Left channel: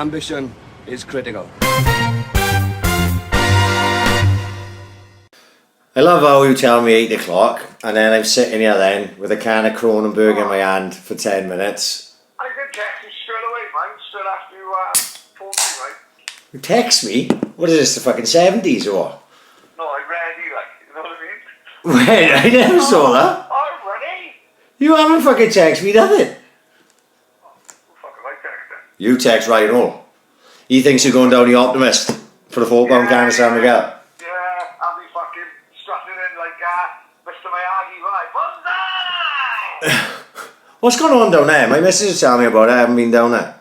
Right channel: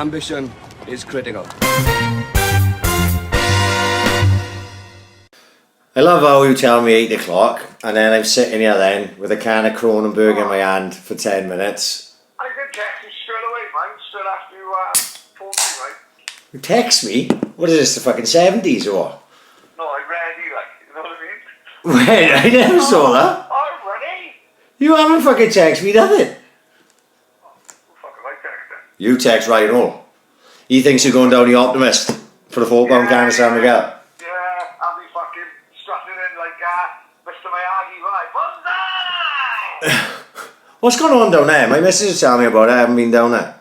Ambition is critical. I love how you tell me 8 o'clock and then I'm sitting here then with a can of Kronenberg in my hand for 10 minutes. I did text you straight away, man, straight after you phoned me, right? You text me? What is this, the fucking 70s or what? No, I'm ready, like, you know what I mean? Wait, I never saw that. I'm ready! You haven't fucking texted me nothing. Oh, who fucking I texted? You text Ryan Hall. He thinks you're going down the Optimist for the £4 can of San Miguel. Yeah, I'll be fucking strutting in like Mr. Miyagi, right? Bonsai! What's going on down there? My missus is telling me about it. I haven't been down there.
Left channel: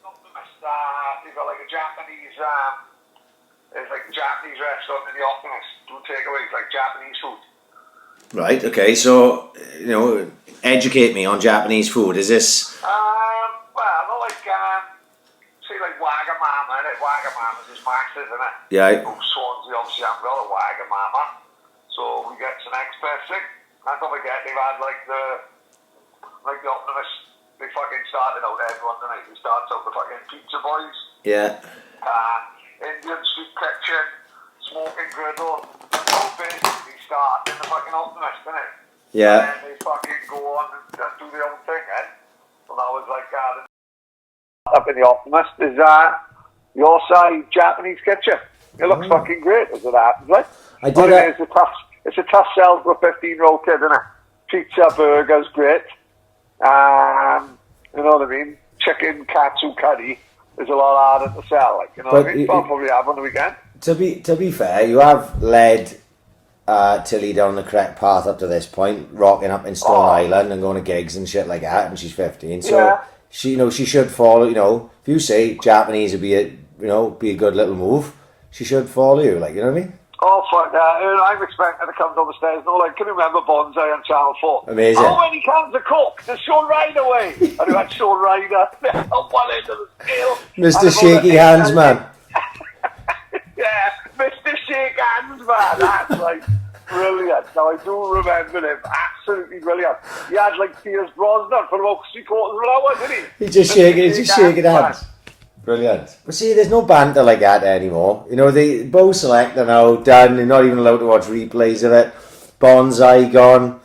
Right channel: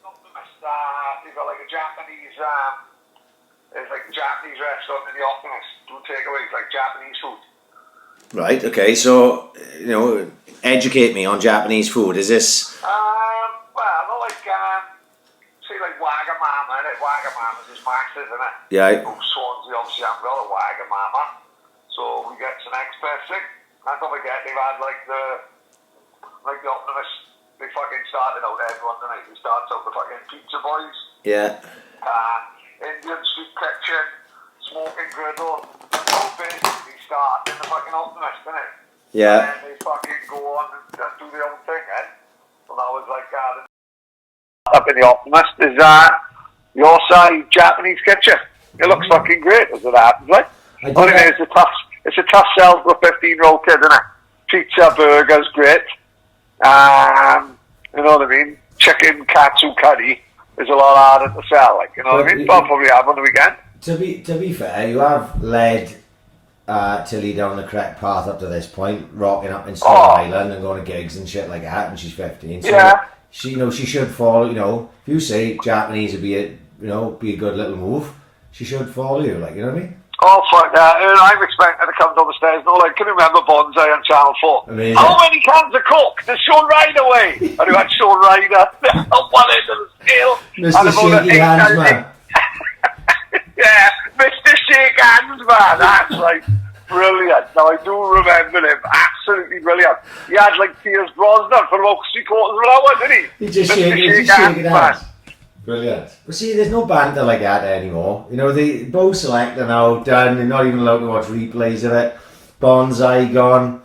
Optimist, they've got like a Japanese, there's like a Japanese restaurant in the Optimist. Do takeaways, like Japanese food. Right, okay, so, you know, educate me on Japanese food. Is this... Well, not like, say like Wagamama, innit? Wagamama's just Max's, innit? Yeah. Oh, Swans, obviously haven't got a Wagamama. So we get some experts in. And don't forget, they've had like the Optimist, they fucking started out everyone tonight. They started out the fucking pizza boys. Yeah. Indian street kitchen, smoking griddle. All basically start in the fucking Optimist, innit? Yeah. And then they fucking go on and do their own thing, eh? So that was like, up in the Optimist is your side Japanese kitchen. It looks fucking great as it happens, right? I do that. It's a tough sell for a 15-year-old kid, isn't it? Pizza, burgers, great. You know what I mean? Chicken, katsu curry is a lot harder to sell, like, you know what I mean? But I'll probably have on the weekend. To be fair, you have led Tilly down the correct path up to this point, rocking up in Stone Island and going to gigs and shit like that, and she's 15. So Yeah. she, you know, she should follow. You know, if you say Japanese would be a good little move, she should follow you. Like, you know what I mean? Oh, fuck that. I'm expecting her to come down the stairs. No, like, can you remember Bonsai on Channel 4? Amazing. How many cans of Coke? There's Sean Ryder away. And you had Sean Ryder. One end of the scale. Mr. Shaky Hands, man. Yeah, Mr. Shake Hands, man. That's like brilliant. Now, I do remember him. Absolutely brilliant. He had like Pierce Brosnan for about 3/4 of an hour, didn't he? He's just shaking hands. Brilliant. But see, there's no banter like that anymore. You know, they both select are now done. They're not even allowed to watch replays of it. Bonsai gone.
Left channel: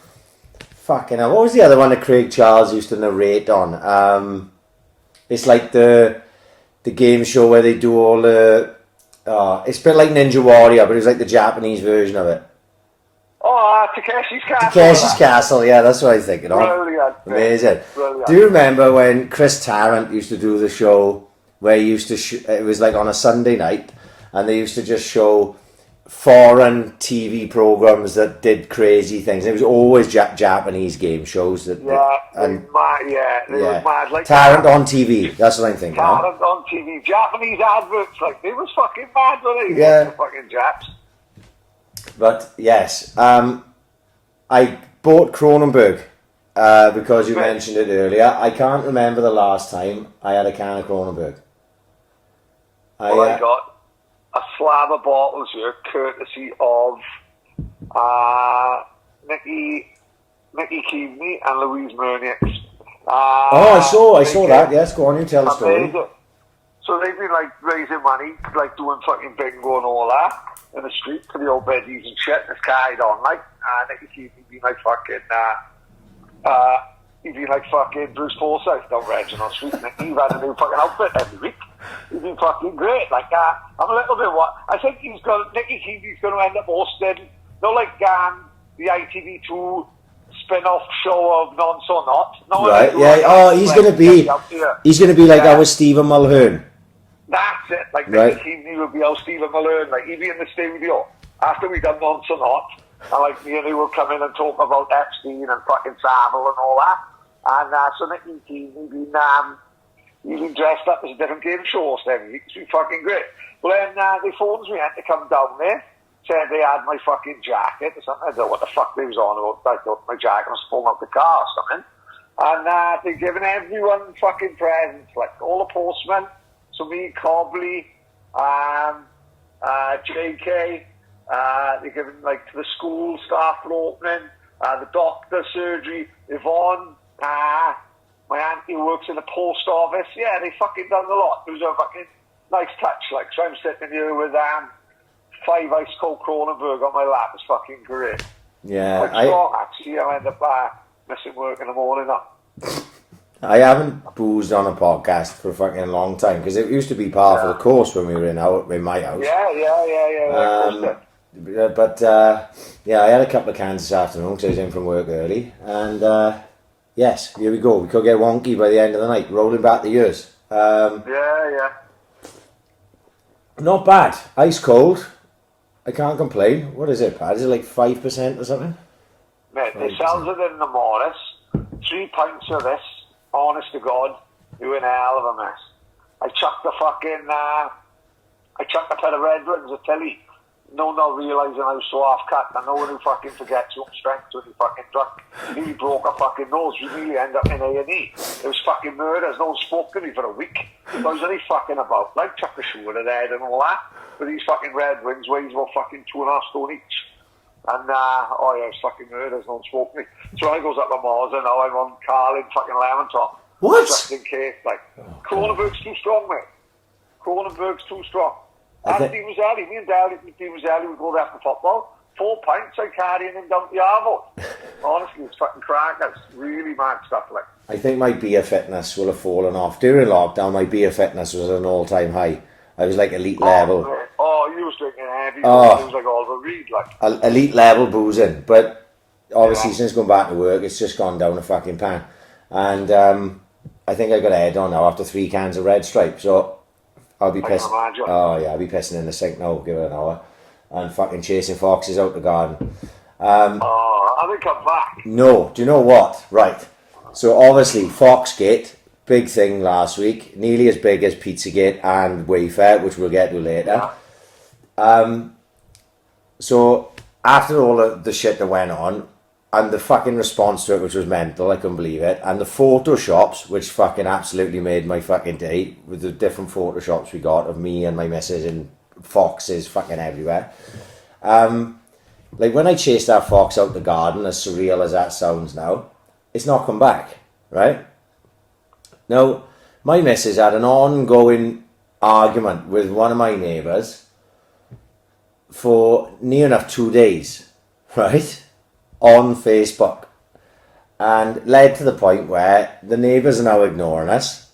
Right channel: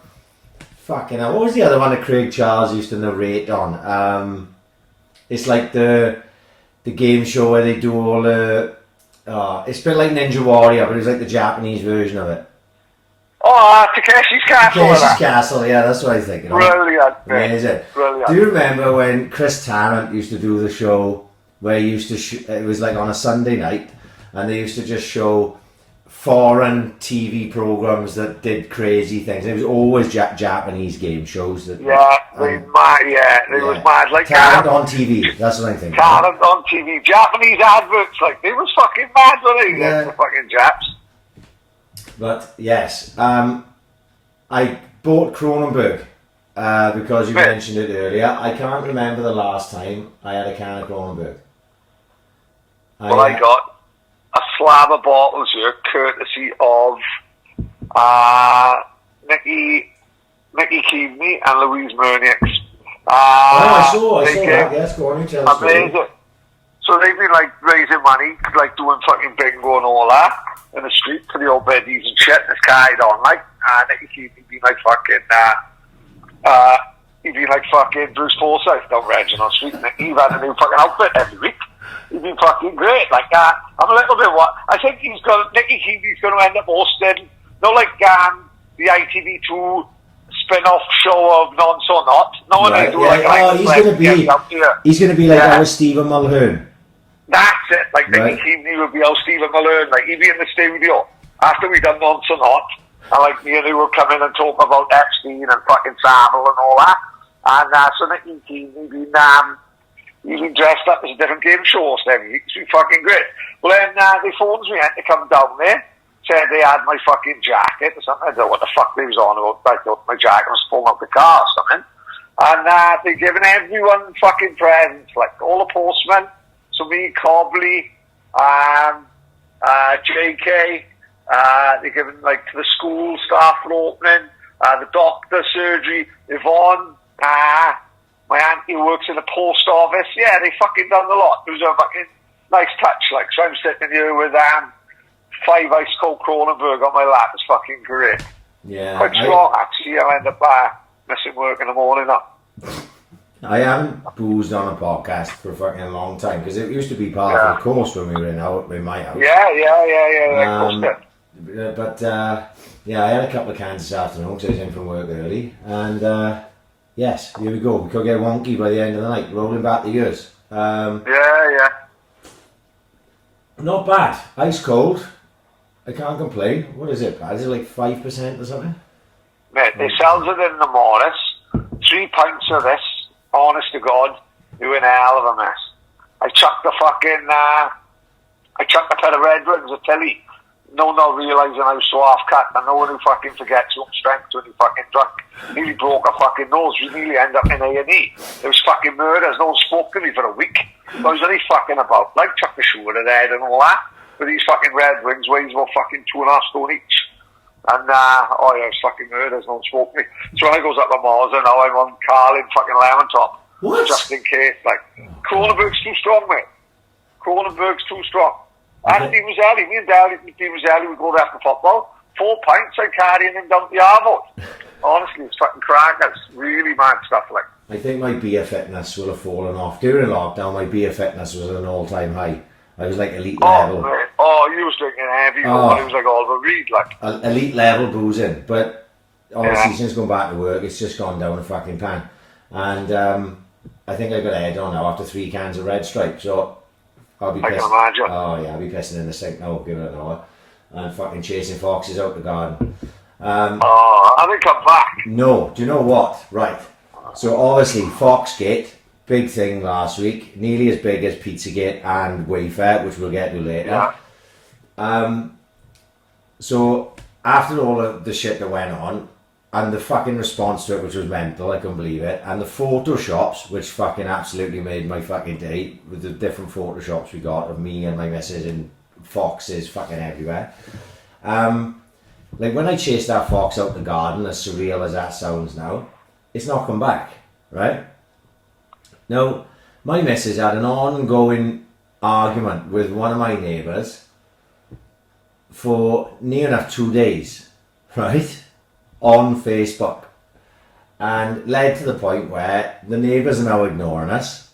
Fucking hell. What was the other one that Craig Charles used to narrate on? It's like the game show where they do all the... it's a bit like Ninja Warrior, but it was like the Japanese version of it. Oh, Takeshi's Castle. Takeshi's Castle, yeah, that's what I was thinking of. Brilliant. Amazing. Brilliant. Do you remember when Chris Tarrant used to do the show where he used to it was like on a Sunday night, and they used to just show foreign TV programs that did crazy things. It was always Japanese game shows that. Yeah, they was mad. Like Tarrant on TV. That's what I'm thinking. Tarrant on TV. Japanese adverts, like they was fucking mad, weren't they? Yeah. The fucking Japs. But yes, I bought Kronenberg because you mentioned it earlier. I can't remember the last time I had a can of Kronenberg. I got a slab of bottles here, courtesy of Nicky Keaveney and Louise Murnix. I saw that. Yes, go on, you tell the story. So they've been like raising money, like doing fucking bingo and all that in the street for the old biddies and shit. This carried on, like, Nicky Keaveney been like fucking, he'd be like fucking Bruce Forsyth down Reginald Street. And he'd had a new fucking outfit every week. He'd be fucking great. Like, I'm a little bit I think Nicky Keaveney's going to end up hosting, like the ITV2 spin-off show of Nonce or Not. No, right, yeah. He's going to be like our Stephen Mulhern. That's it. Like, Nicky Keaveney would be our Stephen Mulhern. Like, he'd be in the studio after we done Nonce or Not. And like, me and he would come in and talk about Epstein and fucking Savile and all that. And so Nicky Keaveney he'd been dressed up as a different game show host every week. It's been fucking great. Well, then they phoned me in to come down there. Said they had my fucking jacket or something. I don't know what the fuck they was on about. I thought my jacket was falling off the car or something. And they're giving everyone fucking presents, like all the postmen. So me, Cobley, JK, they're giving like to the school staff for opening, the doctor, surgery, Yvonne, My auntie works in the post office. Yeah, they fucking done a lot. It was a fucking nice touch, like. So I'm sitting here with 5 ice cold Kronenberg on my lap. It's fucking great. Yeah. Quite strong, actually. I'll end up missing work in the morning now. I haven't boozed on a podcast for a fucking long time because it used to be part of the course when we were in my house. Yeah. But yeah, I had a couple of cans this afternoon because I was in from work early, and yes, here we go. We could get wonky by the end of the night, rolling back the years. Yeah. Not bad. Ice cold. I can't complain. What is it, Pat? Is it like 5% or something? Mate, they sells it in the Morris. 3 pints of this. Honest to God, you're in a hell of a mess. I chucked the pair of Red Wings at Tilly. Not realising I was so half-cut. I know when you fucking forgets your own strength when you fucking drunk. Nearly broke a fucking nose. You nearly end up in A&E. It was fucking murders. No one spoke to me for a week. I was only fucking about, like, chuck the shoe at the head and all that. But these fucking Red Wings weighs about fucking 2.5 stone each. And, it was fucking murders. No one spoke to me. So when I goes up to Mars, now I'm on Carl in fucking Lemon Top. What? Just in case, like, Kronenberg's too strong, mate. Kronenberg's too strong. And me and Dario, we go there after football. 4 pints, I'm carrying him down the Arvo. Honestly, it's fucking crackers. Really mad stuff, like. I think my beer fitness will have fallen off. During lockdown, my beer fitness was at an all-time high. I was like elite level. Man. You was drinking heavy. It was like Oliver Reed, like. Elite level boozing. But obviously, since going back to work, it's just gone down a fucking pan. And I think I got a head on now after 3 cans of Red Stripe. So I'll be pissing. Oh yeah, I'll be pissing in the sink now. Give it an hour. And fucking chasing foxes out the garden. I think I'm back. No, do you know what? Right. So obviously, Foxgate, big thing last week, nearly as big as Pizzagate and Wayfair, which we'll get to later. Yeah. So after all of the shit that went on, and the fucking response to it, which was mental, I couldn't believe it, and the photoshops, which fucking absolutely made my fucking day, with the different photoshops we got of me and my missus and foxes fucking everywhere. Like when I chased that fox out the garden, as surreal as that sounds now, it's not come back, right? Now, my missus had an ongoing argument with one of my neighbours for near enough 2 days, right? On Facebook. And led to the point where the neighbours are now ignoring us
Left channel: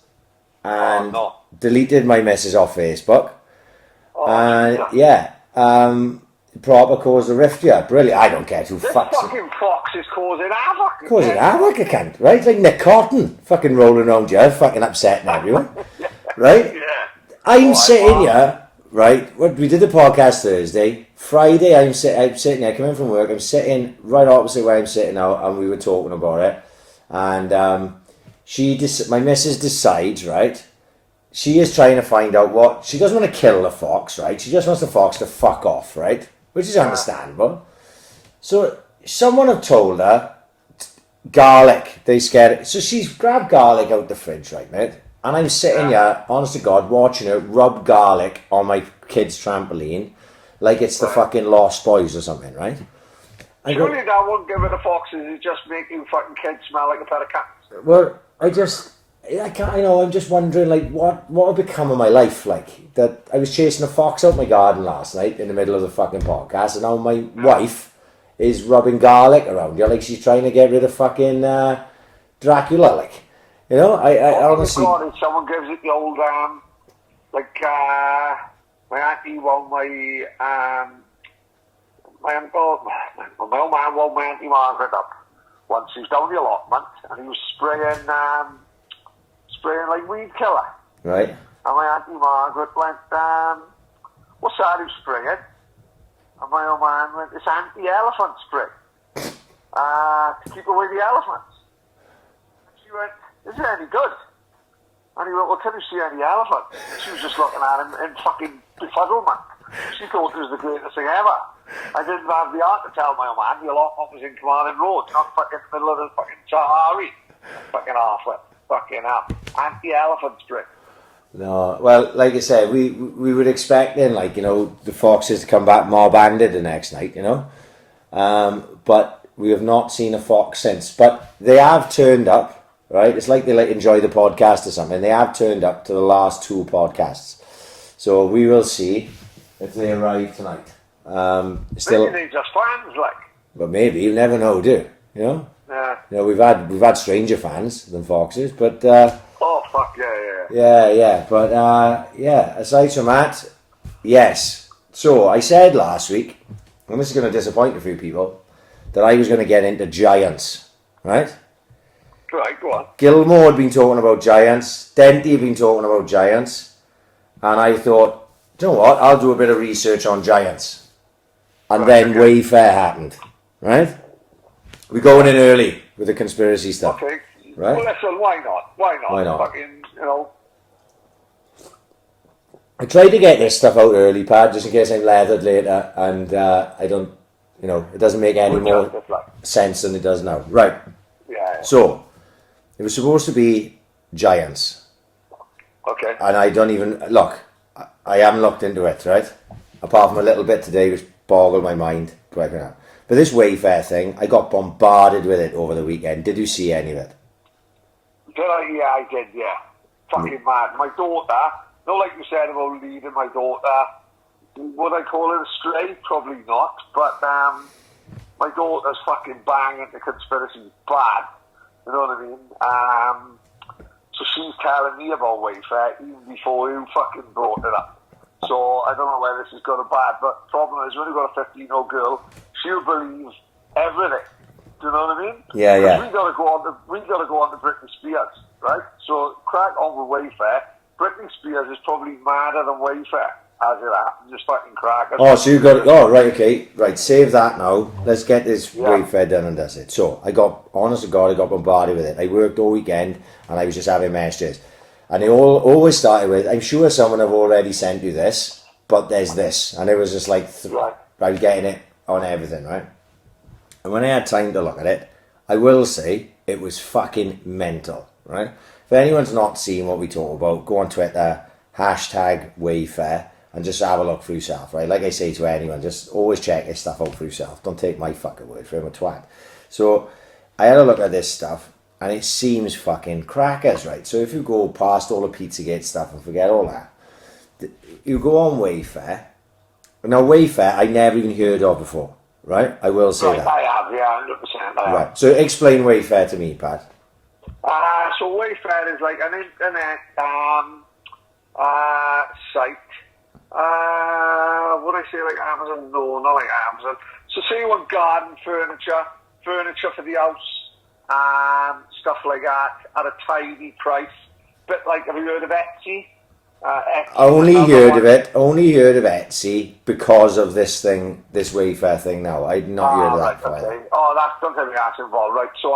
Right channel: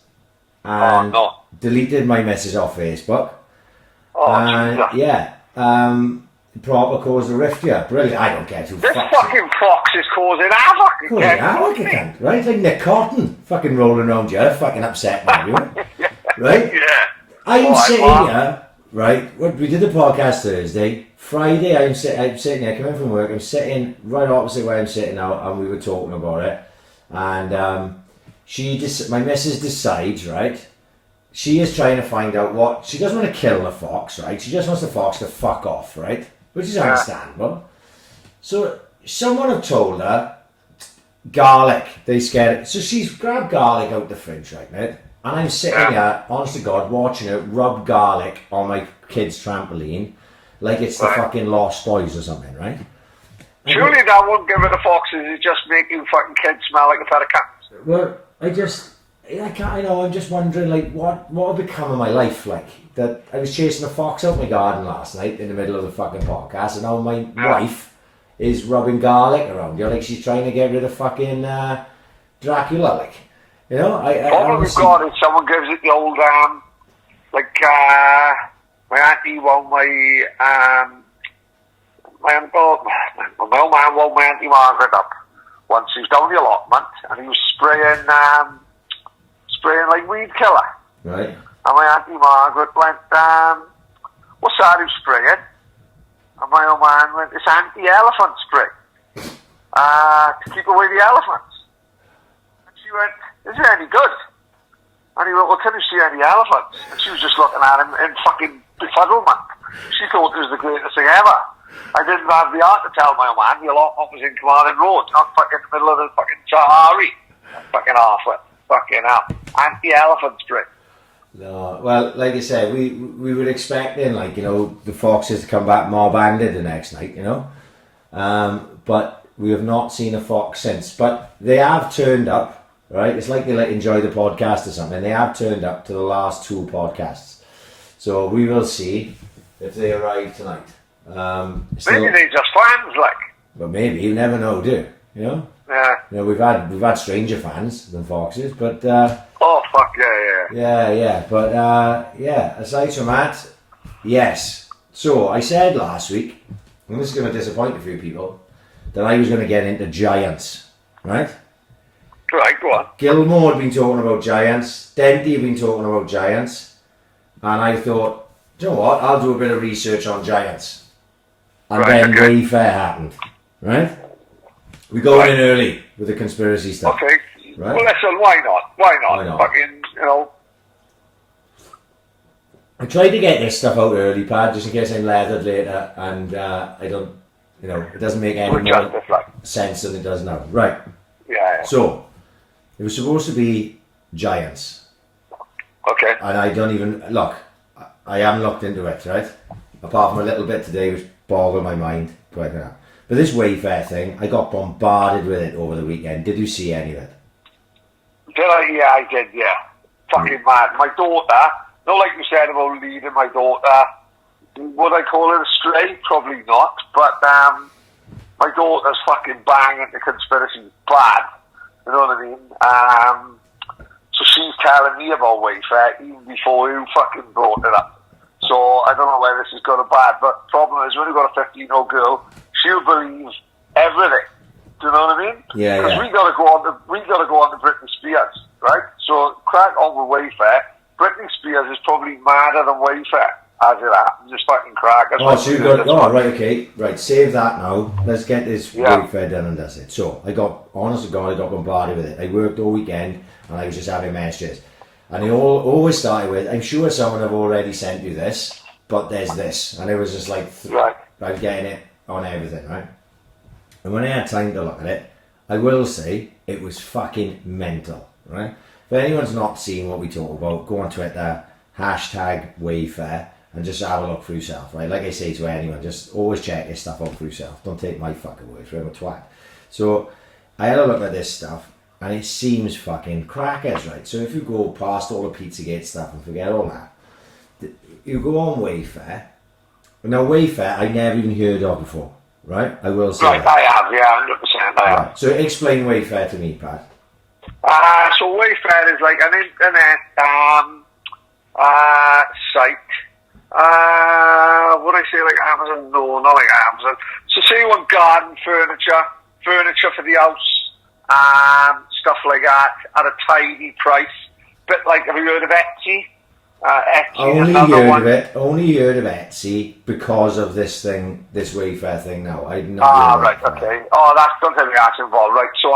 and deleted my missus off Facebook. Proper caused a rift here. Brilliant. I don't care who this fucks fucking fox is causing havoc. Causing havoc, I can't, right? Like Nick Cotton fucking rolling around here, fucking upsetting everyone. Right? Yeah. I'm sitting here, right? We did the podcast Thursday. Friday, I'm sitting here, coming from work, I'm sitting right opposite where I'm sitting now, and we were talking about it. And my missus decides, right? She is trying to find out what... She doesn't want to kill the fox, right? She just wants the fox to fuck off, right? Which is understandable. So, someone had told her, garlic, they scared it. So she's grabbed garlic out the fridge, right, mate? And I'm sitting here, honest to God, watching her rub garlic on my kid's trampoline like it's the fucking Lost Boys or something, right? Surely that won't give her the foxes, it just make you fucking kids smell like a pair of cats. Well, I'm just wondering, like, what would become of my life, like, that I was chasing a fox out my garden last night in the middle of the fucking podcast, and now my wife is rubbing garlic around here, like she's trying to get rid of fucking Dracula, like, you know, I honestly... God, if someone gives it the old, my auntie woke my old man woke my Auntie Margaret up once. He was down the allotment, and he was spraying like weed killer. Right. And my Auntie Margaret went, what's that he's spraying? And my old man went, it's anti-elephant spray. To keep away the elephants. And she went, is it any good? And he went, well, can you see any elephants? And she was just looking at him in fucking befuddlement. She thought it was the greatest thing ever. I didn't have the heart to tell my old man the allotment was in Carmarthen Road, not fucking in the middle of the fucking Sahari. Fucking halfway. Fucking hell. Anti-elephant spray. No, well, like I said, we would expect then, like, you know, the foxes to come back mob-banded the next night, you know. But we have not seen a fox since. But they have turned up right? It's like they like enjoy the podcast or something. They have turned up to the last 2 podcasts. So we will see if they arrive tonight. Maybe they just fans, like. But maybe, you never know, do you? You know? Yeah. You know, we've had stranger fans than Foxes, but Oh, fuck, yeah. yeah. But aside from that, yes. So I said last week, and this is going to disappoint a few people, that I was going to get into giants, right? Right, go on. Gilmore had been talking about giants, Denty had been talking about giants, and I thought, do you know what, I'll do a bit of research on giants. And then Wayfair happened, right? We're going in early with the conspiracy stuff. Okay. Right? Well, listen, why not? Why not? Fucking, you know. I tried to get this stuff out early, Pad, just in case I'm leathered later, and I don't, you know, it doesn't make any more sense than it does now. Right. Yeah. So, it was supposed to be giants. Okay. And I don't even, look, I haven't looked into it, right? Apart from a little bit today, which boggled my mind. But this Wayfair thing, I got bombarded with it over the weekend. Did you see any of it? Did I? Yeah, I did, yeah. Fucking mad. My daughter, not like you said about leaving my daughter, would I call it a stray? Probably not. But my daughter's fucking banging the conspiracy bad. You know what I mean? So she's telling me about Wayfair even before you fucking brought it up. So I don't know where this is going to bad, but the problem is when you've got a 15-year-old girl, she'll believe everything. Do you know what I mean? Yeah. We gotta go on to Britney Spears, right? So crack on with Wayfair. Britney Spears is probably madder than Wayfair as it happens. Just fucking crack. So you got right, okay, right. Save that now. Let's get this Wayfair done and that's it. So I got, honest to God, I got bombarded with it. I worked all weekend and I was just having messages, and they always started with, "I'm sure someone have already sent you this, but there's this," and it was just like, I'm getting it on everything, right? And when I had time to look at it, I will say it was fucking mental, right? If anyone's not seen what we talk about, go on Twitter, #Wayfair, and just have a look for yourself, right? Like I say to anyone, just always check this stuff out for yourself. Don't take my fucking word for it, I'm a twat. So I had a look at this stuff, and it seems fucking crackers, right? So if you go past all the Pizzagate stuff and forget all that, you go on Wayfair. Now Wayfair, I never even heard of before, right? I will say that. I have, yeah, 100%. I have. Right. So explain Wayfair to me, Pat. So Wayfair is like an internet site. Would I say like Amazon? No, not like Amazon. So say you want garden furniture for the house, stuff like that at a tidy price. Bit like, have you heard of Etsy? Only heard of Etsy because of this thing, this Wayfair thing. Now I'd not heard of right, that. Okay. Oh, don't tell me that's involved, right? So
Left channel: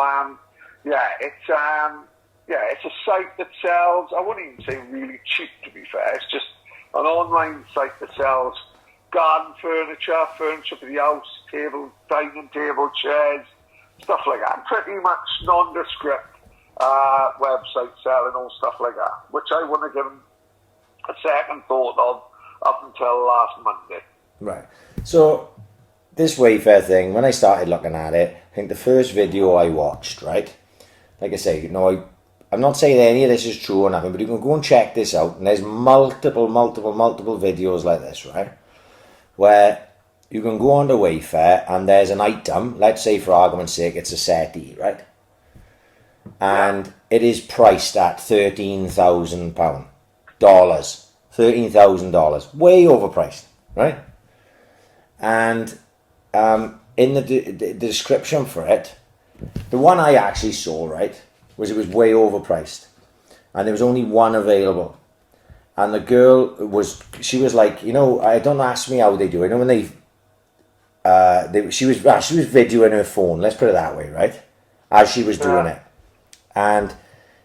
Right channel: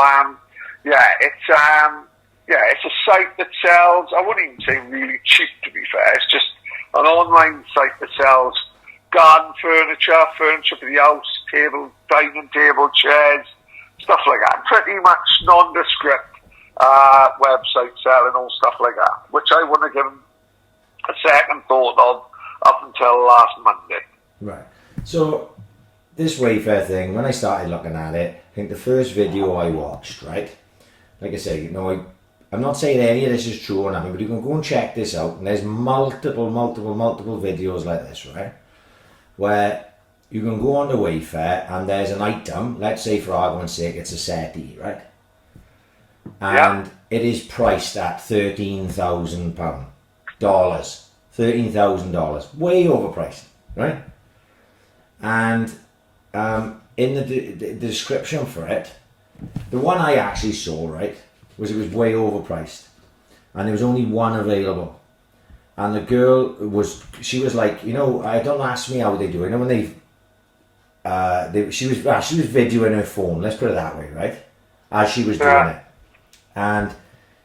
it's a site that sells. I wouldn't even say really cheap, to be fair. It's just an online site that sells garden furniture for the house, dining table, chairs, stuff like that. Pretty much nondescript website selling all stuff like that, which I wouldn't have given a second thought of up until last Monday. Right. So this Wayfair thing, when I started looking at it, I think the first video I watched, right? Like I say, I'm not saying any of this is true or nothing, but you can go and check this out, and there's multiple videos like this, right? Where you can go on to Wayfair and there's an item, let's say for argument's sake it's a settee, right? And it is priced at $13,000. $13,000, way overpriced, right? And in the description for it, the one I actually saw, right, was it was way overpriced, and there was only one available. And the girl she was like, don't ask me how they do it. When she was videoing her phone, let's put it that way, right, as she was doing it, and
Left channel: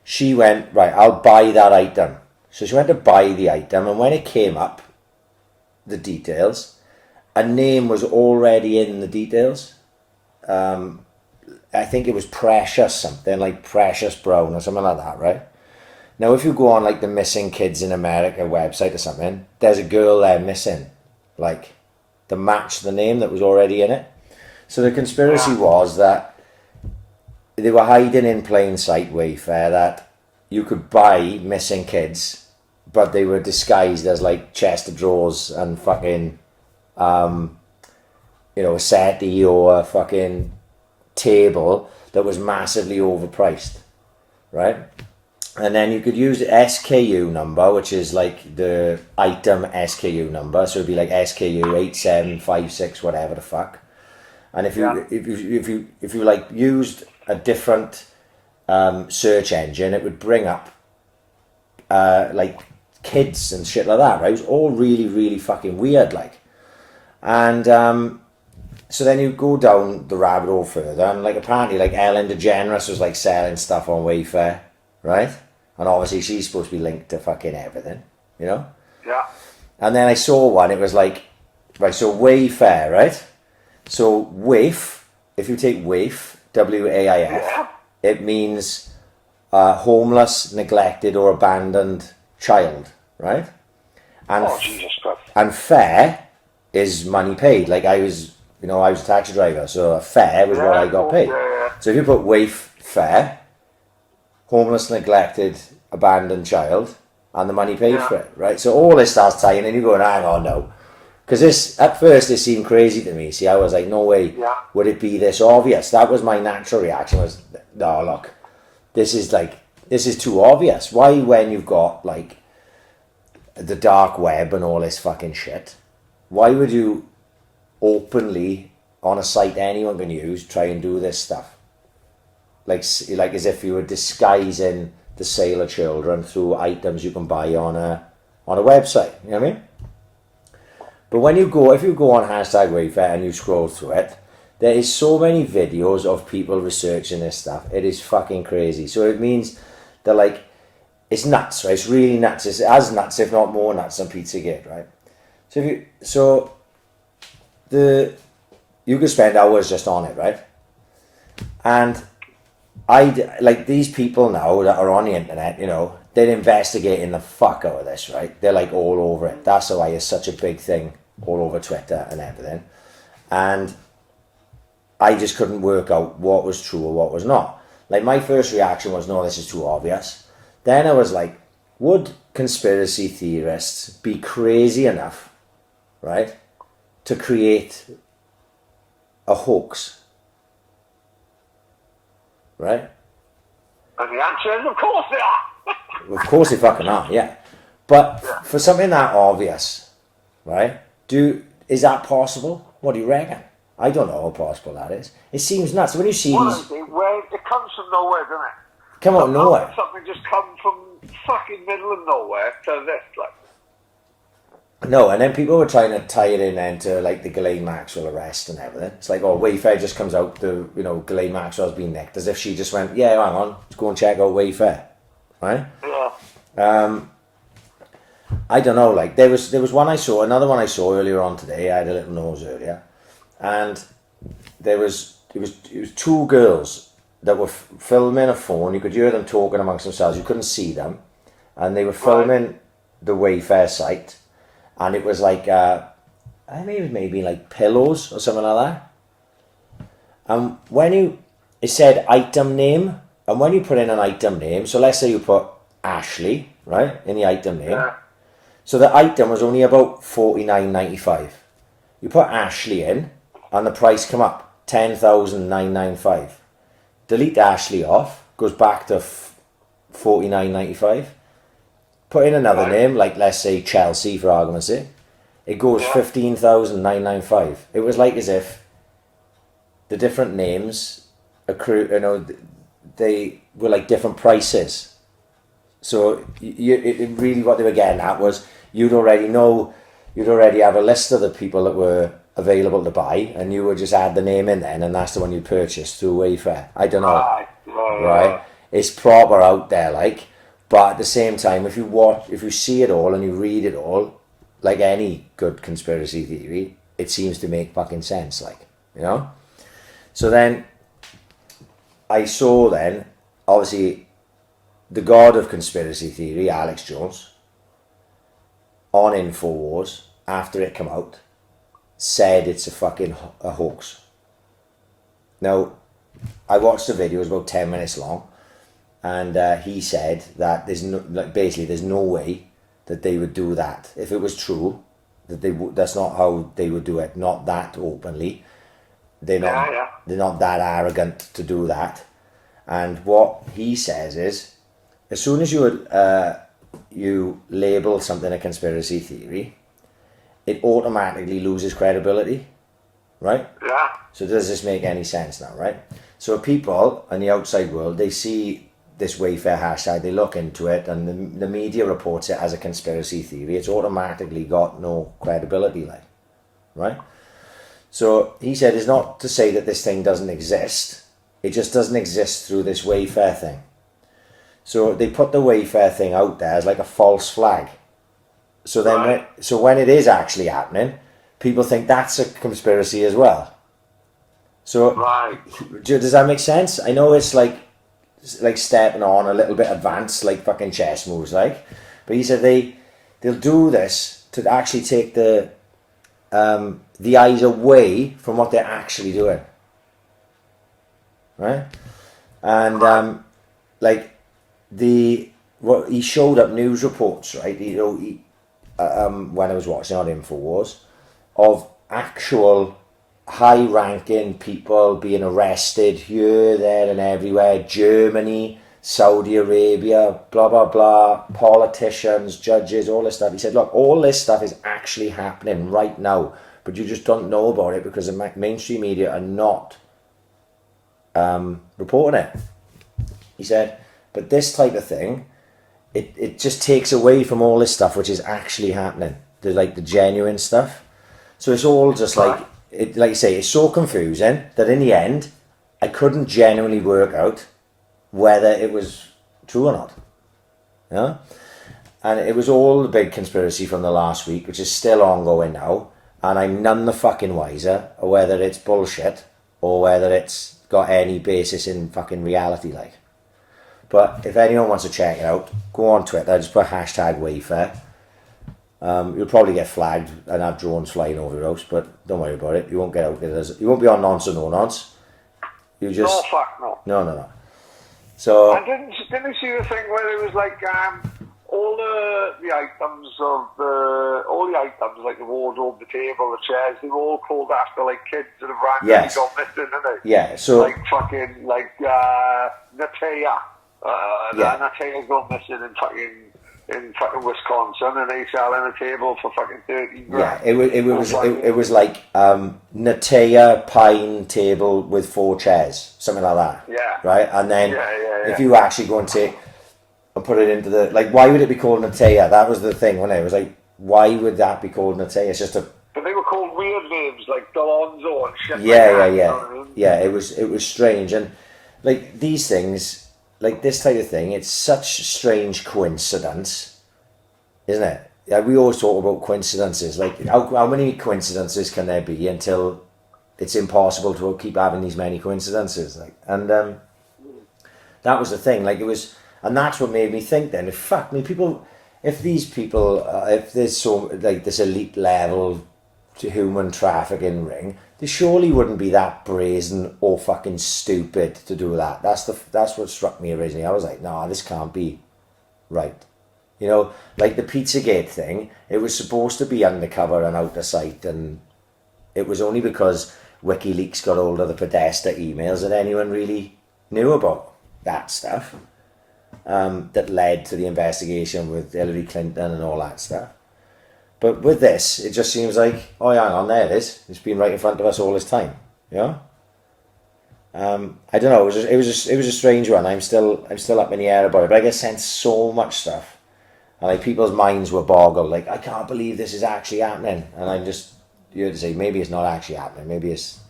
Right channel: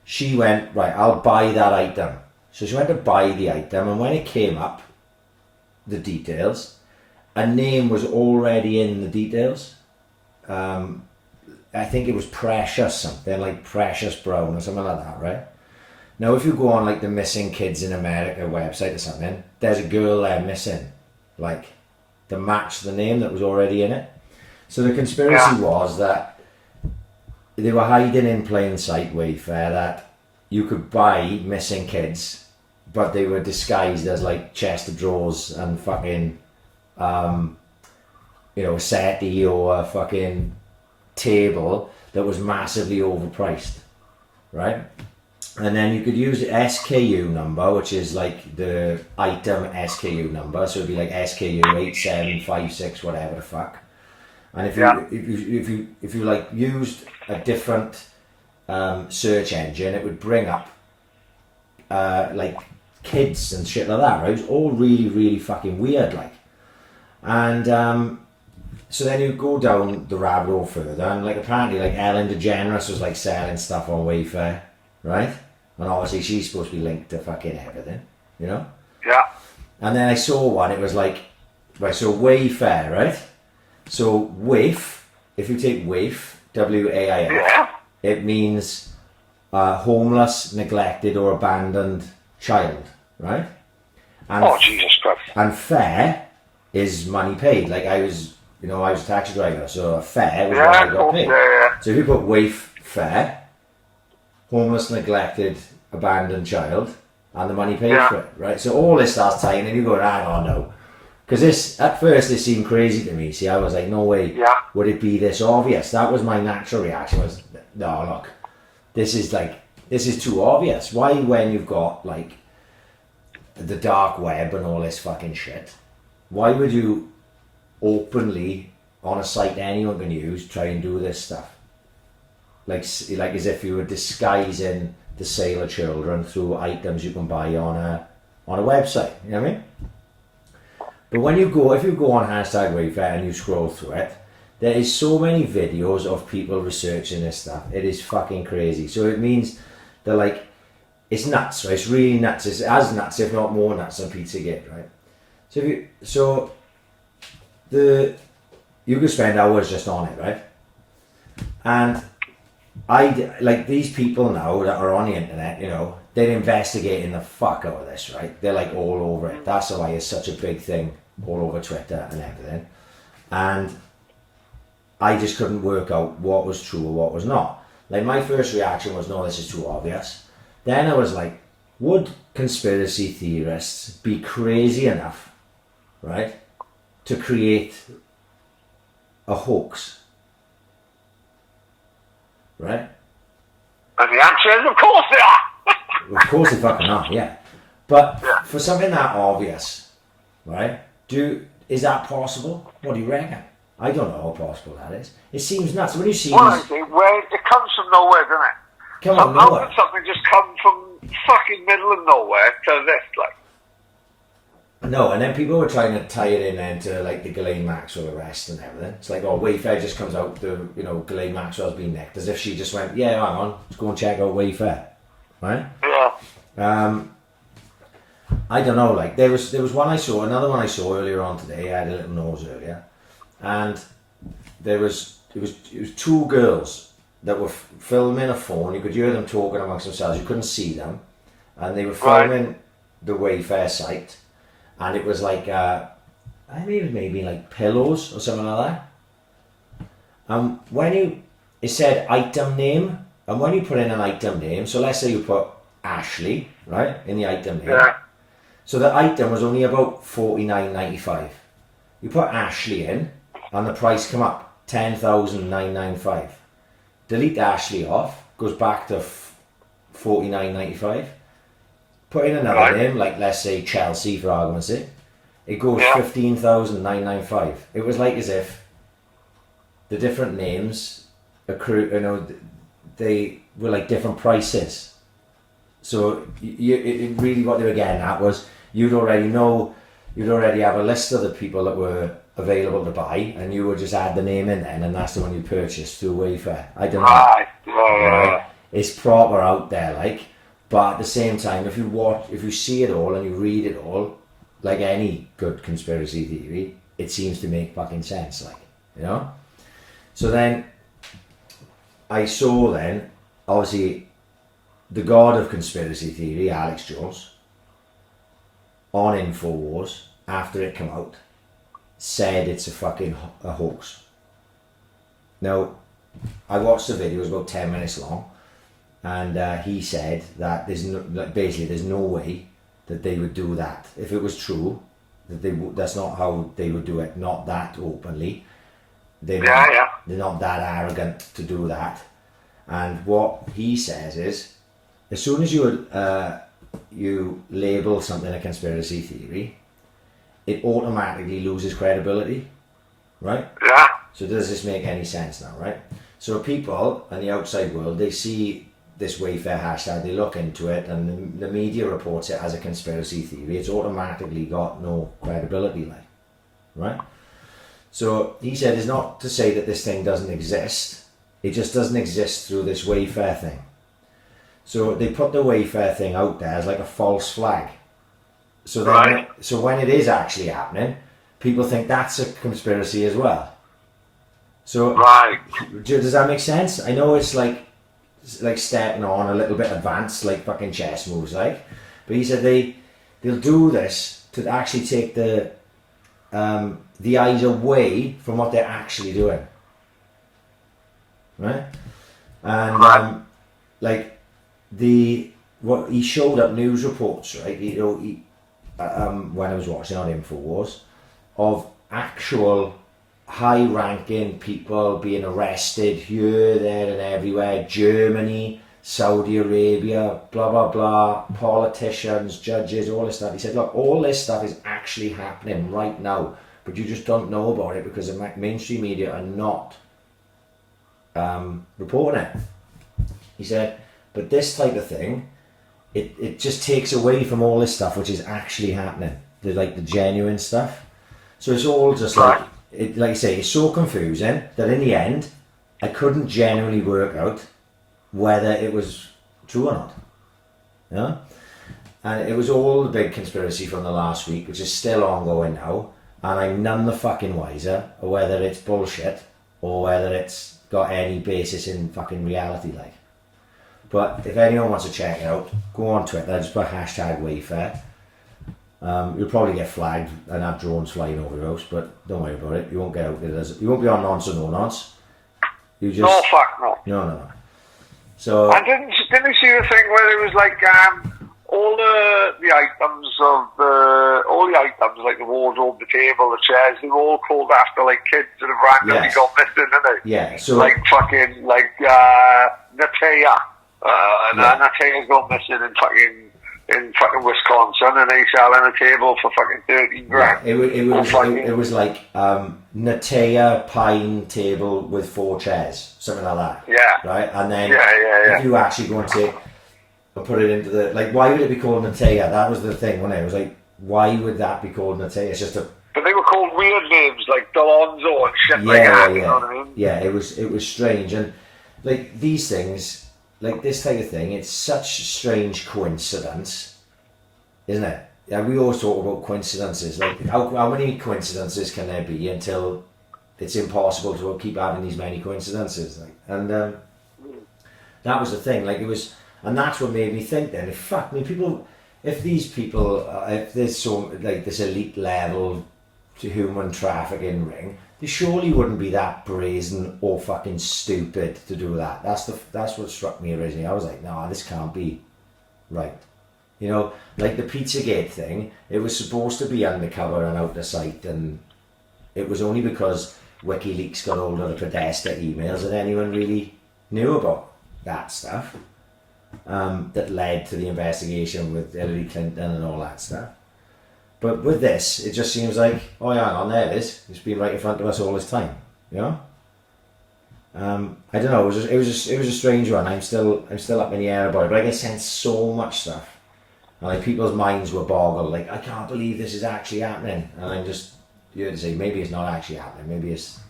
she went, right, I'll buy that item. So she went to buy the item, and when it came up, the details, a name was already in the details. I think it was Precious, something like Precious Brown or something like that, right? Now, if you go on like the Missing Kids in America website or something, there's a girl there missing, like, to match the name that was already in it. So the conspiracy was that they were hiding in plain sight, Wayfair, that you could buy missing kids, but they were disguised as like chest of drawers and fucking, you know, a settee or a fucking table that was massively overpriced, right? And then you could use the SKU number, which is like the item SKU number, so it'd be like SKU 8756, whatever the fuck. And if you like used a different search engine, it would bring up like kids and shit like that, right? It was all really, really fucking weird, like. And so then you go down the rabbit hole further, and like apparently like Ellen DeGeneres was like selling stuff on Wayfair, right? And obviously she's supposed to be linked to fucking everything, you know? Yeah. And then I saw one, it was like, right, so Wayfair, right? So waif, if you take waif, W-A-I-F, it means homeless, neglected or abandoned child, right? And Jesus Christ. And fare is money paid. Like I was a taxi driver, so a fare was what I got paid. So if you put waif fare, homeless, neglected, abandoned child, and the money paid for it, right? So all this starts tying, and you go, hang on, no. Because this, at first, it seemed crazy to me. See, I was like, no way would it be this obvious. That was my natural reaction, was, no, look, this is too obvious. Why, when you've got, like, the dark web and all this fucking shit, why would you openly, on a site anyone can use, try and do this stuff? Like as if you were disguising the sale of children through items you can buy on a website, you know what I mean? But if you go on hashtag Wayfair and you scroll through it, there is so many videos of people researching this stuff. It is fucking crazy. So it means that like, it's nuts, right? It's really nuts. It's as nuts, if not more nuts than Pizzagate, right? You could spend hours just on it, right? And like these people now that are on the internet, you know, they're investigating the fuck out of this, right? They're like all over it. That's why it's such a big thing all over Twitter and everything. And I just couldn't work out what was true or what was not. Like my first reaction was, no, this is too obvious. Then I was like, would conspiracy theorists be crazy enough, right, to create a hoax? Right? And the answer is, of course they are. Of course they fucking are, yeah. But for something that obvious, right? Is that possible? What do you reckon? I don't know how possible that is. It seems nuts. When you see well, these... it comes from nowhere, doesn't it? Come on, nowhere. Something just comes from fucking middle of nowhere to this, like. No, and then people were trying to tie it in then to like the Ghislaine Maxwell arrest and everything. It's like, oh, Wayfair just comes out, Ghislaine Maxwell's been nicked, as if she just went, yeah, hang on, let's go and check out Wayfair, right? Yeah. I don't know, like there was another one I saw earlier on today. I had a little nose earlier, and it was two girls that were filming a phone. You could hear them talking amongst themselves. You couldn't see them, and they were filming the Wayfair site. And it was like, I think it was maybe like pillows or something like that. It said item name, and when you put in an item name, so let's say you put Ashley, right, in the item name. Yeah. So the item was only about $49.95. You put Ashley in, and the price come up, $10,995. Delete Ashley off, goes back to $49.95. Put in another name, like let's say Chelsea for argument's sake. It goes $15,995. It was like as if the different names accrue, they were like different prices. So it really what they were getting at was you'd already have a list of the people that were available to buy, and you would just add the name in then, and that's the one you purchased through Wayfair. I don't know, right? It's proper out there, like. But at the same time, if you see it all and you read it all, like any good conspiracy theory, it seems to make fucking sense, like, you know? So then, I saw then, obviously, the god of conspiracy theory, Alex Jones, on InfoWars, after it came out, said it's a fucking a hoax. Now, I watched the video, it was about 10 minutes long, and he said that there's no way that they would do that if it was true. That's not how they would do it. Not that openly. They're not that arrogant to do that. And what he says is, as soon as you label something a conspiracy theory, it automatically loses credibility, right? Yeah. So does this make any sense now, right? So people in the outside world, they see this Wayfair hashtag, they look into it, and the media reports it as a conspiracy theory. It's automatically got no credibility, like, right? So he said it's not to say that this thing doesn't exist. It just doesn't exist through this Wayfair thing. So they put the Wayfair thing out there as like a false flag. So then, when it is actually happening, people think that's a conspiracy as well. So does that make sense? I know it's like stepping on a little bit advanced, like fucking chess moves, like. But he said they'll do this to actually take the eyes away from what they're actually doing, right? And what he showed up news reports, right? When I was watching on InfoWars, of actual high-ranking people being arrested here, there, and everywhere. Germany, Saudi Arabia, blah blah blah. Politicians, judges, all this stuff. He said, look, all this stuff is actually happening right now, but you just don't know about it because the mainstream media are not reporting it. He said, but this type of thing, it just takes away from all this stuff which is actually happening, the genuine stuff. So it's all just like you say, it's so confusing that in the end, I couldn't genuinely work out whether it was true or not. Yeah, and it was all the big conspiracy from the last week, which is still ongoing now, and I'm none the fucking wiser of whether it's bullshit or whether it's got any basis in fucking reality, like. But if anyone wants to check it out, go on Twitter, just put hashtag Wayfair. You'll probably get flagged and have drones flying over your house, but don't worry about it. You won't get out there. You won't be on nonce or no nonce. You just... No, fuck no. No. So... I didn't you see the thing where it was like all the items like the wardrobe, the table, the chairs, they were all called after like kids that have randomly got missing, didn't they? Yeah, so... Like fucking, Natea. Natea's gone missing in fucking Wisconsin, and he's selling a table for fucking 30 grand. Yeah, it was like Natea pine table with 4 chairs, something like that. Yeah. Right, and then if you actually go and take and put it into the, like, why would it be called Natea? That was the thing, wasn't it? It was like, why would that be called Natea? It's just a... But they were called weird names like Delonzo and shit like that. You know what I mean? Yeah, it was strange, and like these things. Like this type of thing, it's such a strange coincidence, isn't it? Yeah, we always talk about coincidences. Like, how many coincidences can there be until it's impossible to keep having these many coincidences? Like, and that was the thing. Like, it was, and that's what made me think. Then, if there's so like this elite level to human trafficking ring, they surely wouldn't be that brazen or fucking stupid to do that. That's what struck me originally. I was like, nah, this can't be right. You know, like the Pizzagate thing, it was supposed to be undercover and out of sight, and it was only because WikiLeaks got hold of the Podesta emails that anyone really knew about that stuff, that led to the investigation with Hillary Clinton and all that stuff. But with this, it just seems like, oh yeah, hang on, there it is. It's been right in front of us all this time. You know? I don't know. It was a strange one. I'm still up in the air about it. But I get sent so much stuff, and like people's minds were boggled. Like, I can't believe this is actually happening. And I'm just, you to say, maybe it's not actually happening. Maybe it's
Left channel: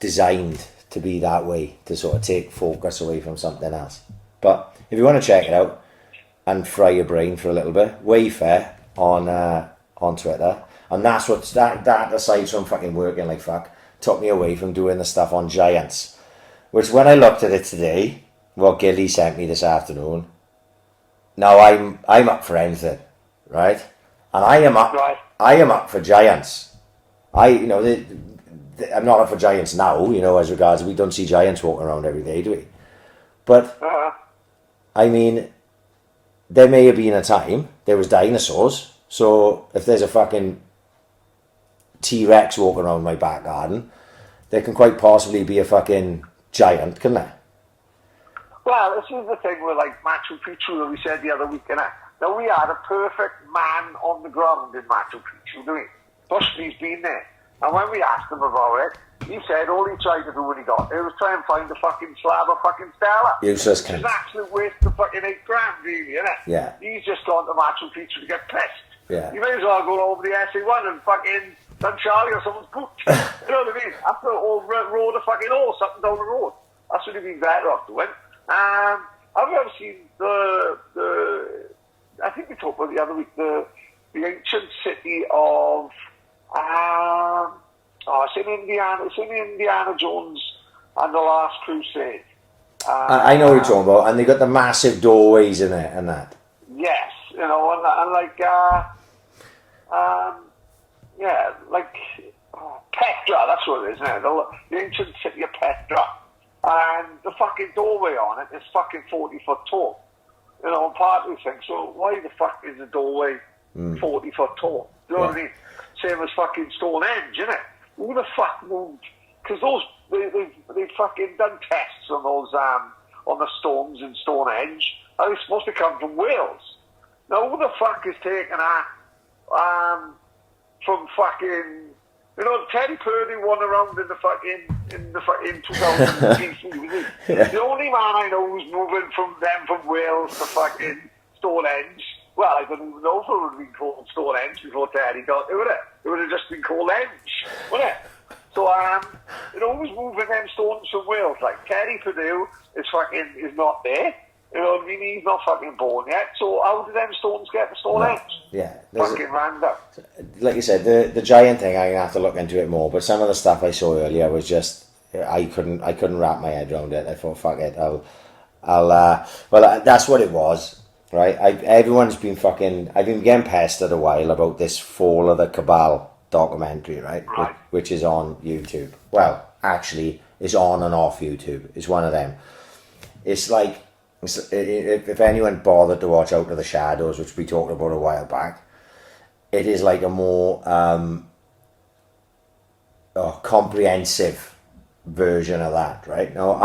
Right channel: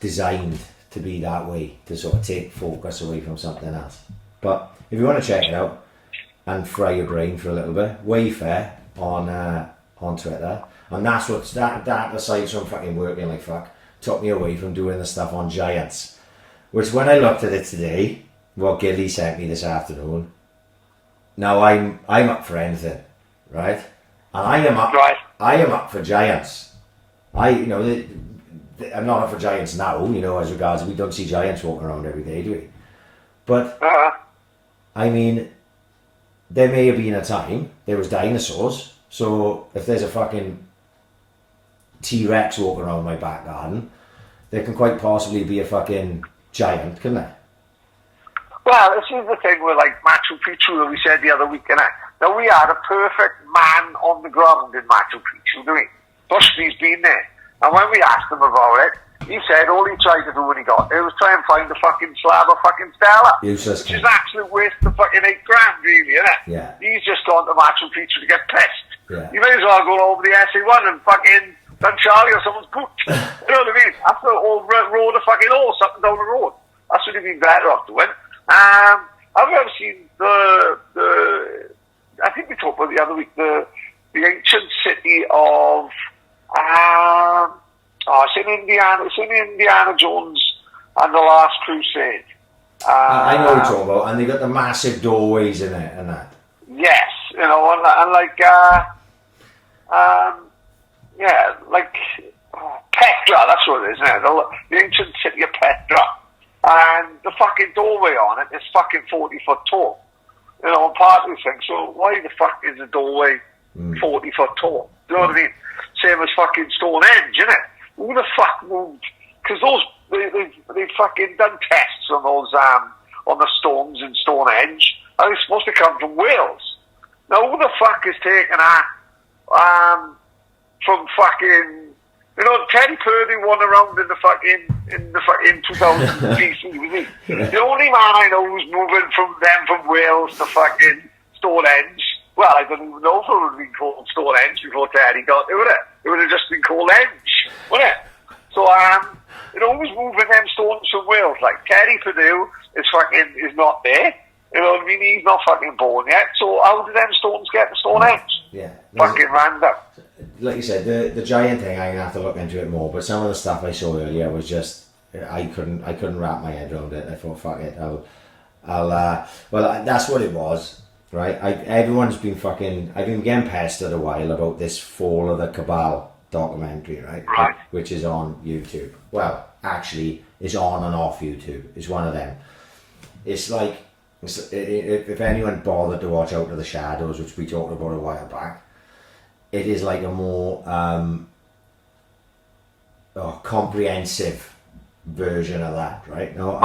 designed to be that way, to sort of take focus away from something else. But if you want to check it out and fry your brain for a little bit, Wayfair on Twitter, and that's what that aside from fucking working like fuck, took me away from doing the stuff on Giants, which when I looked at it today, what Gilly sent me this afternoon, now I'm up for anything, right? And I am up for Giants. I'm not up for giants now, you know, as regards we don't see giants walking around every day, do we? But I mean, there may have been a time there was dinosaurs. So if there's a fucking T-Rex walking around my back garden, there can quite possibly be a fucking giant, couldn't there? Well, this is the thing with like Machu Picchu that we said the other week, innit? Now we had a perfect man on the ground in Machu Picchu, do we? Bushby's been there. And when we asked him about it, he said all he tried to do when he got there was try and find a fucking slab of fucking stela. Useless. Which is actually worth the fucking $8 grand, really, innit? Yeah. He's just gone to Machu Picchu to get pissed. Yeah. You may as well go over the SA1 and fucking done Charlie or someone's boot. You know what I mean? After the whole road of fucking horse up and down the road. That's what he'd been better off doing. I've ever seen the I think we talked about the other week, the ancient city of it's in Indiana. It's in Indiana Jones and the Last Crusade. I know what you're talking about, and they got the massive doorways in it and that. Yes, you know, and like like Petra, that's what it is, isn't it? The ancient city of Petra. And the fucking doorway on it is fucking 40 foot tall. You know, and part of me thinks, so why the fuck is the doorway 40 foot tall? Do you know what I mean? Same as fucking Stonehenge, innit? Who the fuck moved? Because they fucking done tests on those, on the stones in Stonehenge, and it's supposed to come from Wales. Now, who the fuck is taking that, from fucking, you know, Teddy Purdy won around in the fucking 2000 BC, was he? The only man I know who's moving from Wales to fucking Stonehenge. Well, I don't even know if it would be called Stonehenge before Teddy got there, would it? It would have just been called Henge, wouldn't it? So, you know, who's moving them stones from Wales? Like, Teddy Purdue is not there. You know what I mean? He's not fucking born yet. So how did them stones get to Stonehenge? Yeah. Fucking random. Like you said, the giant thing, I'm gonna have to look into it more. But some of the stuff I saw earlier was just I couldn't wrap my head around it. I thought, fuck it, well, that's what it was, right? Everyone's been I've been getting pestered a while about this Fall of the Cabal documentary, right? Which is on YouTube. Well, actually, it's on and off YouTube. It's one of them. It's like, if anyone bothered to watch Out of the Shadows, which we talked about a while back, it is like a more comprehensive version of that, right? Now,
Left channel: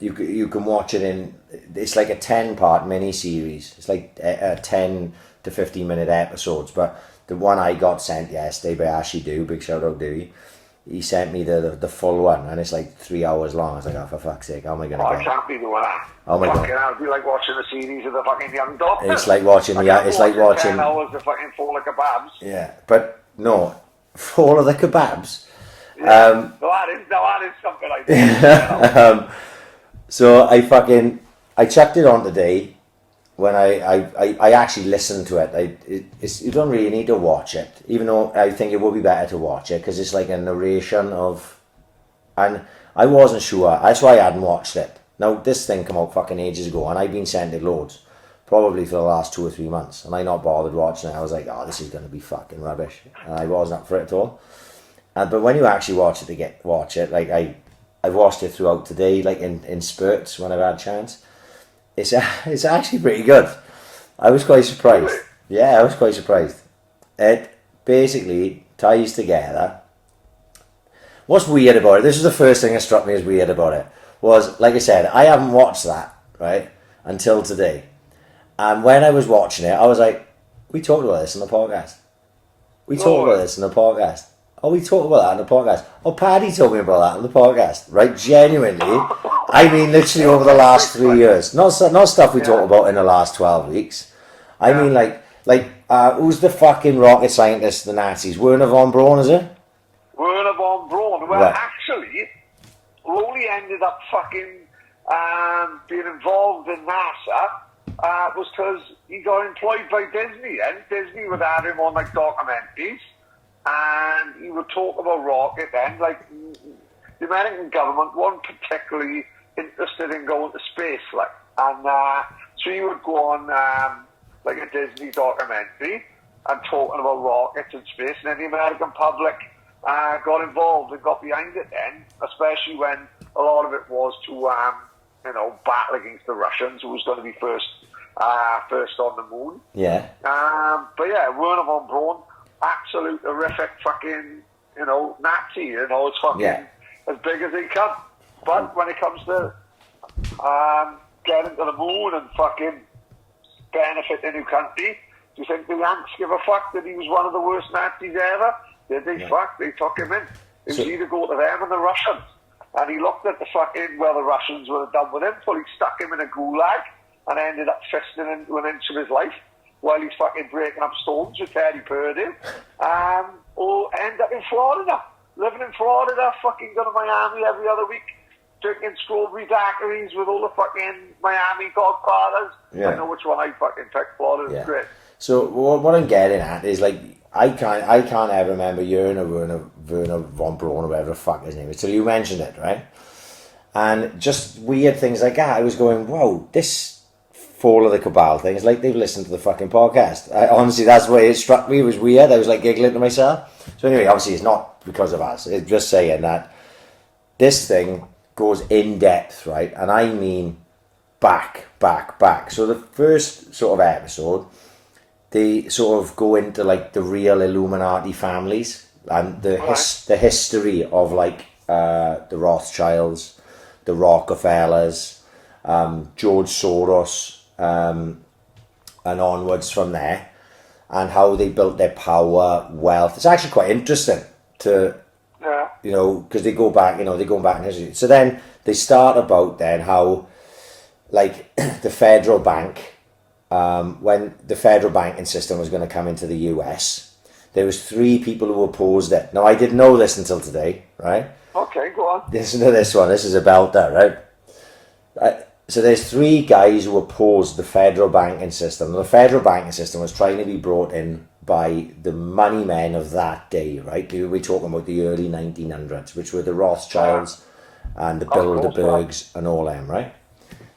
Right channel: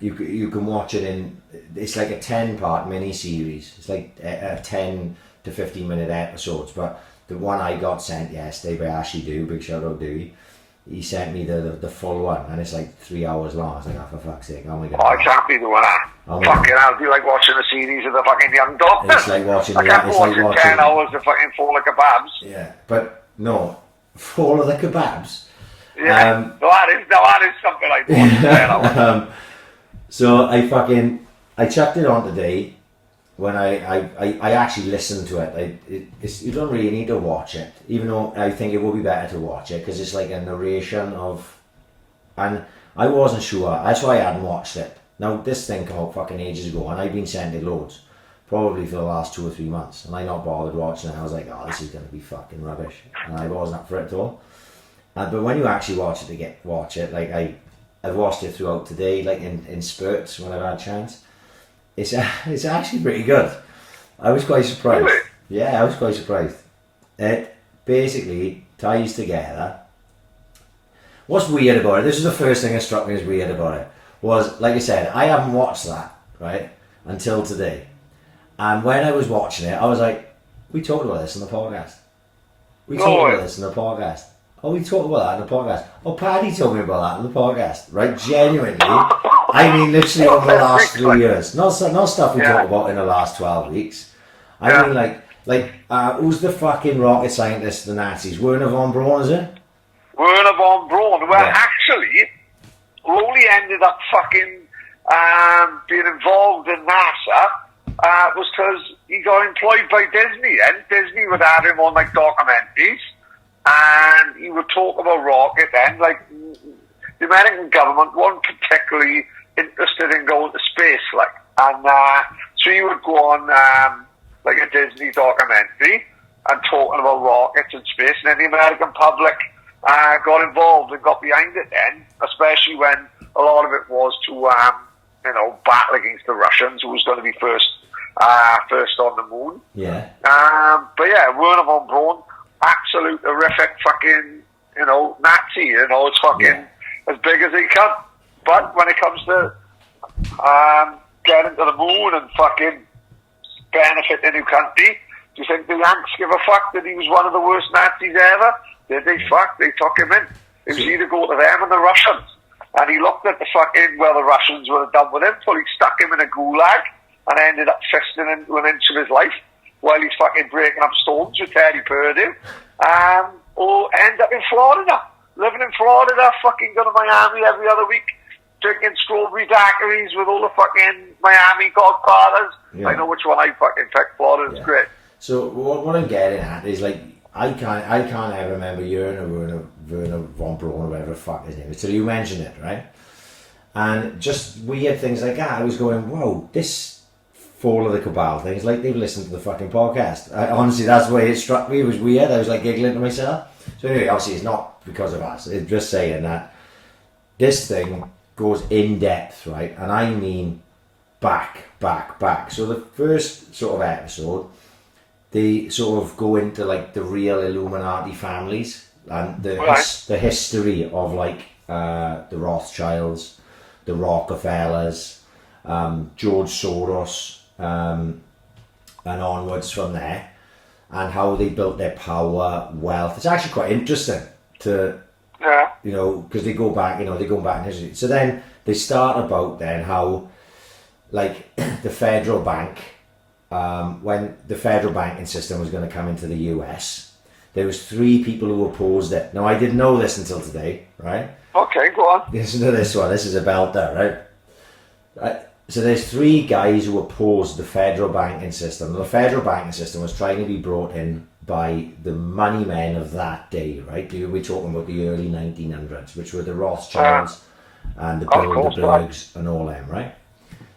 you can watch it it's like a 10-part mini-series. It's like 10 to 15-minute episodes, but the one I got sent yesterday by Ashley Do, big shout out Dewey, he sent me the full one, and it's like 3 hours long. I was like, oh, for fuck's sake, oh my god. Oh, I can't be doing that. Oh my god. Fucking hell, do you like watching a series of the fucking Young Doctor? It's like watching 10 hours of fucking Fall of Kebabs. Yeah, but no, Fall of the Kebabs. Yeah, no, that is something like that. So I checked it on today. When I actually listened to it, you don't really need to watch it, even though I think it would be better to watch it, because it's like a narration of, and I wasn't sure, that's why I hadn't watched it. Now, this thing came out fucking ages ago, and I've been sent it loads, probably for the last 2 or 3 months, and I not bothered watching it. I was like, oh, this is going to be fucking rubbish, and I wasn't up for it at all. But when you actually watch it, like I've watched it throughout today, like in spurts when I've had a chance. It's actually pretty good. I was quite surprised. Yeah, I was quite surprised. It basically ties together. What's weird about it, this is the first thing that struck me as weird about it, was, like I said, I haven't watched that, right, until today. And when I was watching it, I was like, we talked about this in the podcast. We talked about this in the podcast. Oh, we talked about that in the podcast. Oh, Paddy told me about that in the podcast, right? Genuinely. I mean, literally over the last 3 years. Not stuff we talked about in the last 12 weeks. I mean, like who's the fucking rocket scientist, the Nazis? Werner von Braun, is it? Werner von Braun. Well, actually, Rowley ended up fucking being involved in NASA was because he got employed by Disney, and Disney would have him on, like, documentaries. And he would talk about rocket then, like the American government weren't particularly interested in going to space, like, and so he would go on like a Disney documentary and talking about rockets and space, and then the American public got involved and got behind it then, especially when a lot of it was to, battle against the Russians, who was going to be first on the moon. Yeah. But yeah, Werner von Braun, absolute horrific fucking, Nazi, it's fucking as big as he can. But when it comes to getting to the moon and fucking benefiting your country, do you think the Yanks give a fuck that he was one of the worst Nazis ever? Did they fuck? They took him in. It was either go to them and the Russians. And he looked at the fucking, the Russians were done with him, so he stuck him in a gulag and ended up fisting into an inch of his life while he's fucking breaking up stones with Teddy Purdue. Or end up in Florida, living in Florida, fucking going to Miami every other week, drinking strawberry daiquiris with all the fucking Miami godfathers. Yeah. I know which one I fucking picked. Florida's great. So what I'm getting at is, like, I can't ever remember Werner von Braun or whatever the fuck his name is, till you mentioned it, right? And just weird things like that. I was going, whoa, this Fall of the Cabal thing, it's like they've listened to the fucking podcast. Honestly, that's the way it struck me. It was weird. I was like giggling to myself. So anyway, obviously it's not because of us. It's just saying that this thing goes in depth, right? And I mean back. So the first sort of episode, they sort of go into like the real Illuminati families and the history of like the Rothschilds, the Rockefellers, George Soros, and onwards from there, and how they built their power, wealth. It's actually quite interesting to, because they go back in history. So then they start about then how, like, the federal bank, when the federal banking system was going to come into the US, there was 3 people who opposed it. Now, I didn't know this until today, right? Okay, go on. Listen to this one. This is a belter, right? So there's 3 guys who opposed the federal banking system. The federal banking system was trying to be brought in by the money men of that day, right? We're talking about the early 1900s, which were the Rothschilds and the Bilderbergs and all them, right?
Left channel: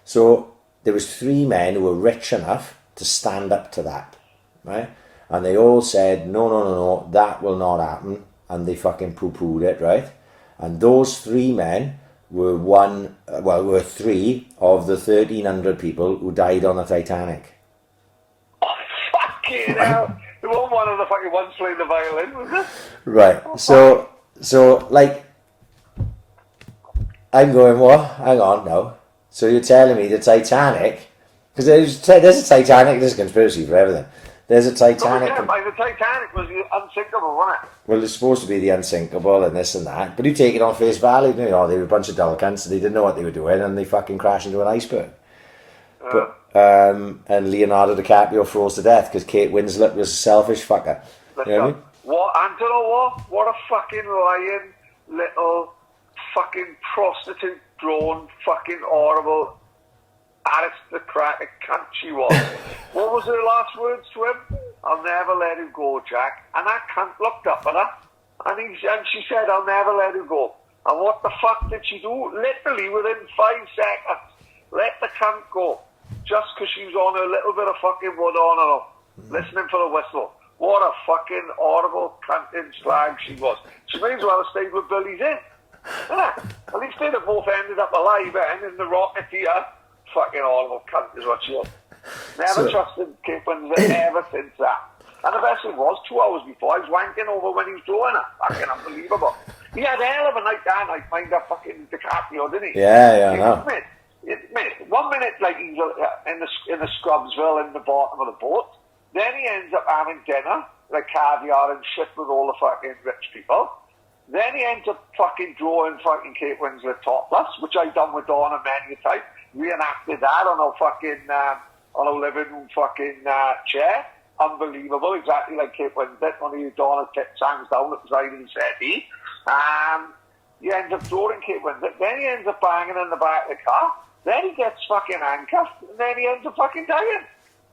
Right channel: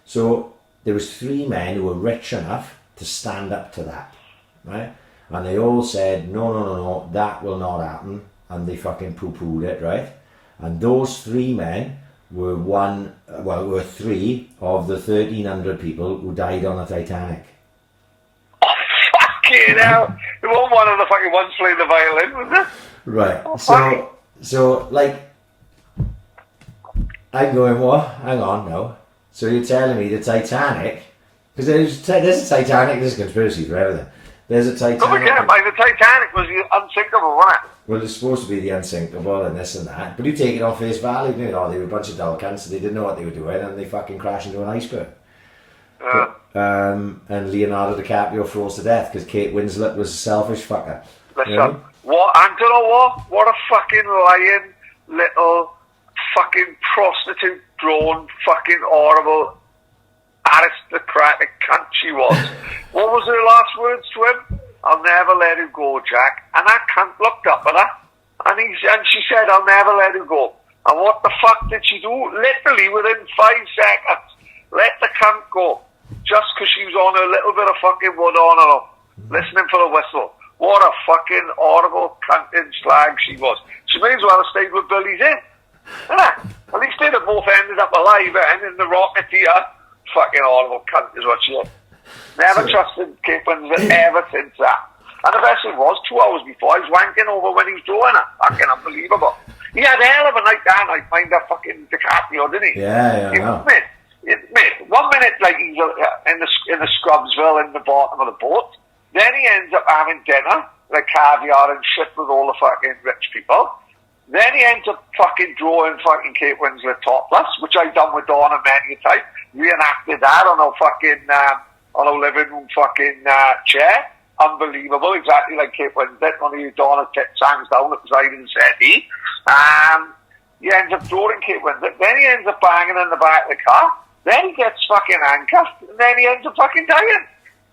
So there was 3 men who were rich enough to stand up to that, right? And they all said, no, that will not happen. And they fucking poo-pooed it, right? And those 3 men were 3 of the 1,300 people who died on the Titanic. Oh, fucking hell. It wasn't one of the fucking ones playing the violin, was it? Right. So, like, I'm going, what? Hang on now. So you're telling me the Titanic, because there's a Titanic, there's a conspiracy for everything. There's a Titanic. The Titanic was unsinkable, wasn't it? Well, it's supposed to be the unsinkable and this and that, but you take it on face value. They were a bunch of dull cunts, so they didn't know what they were doing, and they fucking crashed into an iceberg. And Leonardo DiCaprio froze to death because Kate Winslet was a selfish fucker. Listen, you know what a fucking lying little fucking prostitute drone fucking horrible aristocratic cunt she was. What was her last words to him? I'll never let you go, Jack. And that cunt looked up at her and she said, I'll never let you go. And what the fuck did she do? Literally within 5 seconds, let the cunt go. Just because she was on a little bit of fucking wood on her own, listening for the whistle. What a fucking horrible cunting slag she was. She may as well have stayed with Billy's in. At least they'd have both ended up alive and in the Rocketeer. Fucking horrible cunt is what she was. Never trusted Kate Winslet ever since that. And the best thing was, 2 hours before, I was wanking over when he was drawing her. Fucking unbelievable. He had a hell of a night that night, mind that fucking DiCaprio, didn't he? Yeah, I know. Mate, 1 minute, like, he's in the Scrubsville in the bottom of the boat. Then he ends up having dinner, like caviar and shit with all the fucking rich people. Then he ends up fucking drawing fucking Kate Winslet topless, which I've done with Donna many a time. Reenacted that on a fucking, on a living room fucking chair. Unbelievable, exactly like Kate Winslet. One of you Donna tits hangs down at the side of the settee. He ends up drawing Kate Winslet. Then he ends up banging in the back of the car. Then he gets fucking handcuffed. And then he ends up fucking dying.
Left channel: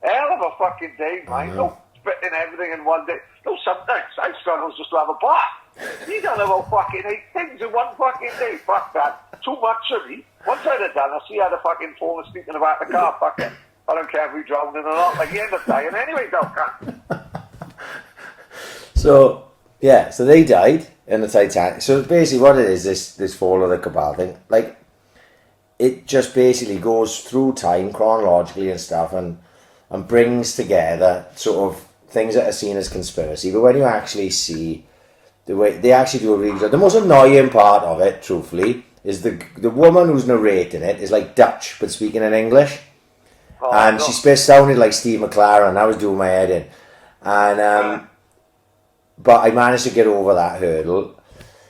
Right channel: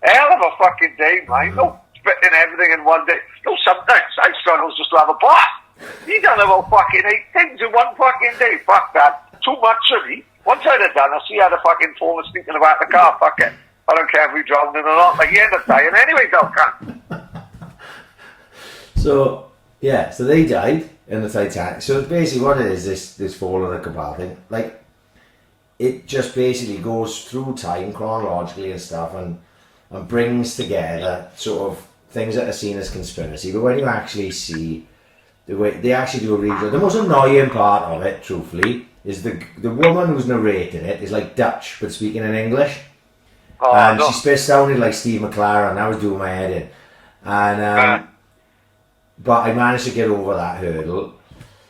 Hell of a fucking day, mate. No spitting everything in one day. No, sometimes I struggle just to have a bath. He done about fucking 8 things in one fucking day. Fuck that. Too much of me. Once I'd have done, I see how the fucking phone was sneaking about the car. Fuck it. I don't care if we drowned in or not. Like, he ended up dying anyway, though, cunt. So they died. in the Titanic. So basically what it is, this fall of the Cabal thing, like, it just basically goes through time chronologically and stuff and brings together sort of things that are seen as conspiracy. But when you actually see the way they actually do a really good, the most annoying part of it, truthfully, is the woman who's narrating it is like Dutch but speaking in English. And she sounded like Steve McLaren. I was doing my head in. And but I managed to get over that hurdle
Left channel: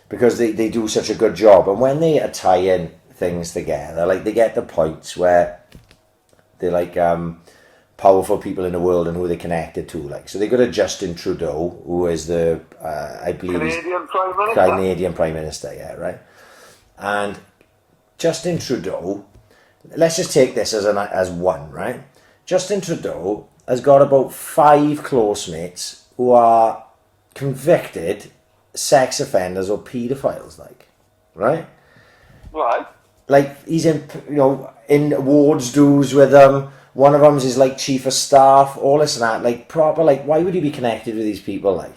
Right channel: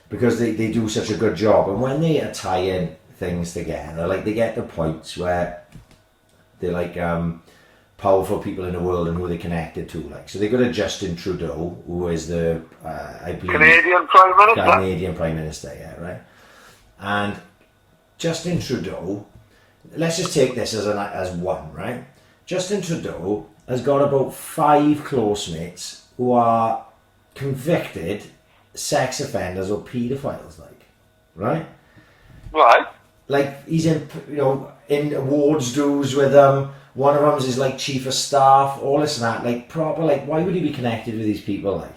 because they do such a good job. And when they are tying things together, like they get the points where they're like powerful people in the world and who they connected to. Like, so they got a Justin Trudeau, who is the I believe Canadian Prime Minister, yeah, right. And Justin Trudeau, let's just take this as one, right? Justin Trudeau has got about 5 close mates who are convicted sex offenders or paedophiles, like, right? Right. Like, he's in, in awards dues with them. One of them is like chief of staff, all this and that. Like, proper, like, why would he be connected with these people, like,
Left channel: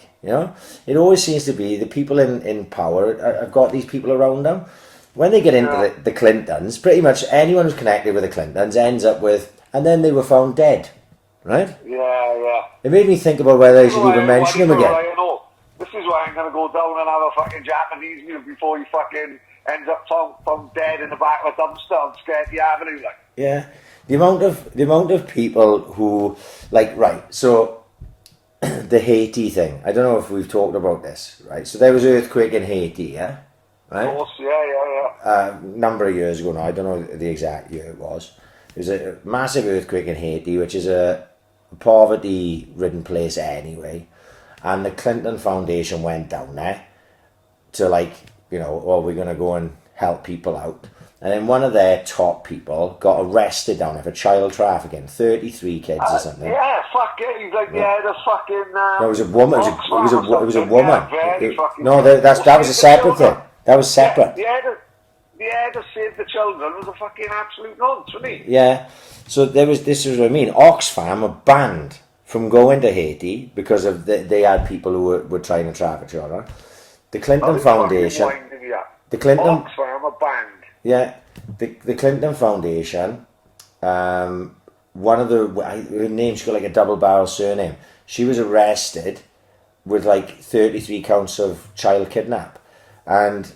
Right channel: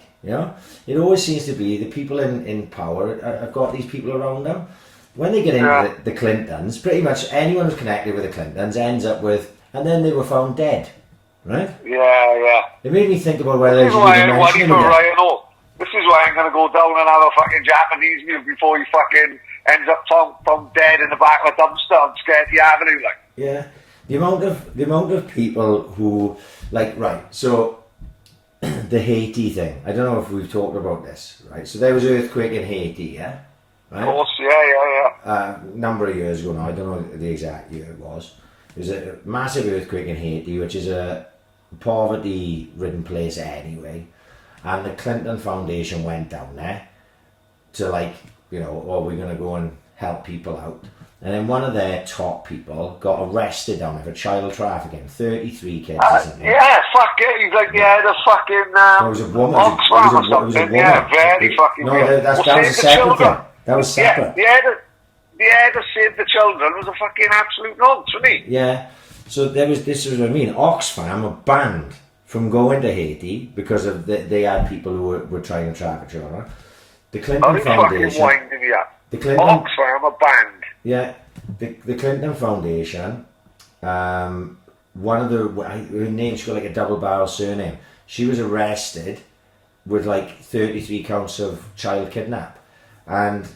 It always seems to be the people in power have got these people around them. When they get into the Clintons, pretty much anyone who's connected with the Clintons ends up with, and then they were found dead, right? Yeah. It made me think about whether I should even mention him again. This is why I'm going to go down and have a fucking Japanese meal before he fucking ends up found dead in the back of a dumpster on Sketty Avenue, like. Yeah, the amount of people who, like, right, so the Haiti thing, I don't know if we've talked about this, right? So there was an earthquake in Haiti, yeah? Right? Of course, yeah. Number of years ago now, I don't know the exact year it was. There was a massive earthquake in Haiti, which is a poverty-ridden place anyway. And the Clinton Foundation went down there to, like, we're going to go and help people out. And then one of their top people got arrested down there for child trafficking, 33 kids or something. Yeah, fuck it. He's like, the fucking... no, it was a woman. It was a woman. Yeah, very fucking... No, that was a separate thing. That was separate. Yeah, to save the children was a fucking absolute nonsense, wasn't he? Yeah. So this is what I mean. Oxfam were banned from going to Haiti because of they had people who were trying to traffic children. The Clinton Foundation... The Clinton... Oxfam were banned. Yeah, the Clinton Foundation, one of her name, she's got like a double-barrel surname. She was arrested with like 33 counts of child kidnap. And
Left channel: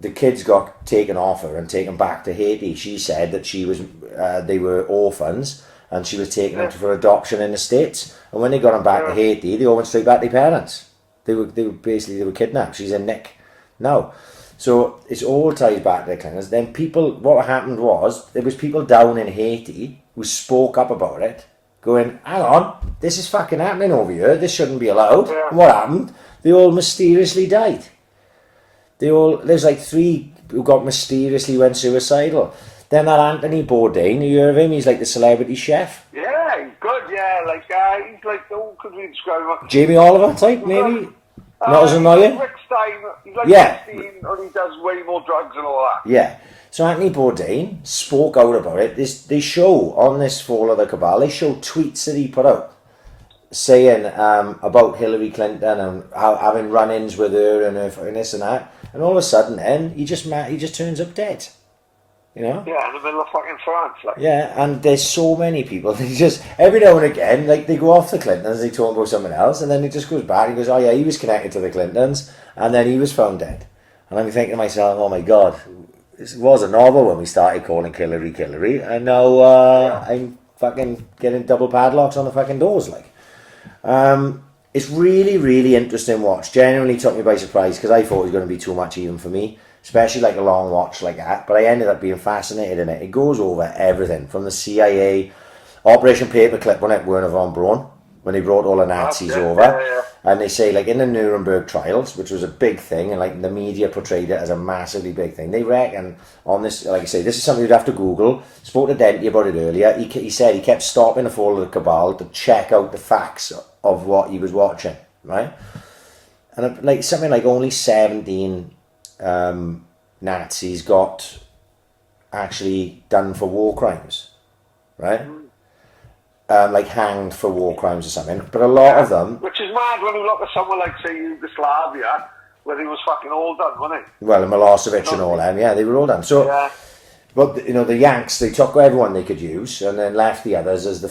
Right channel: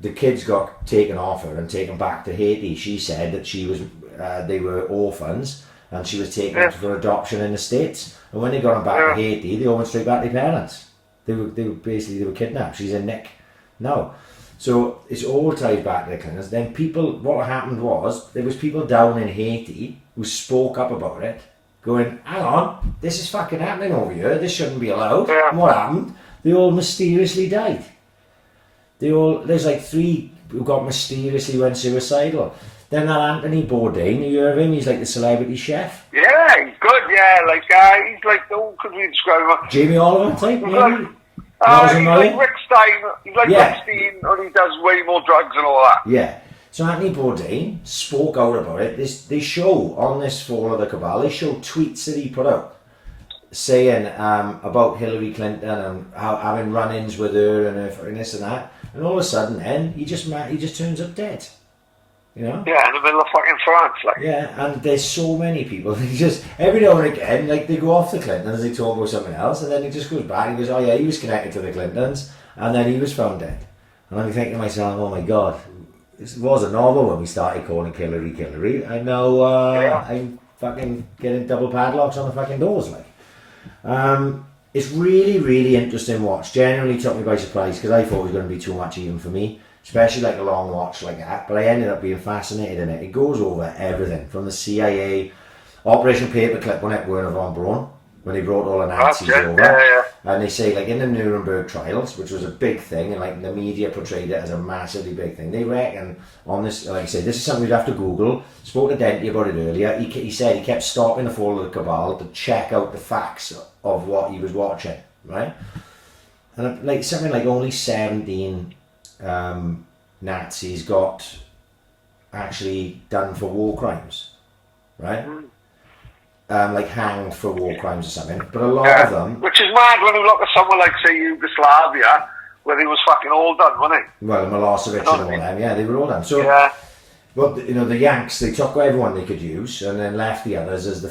the kids got taken off her and taken back to Haiti. She said that they were orphans and she was taken for adoption in the States. And when they got them back to Haiti, they all went straight back to their parents. They were kidnapped. She's in Nick now. So it's all tied back to the Clintons. Then what happened was, there was people down in Haiti who spoke up about it, going, hang on, this is fucking happening over here, this shouldn't be allowed. Yeah. And what happened? They all mysteriously died. There's like 3 who mysteriously went suicidal. Then that Anthony Bourdain, you hear of him? He's like the celebrity chef. Yeah, he's good, he's like, who could we describe him? Jamie Oliver type, maybe? Not as annoying? Rick Stein, he's like Rick Stein, and he does way more drugs and all that. Yeah. So Anthony Bourdain spoke out about it. They show on this Fall of the Cabal, they show tweets that he put out saying about Hillary Clinton and having run-ins with her and this and that. And all of a sudden, then he just turns up dead. Yeah, in the middle of fucking France, like. Yeah, and there's so many people. They just every now and again, like they go off the Clintons, they talk about something else, and then it just goes back. He goes, "Oh yeah, he was connected to the Clintons," and then he was found dead. And I'm thinking to myself, "Oh my God, this was a novel when we started calling Hillary, and now I'm fucking getting double padlocks on the fucking doors, like." It's really, really interesting watch. Genuinely took me by surprise because I thought it was going to be too much even for me. Especially like a long watch like that, but I ended up being fascinated in it. It goes over everything from the CIA, Operation Paperclip when it Werner von Braun, when they brought all the Nazis over, and they say like in the Nuremberg trials, which was a big thing, and like the media portrayed it as a massively big thing. They reckon on this, like I say, this is something you'd have to Google. Spoke to Denty about it earlier. He said he kept stopping the Fall of the Cabal to check out the facts of what he was watching, right? And like something like only 17 Nazis got actually done for war crimes, right? Like hanged for war crimes or something. But a lot of them... Which is mad when you look at someone like, say, Yugoslavia, where they was fucking all done, weren't they? Well, Milosevic and all them, yeah, they were all done. So, yeah. but the Yanks, they took everyone they could use and then left the others as the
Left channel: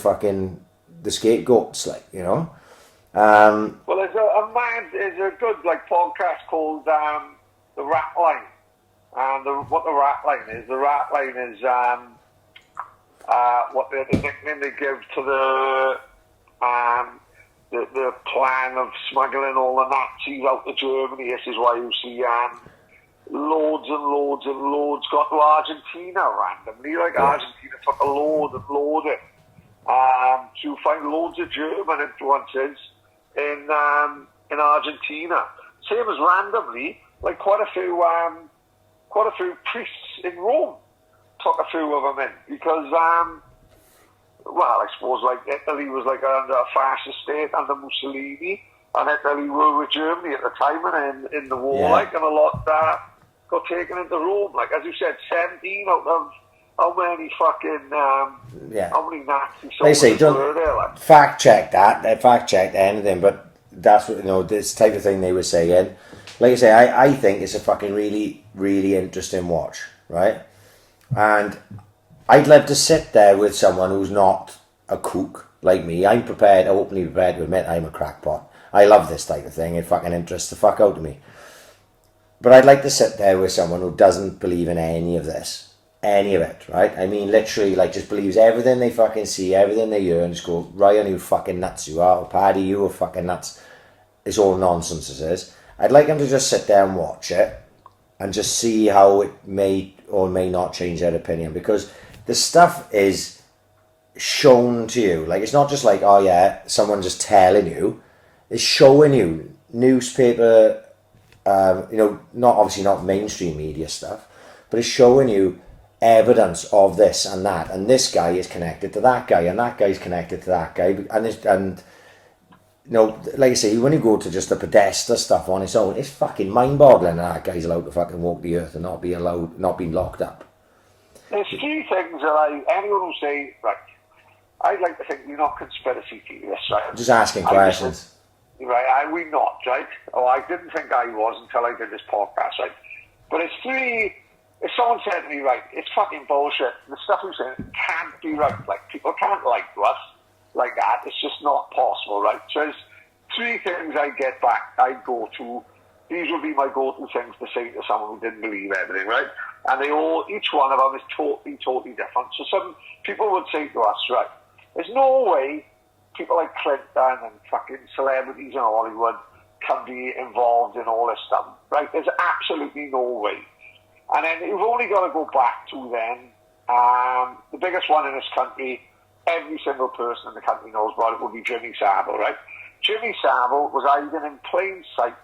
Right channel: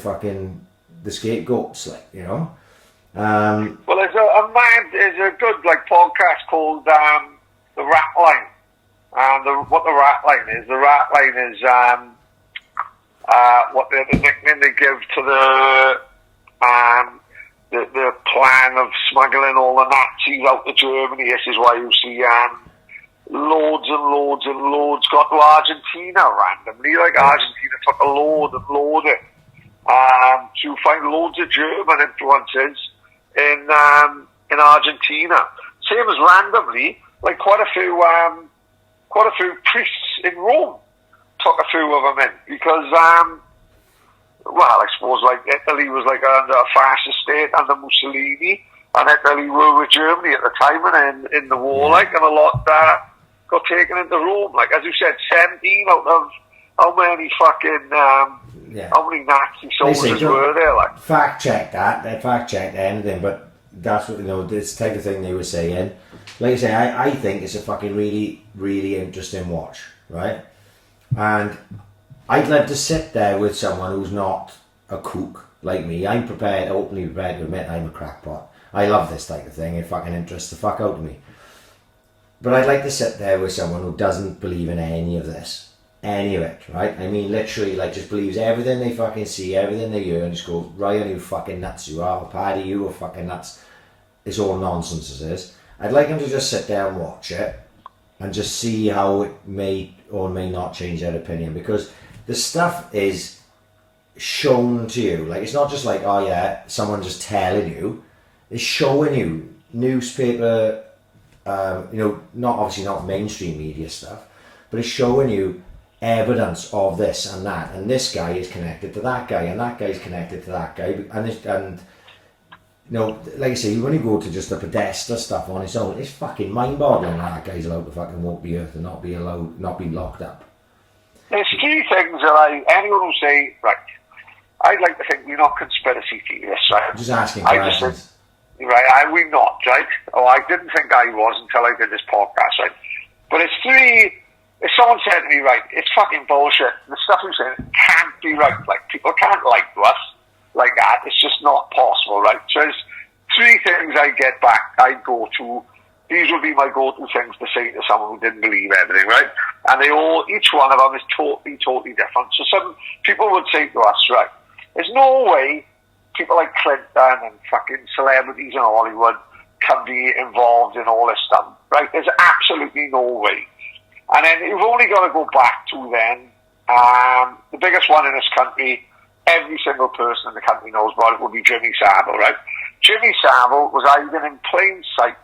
scapegoats, like, you know. Well, there's a good like podcast called The Rat Line. What the rat line is? The rat line is what the nickname they give to the plan of smuggling all the Nazis out to Germany. This is why you see loads and loads and loads got to Argentina randomly. Like Argentina took a load and loaded. So you find loads of German influences in Argentina. Same as randomly, like quite a few priests in Rome took a few of them in because, well, I suppose like Italy was like under a fascist state under Mussolini, and Italy were with Germany at the time and in the war, like, and a lot got taken into Rome. Like as you said, 17 out of how many fucking how many Nazi soldiers were there? Like fact check anything, but that's what, you know, this type of thing they were saying. Like I say, I think it's a fucking really, really interesting watch, right? And I'd love to sit there with someone who's not a kook like me. I'm openly prepared to admit I'm a crackpot. I love this type of thing. It fucking interests the fuck out of me. But I'd like to sit there with someone who doesn't believe in any of this. Any of it, right? I mean, literally, like, just believes everything they fucking see, everything they hear, and just go, Ryan, you fucking nuts you are. Paddy, you are fucking nuts. It's all nonsense, this is. I'd like them to just sit there and watch it and just see how it may or may not change their opinion, because the stuff is shown to you. Like, it's not just like, oh yeah, someone just telling you. It's showing you newspaper, you know, obviously not mainstream media stuff, but it's showing you evidence of this and that, and this guy is connected to that guy, and that guy is connected to that guy, and you know, like I say, when you go to just the Podesta stuff on its own, it's fucking mind-boggling that guy's allowed to fucking walk the earth and not be locked up. There's three things that anyone will say, right, I'd like to think we're not conspiracy theorists, right? I'm just asking questions. Right, we're not, right? Oh, I didn't think I was until I did this podcast, right? But it's three. If someone said to me, right, it's fucking bullshit, the stuff we're saying can't be right, like, people can't like to us like that, it's just not possible, right? So there's three things I go to, these would be my go-to things to say to someone who didn't believe everything, right? And each one of them is totally, totally different. So some people would say to us, right, there's no way people like Clinton and fucking celebrities in Hollywood can be involved in all this stuff, right? There's absolutely no way. And then you've only got to go back to then, the biggest one in this country, every single person in the country knows about it, would be Jimmy Savile, right? Jimmy Savile was hiding in plain sight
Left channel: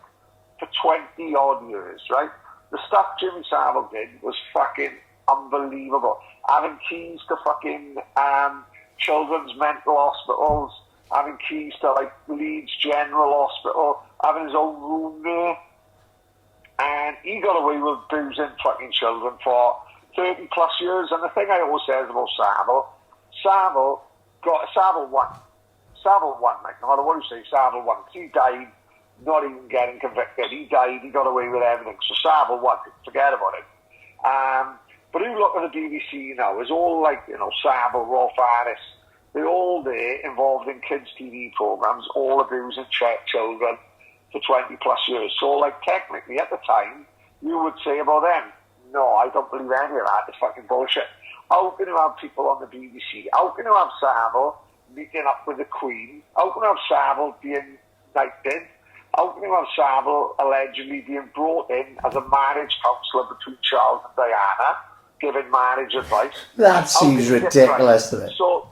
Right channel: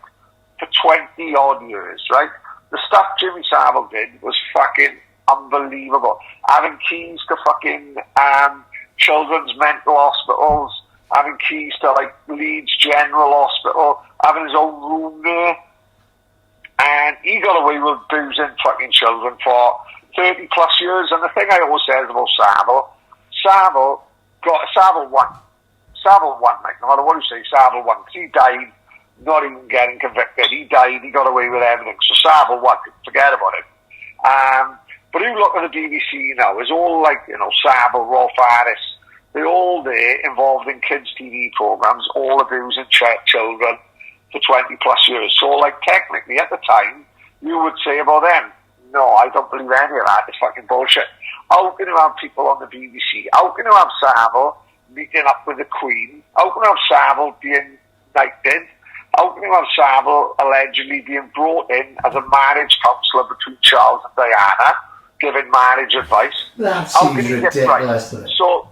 for 20 odd years, right? The stuff Jimmy Savile did was fucking unbelievable. Having keys to fucking children's mental hospitals, having keys to like Leeds General Hospital, having his own room there. And he got away with boozing fucking children for 30 plus years. And the thing I always say about Savile won. Savile won, like, no matter what you say, Savile won. Because he died not even getting convicted. He died, he got away with everything. So Savile won, forget about it. But you look at the BBC now, it's all like, you know, Savile, Rolf Harris, they're all there involved in kids' TV programs, all abusing children for 20 plus years. So, like, technically, at the time, you would say about them, no, I don't believe any of that. It's fucking bullshit. How can you have people on the BBC? How can you have Savile meeting up with the Queen? How can you have Savile being knighted? How can you have Savile allegedly being brought in as a marriage counsellor between Charles and Diana, giving marriage advice? That seems ridiculous. Right? So,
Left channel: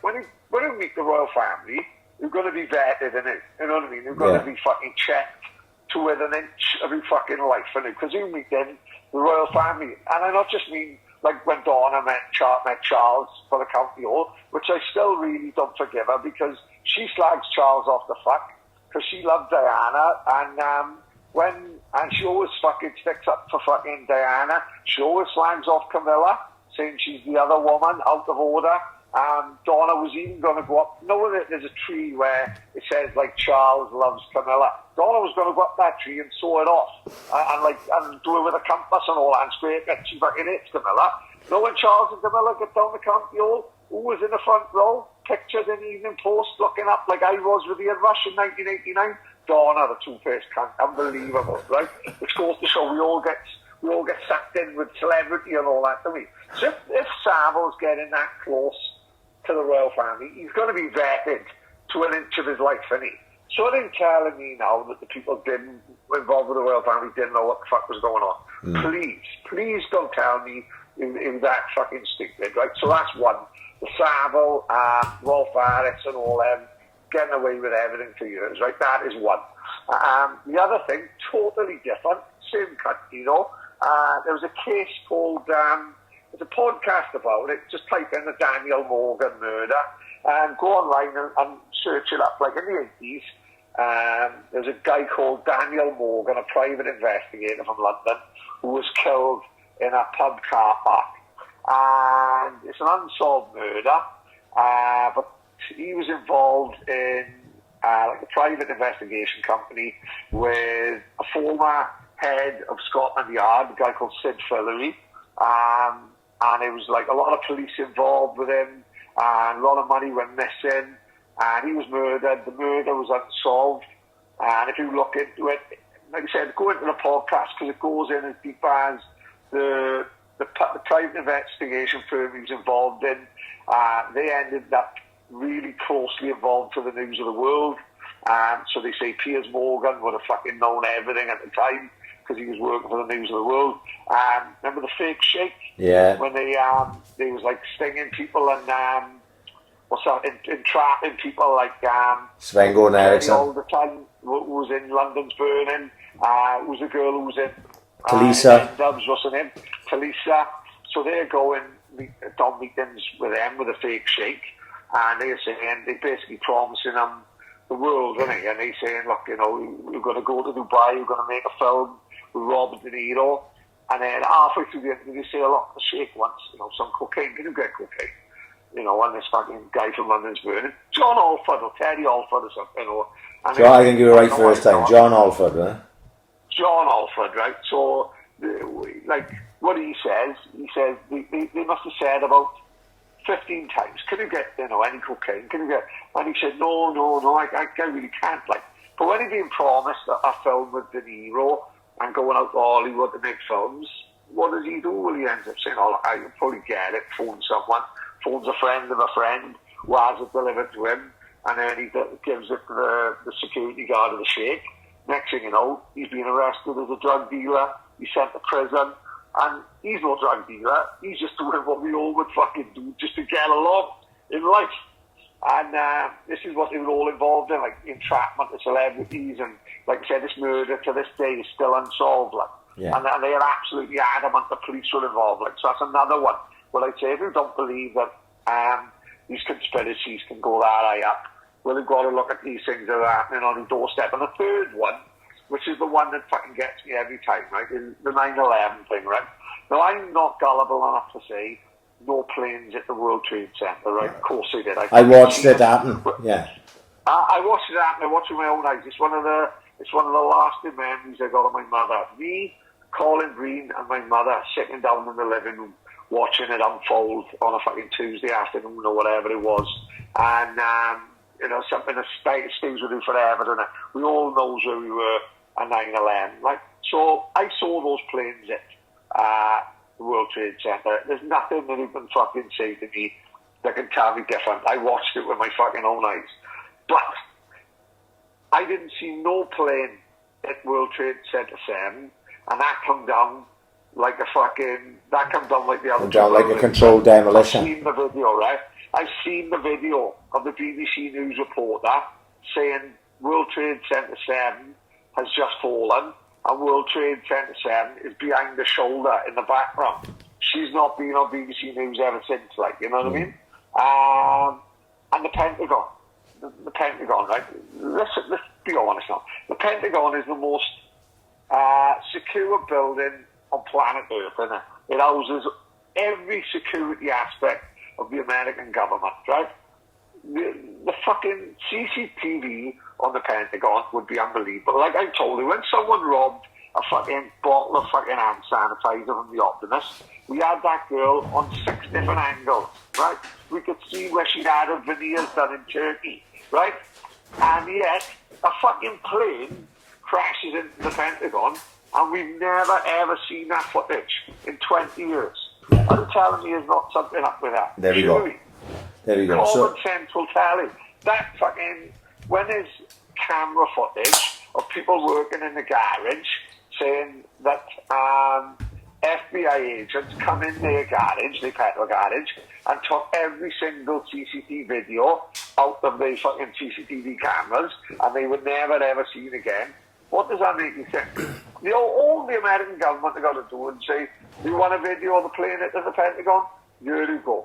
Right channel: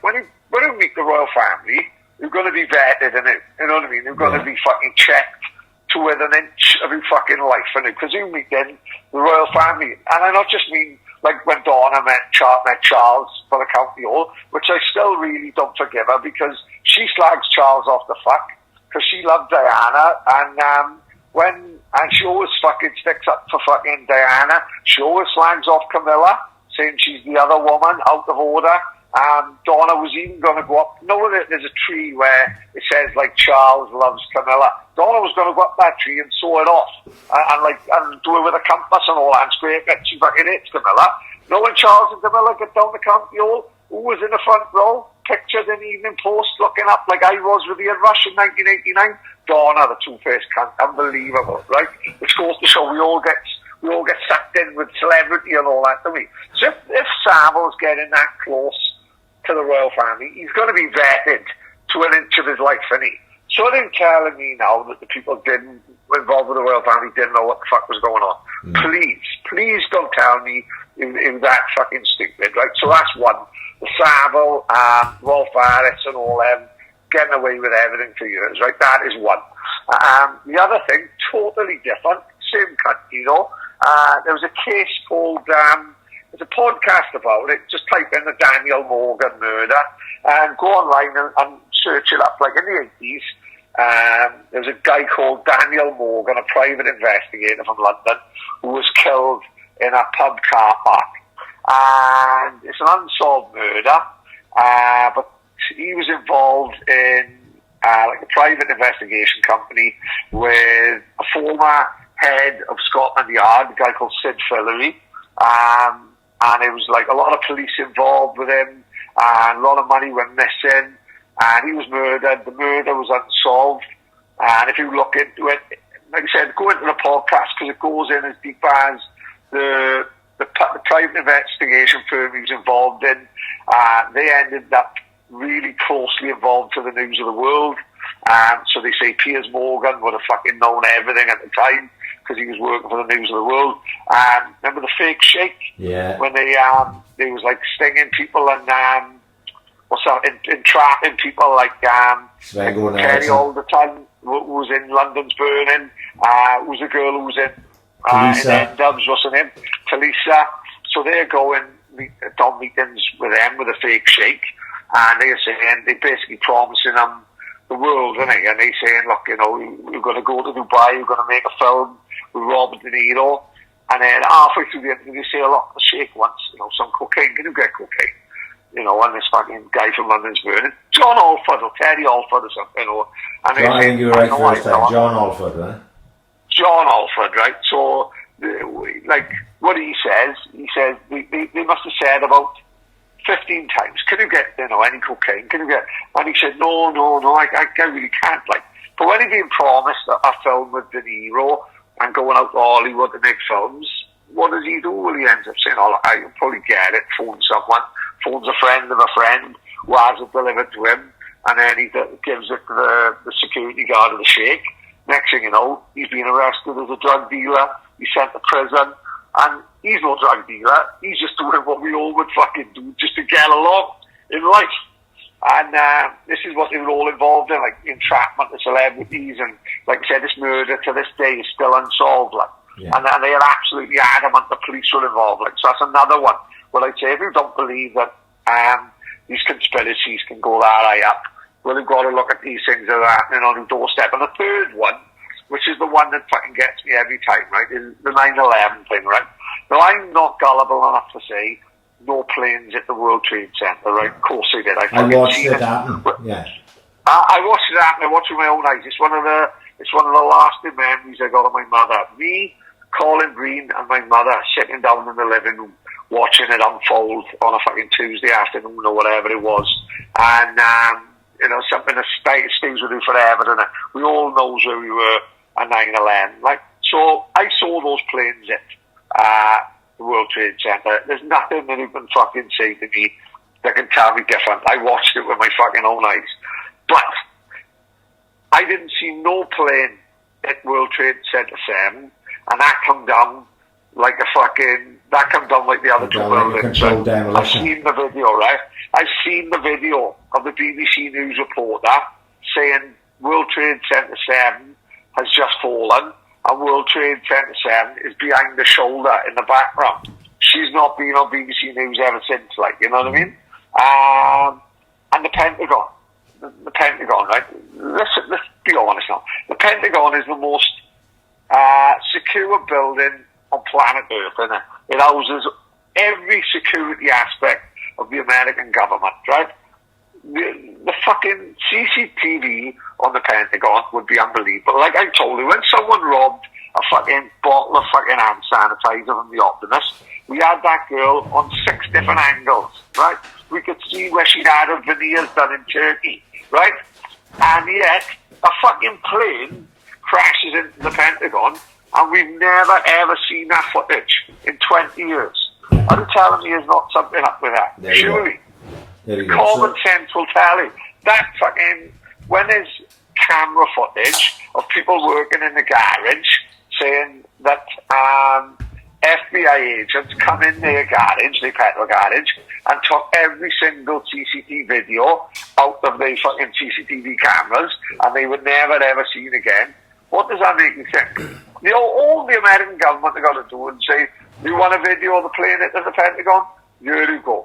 when you meet the royal family, you're going to be vetted in it, you know what I mean? You're going to be fucking checked to within an inch of your fucking life in it, because you meet in the royal family. And I not just mean like when Donna met Charles for the county hall, which I still really don't forgive her, because she slags Charles off the fuck, because she loved Diana, and she always fucking sticks up for fucking Diana. She always slags off Camilla, saying she's the other woman out of order. Donna was even going to go up there's a tree where it says, like, Charles loves Camilla. Donna was going to go up that tree and saw it off. And do it with a compass and all that, and scrape it. She fucking hates Camilla. When Charles and Camilla get down the county hall, who was in the front row, pictured in the Evening Post, looking up like I was with Ian Rush in 1989? Donna, the two-faced cunt. Unbelievable, right? Which goes to show we all get sucked in with celebrity and all that, don't we? So if Savile's getting that close to the royal family, he's going to be vetted to an inch of his life, isn't he? So they're telling me now that the people involved with the royal family didn't know what the fuck was going on. Please don't tell me in that fucking stupid, right? So that's one. The Savile, Rolf Harris and all them getting away with everything for years, right? That is one. The other thing, totally different, same country, there was a case called, there's a podcast about it, just type in the Daniel Morgan murder, and go online and search it up, like in the 80s. There was a guy called Daniel Morgan, a private investigator from London, who was killed in a pub car park. And it's an unsolved murder, but he was involved in like a private investigation company with a former head of Scotland Yard, a guy called Sid Fillery, and it was like a lot of police involved with him, and a lot of money went missing, and he was murdered. The murder was unsolved, and if you look into it, like I said, go into the podcast because it goes in as deep as the private investigation firm he was involved in. They ended up really closely involved to the news of the world. So they say Piers Morgan would have fucking known everything at the time because he was working for the news of the world. Remember the fake shake? Yeah. When they was like stinging people and entrapping people like Svengo Nelson all the time. Who was in London's Burning? Was a girl who was in Talisa. Dubs, what's her name? Talisa. So they're going Dom meetings with them with a fake shake, and they're saying, they're basically promising them the world, isn't it? And they're saying, look, we're going to go to Dubai, we're going to make a film with Robert De Niro, and then halfway through the interview they say, look, the shake wants, some cocaine, can you get cocaine? And this fucking guy from London's Burning, John Alford or Terry Alford or something, And John, I think you were right first time. John Alford, right? John Alford, right? So, like, what he says they must have said about 15 times, can you get, any cocaine? Can you get? And he said, no, I really can't, like. But when he's been promised a film with De Niro and going out to Hollywood to make films, what does he do? Well, he ends up saying, oh, I can probably get it, phones a friend of a friend who has it delivered to him, and then he gives it to the security guard of the Sheikh. Next thing you know, he's been arrested as a drug dealer, he's sent to prison, and he's no drug dealer, he's just doing what we all would fucking do just to get along in life. And this is what they were all involved in, like entrapment of celebrities, and like I said, this murder to this day is still unsolved, like. Yeah. And they are absolutely adamant the police were involved, like. So that's another one. Well, I'd say if you don't believe that these conspiracies can go that high up, well, they've got to look at these things that are happening on the doorstep. And the third one, which is the one that fucking gets me every time, right, is the 9/11 thing, right? Now, I'm not gullible enough to say no planes at the World Trade Center, right? Of course they did. I watched it happen. Yeah. I watched it happen. I watched it with my own eyes. It's one of the lasting memories I got of my mother. Me, Colin Green, and my mother sitting down in the living room watching it unfold on a fucking Tuesday afternoon or whatever it was, and something that stays with you forever, and we all knows where we were at 9/11. Like, so I saw those planes at the World Trade Center. There's nothing that you can fucking say to me that can tell me different. I watched it with my fucking own eyes, but I didn't see no plane at World Trade Center 7, and that come down like the other two. Like a controlled demolition. I've seen the video, right? I've seen the video of the BBC News reporter saying World Trade Center 7 has just fallen, and World Trade Center 7 is behind the shoulder in the background. She's not been on BBC News ever since, like, you know what I mean? And the Pentagon, right? Let's be honest now. The Pentagon is the most secure building on planet Earth, isn't it? It houses every security aspect of the American government, right? The fucking CCTV on the Pentagon would be unbelievable. Like I told you, when someone robbed a fucking bottle of fucking hand sanitizer from the Optimist, we had that girl on 6 different angles, right? We could see where she'd had her veneers done in Turkey, right? And yet, a fucking plane crashes into the Pentagon, and we've never ever seen that footage in 20 years. Are you telling me there's not something up with that? There you Surely. go. There you go. Common sense will tell you. That fucking, when there's camera footage of people working in the garage saying that FBI agents come in their garage, their petrol garage, and took every single CCTV video out of the fucking CCTV cameras, and they were never ever seen again. What does that make you think? You know, all the American government have got to do and say, you want a video of the plane at the Pentagon? Here you go.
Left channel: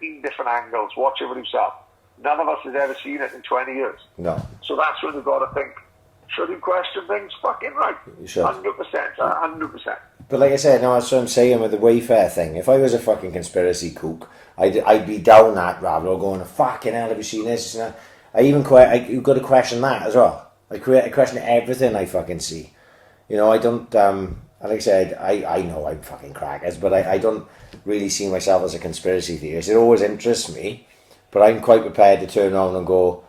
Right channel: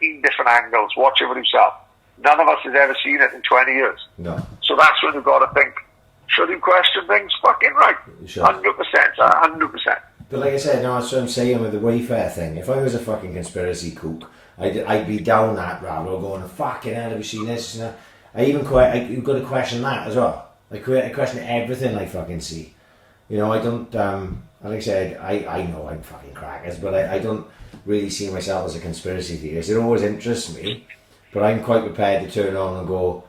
17 different angles. Watch it for yourself. None of us has ever seen it in 20 years. No. So that's when you've got to think, should you question things? Fucking right. You should. 100%. 100%. But like I said, no, that's what I'm saying with the Wayfair thing. If I was a fucking conspiracy kook, I'd be down that rabbit hole going, fucking hell, have you seen this? You know? You've got to question that as well. I question everything I fucking see. You know, I don't, like I said, I know I'm fucking crackers, but I don't really see myself as a conspiracy theorist. It always interests me, but I'm quite prepared to turn on and go,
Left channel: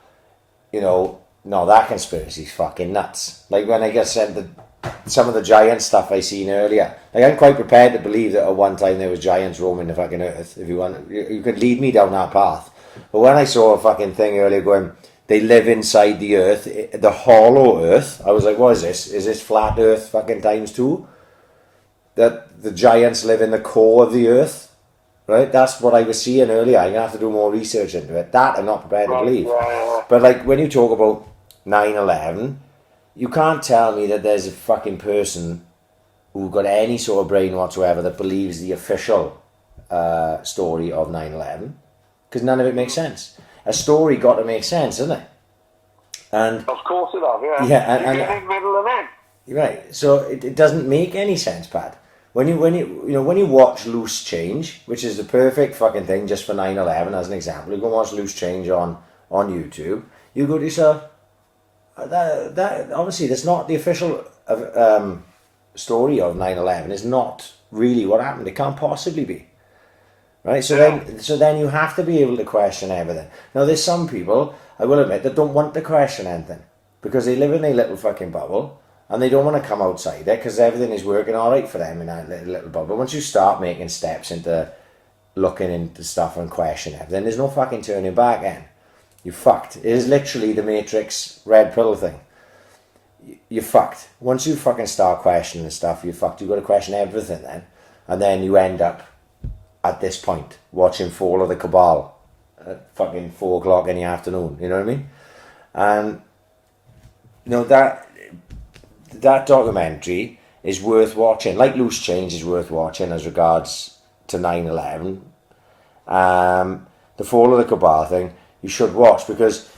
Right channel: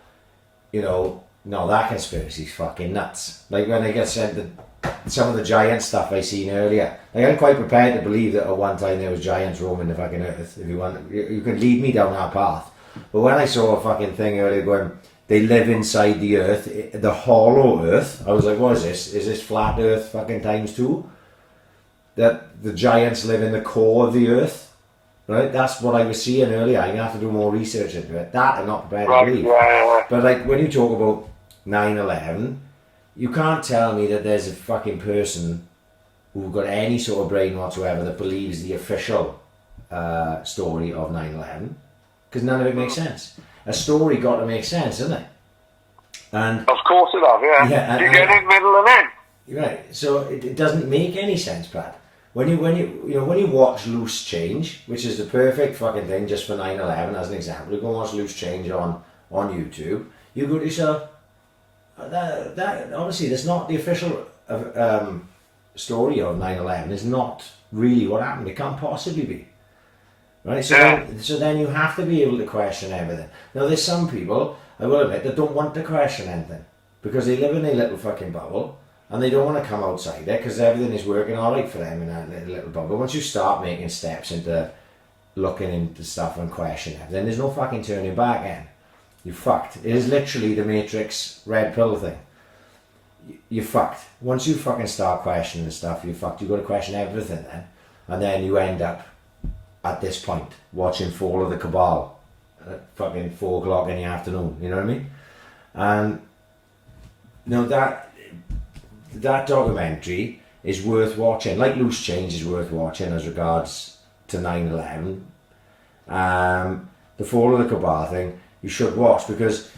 you know, no, that conspiracy's fucking nuts. Like when I just said that some of the giant stuff I seen earlier, like I'm quite prepared to believe that at one time there was giants roaming the fucking earth. If you want, you could lead me down that path. But when I saw a fucking thing earlier going, they live inside the earth, the hollow earth, I was like, what is this? Is this flat earth fucking times 2? That the giants live in the core of the earth, right? That's what I was seeing earlier. I'm going to have to do more research into it. That I'm not prepared to believe. But like when you talk about 9/11, you can't tell me that there's a fucking person who got any sort of brain whatsoever that believes the official story of 9/11, because none of it makes sense. A story got to make sense, doesn't it? And of course it does, yeah. Yeah, you get in middle and end. Right. So it doesn't make any sense, Pat. When you watch Loose Change, which is the perfect fucking thing just for 9/11 as an example, you go and watch Loose Change on YouTube, you go to yourself, that obviously that's not the official story of 9/11. It's not really what happened. It can't possibly be. Right, so then you have to be able to question everything. Now there's some people, I will admit, that don't want to question anything because they live in a little fucking bubble and they don't want to come outside it because everything is working alright for them in that little bubble. Once you start making steps into looking into stuff and questioning everything, there's no fucking turning back then. You're fucked. It is literally the Matrix red pill thing. You're fucked. Once you fucking start questioning stuff, you're fucked. You've got to question everything then. And then you end up at this point watching Fall of the Cabal at fucking 4 o'clock in the afternoon, you know what I mean? And you know that documentary is worth watching, like Loose Change is worth watching as regards to 9/11. The Fall of the Cabal thing you should watch because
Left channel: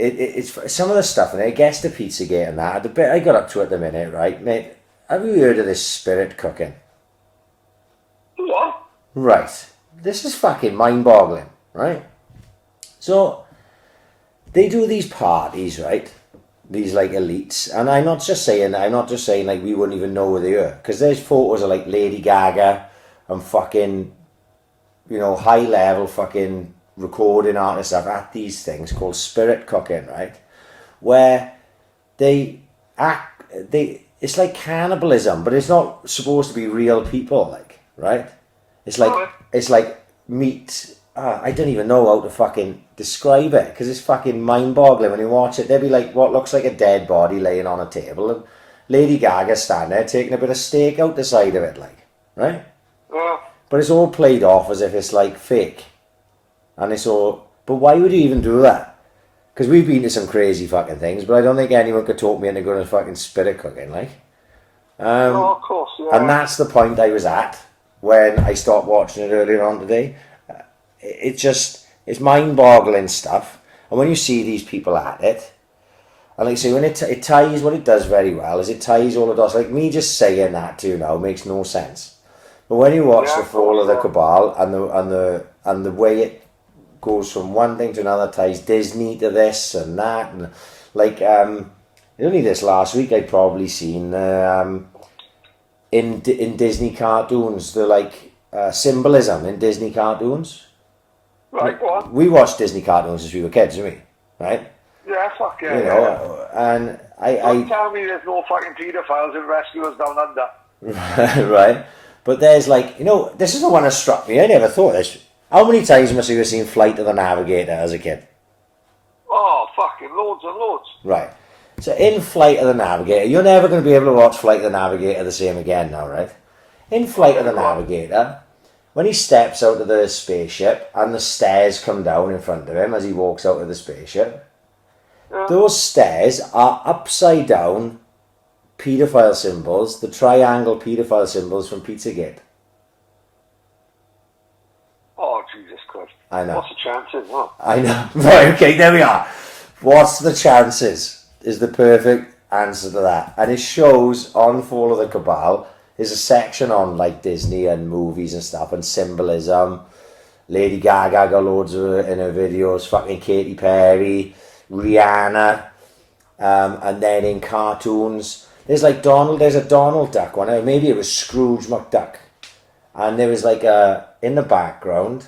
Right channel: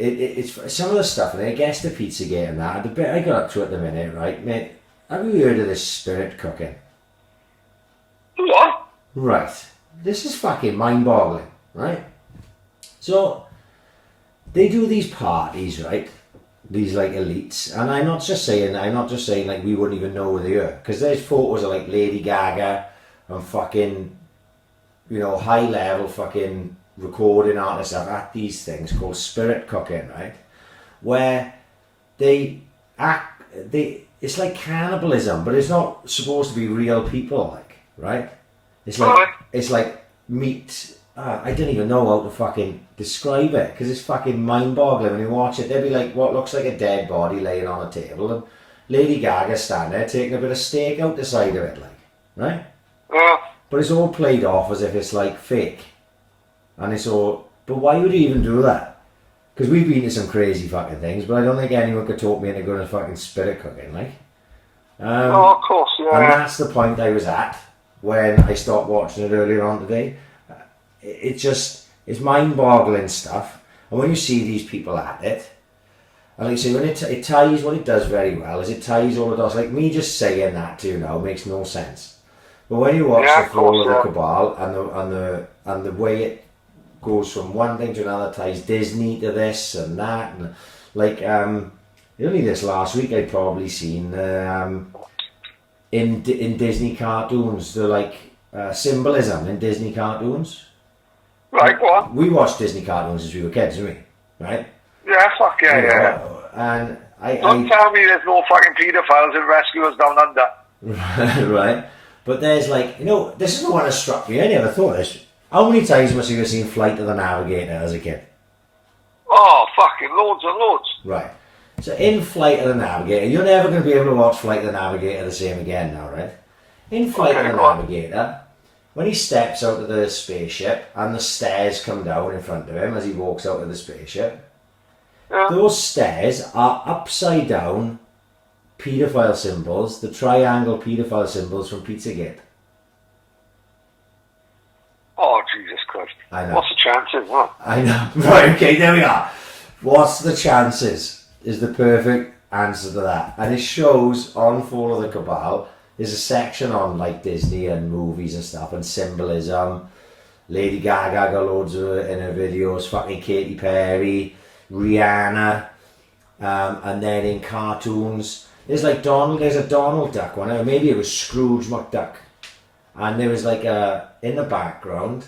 it's some of the stuff and it gets to Pizzagate and that. The bit I got up to at the minute, right, mate, have you heard of this spirit cooking? What? Right. This is fucking mind-boggling, right? So, they do these parties, right? These, like, elites. And I'm not just saying, like, we wouldn't even know where they are. Because there's photos of, like, Lady Gaga and fucking, you know, high-level fucking recording artists at these things called spirit cooking, right? Where it's like cannibalism, but it's not supposed to be real people, like. Right? It's like meat. I don't even know how to fucking describe it because it's fucking mind-boggling when you watch it. There'd be like what looks like a dead body laying on a table and Lady Gaga standing there taking a bit of steak out the side of it, like, right? But it's all played off as if it's like fake, and it's all. But why would you even do that? Because we've been to some crazy fucking things, but I don't think anyone could talk me into going to fucking spirit cooking, like. Of course, yeah. And that's the point I was at when I stopped watching it earlier on today. It's mind-boggling stuff. And when you see these people at it, and like I say, when it ties, what it does very well is it ties all the dots. Like me just saying that to you now makes no sense. But when you watch the Fall of the Cabal and the way it goes from one thing to another, ties Disney to this and that, and like only this last week I'd probably seen in Disney cartoons the like symbolism in Disney cartoons. Right, what? We watched Disney cartoons as we were kids, didn't we? Right? Yeah, fuck yeah, You know, and Don't tell me there's no fucking paedophiles and rescuers down under. right? But there's like, you know, this is the one that struck me. I never thought this. How many times must you have seen Flight of the Navigator as a kid? Oh, fucking loads and loads. Right. So in Flight of the Navigator, you're never going to be able to watch Flight of the Navigator the same again now, right? In Flight of the Navigator, when he steps out of the spaceship and the stairs come down in front of him as he walks out of the spaceship, those stairs are upside down paedophile symbols, the triangle paedophile symbols from Pizzagate. Oh, Jesus Christ. I know. What's the chances, huh? I know. Right, okay, there we are. What's the chances is the perfect answer to that. And it shows on Fall of the Cabal, there's a section on like Disney and movies and stuff and symbolism. Lady Gaga got loads of it in her videos, fucking Katy Perry, Rihanna, and then in cartoons, there's like there's a Donald Duck one, or maybe it was Scrooge McDuck. And there was like in the background,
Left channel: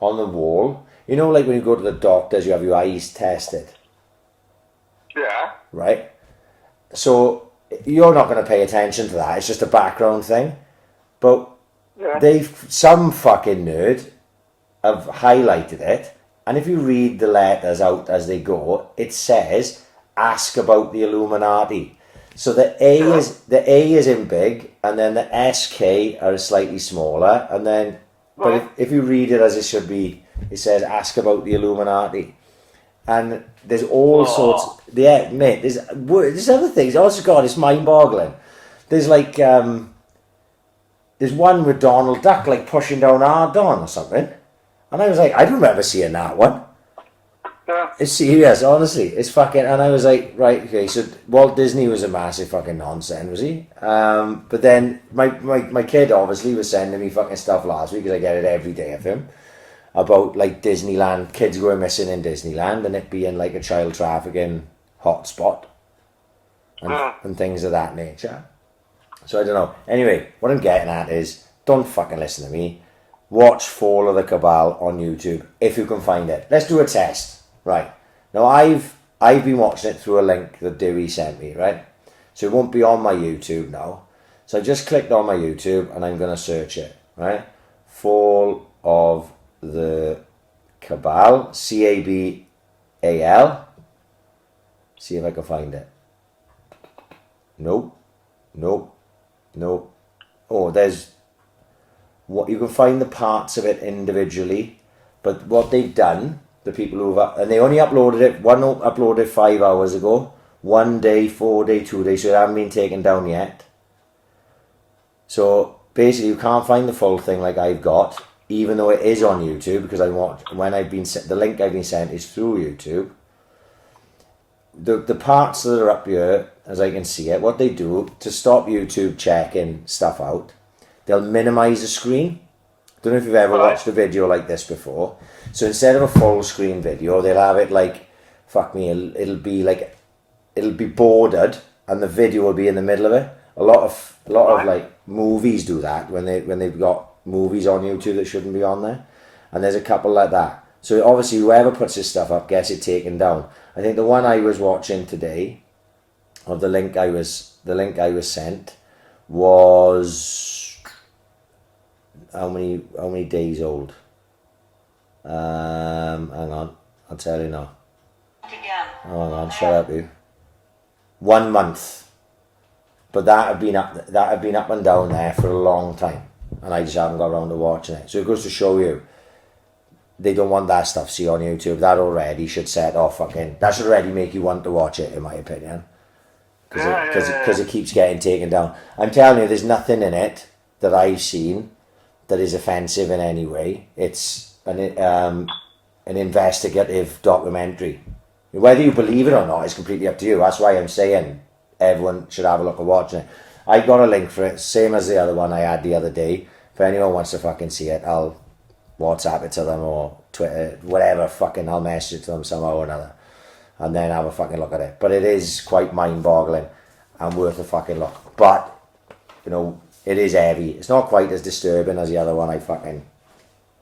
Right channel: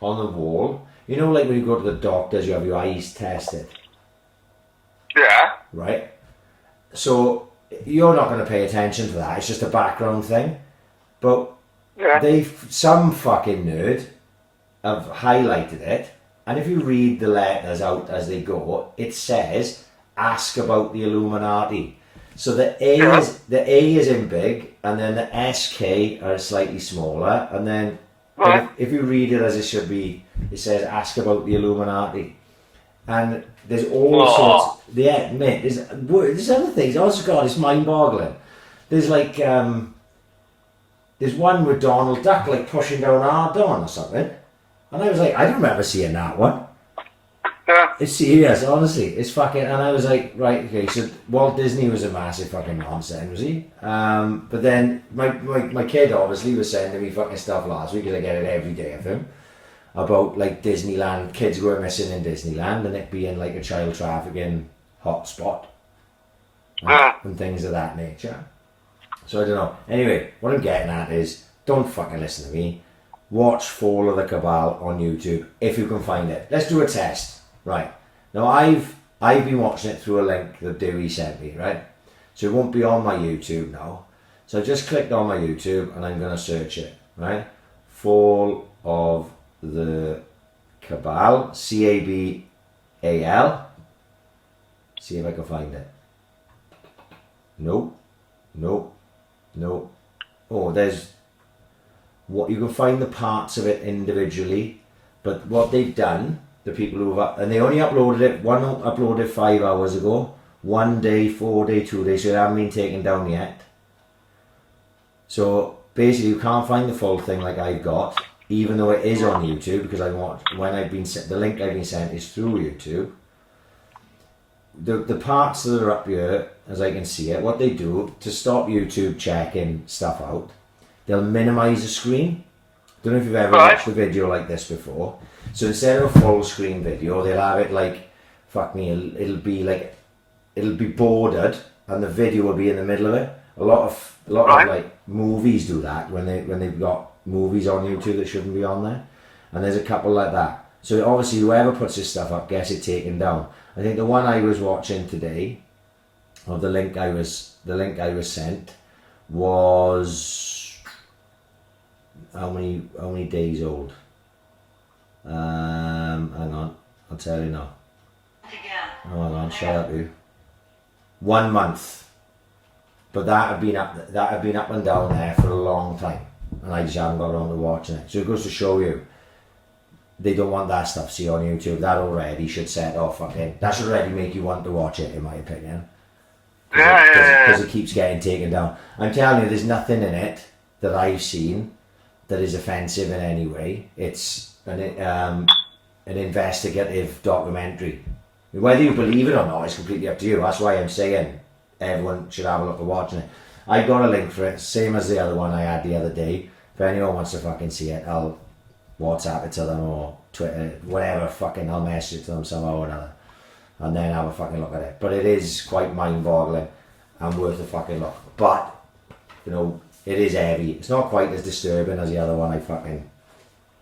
on the wall, you know, like when you go to the doctors, you have your eyes tested. Yeah. Right? So you're not going to pay attention to that. It's just a background thing. But some fucking nerd have highlighted it. And if you read the letters out as they go, it says, ask about the Illuminati. So the A is in big, and then the SK are slightly smaller. And then but if you read it as it should be, it says, ask about the Illuminati. And there's all sorts. Yeah, mate. There's other things. Oh God, it's mind-boggling. There's like there's one with Donald Duck like pushing down Ardon or something, and I was like, I don't remember seeing that one. Yeah. It's serious, honestly. It's fucking. And I was like, right, okay. So Walt Disney was a massive fucking nonsense, was he? But then my kid obviously was sending me fucking stuff last week because I get it every day of him. About like Disneyland, kids going missing in Disneyland and it being like a child trafficking hotspot and things of that nature. So I don't know. Anyway, what I'm getting at is don't fucking listen to me. Watch Fall of the Cabal on YouTube if you can find it. Let's do a test. Right. Now I've been watching it through a link that Dewey sent me, right? So it won't be on my YouTube now. So I just clicked on my YouTube and I'm gonna search it, right? Fall of the Cabal, Cabal. See if I can find it. Nope. Oh, there's what you can find the parts of it individually, but what they've done, the people who've and they only uploaded it. One uploaded 5 hours ago, 1 day, 4 day, 2 days, so it hasn't been taken down yet. So basically, you can't find the full thing like I've got. Even though it is on YouTube, because when I've been sent the link I've been sent is through YouTube. The parts that are up here, as I can see it, what they do to stop YouTube checking stuff out, they'll minimize the screen. Don't know if you've ever watched a video like this before. So instead of a full screen video, they'll have it like, fuck me, it'll be bordered, and the video will be in the middle of it. A lot of like movies do that when they've got movies on YouTube that shouldn't be on there, and there's a couple like that. So obviously whoever puts this stuff up gets it taken down. I think the one I was watching today, of the link I was sent, was how many days old? Hang on, I'll tell you now. Oh, hang on, shut up you. 1 month. But that had been up and down there for a long time. And I just haven't got around to watching it. So it goes to show you, they don't want that stuff see on YouTube. That already should set off that should already make you want to watch it, in my opinion. Because it keeps getting taken down. I'm telling you, there's nothing in it that I've seen that is offensive in any way. It's an investigative documentary. Whether you believe it or not is completely up to you. That's why I'm saying everyone should have a look at watching it. I got a link for it, same as the other one I had the other day. If anyone wants to fucking see it, I'll WhatsApp it to them or Twitter, whatever, fucking I'll message it to them somehow or another and then have a fucking look at it. But it is quite mind-boggling and worth a fucking look. But, you know, it is heavy. It's not quite as disturbing as the other one I fucking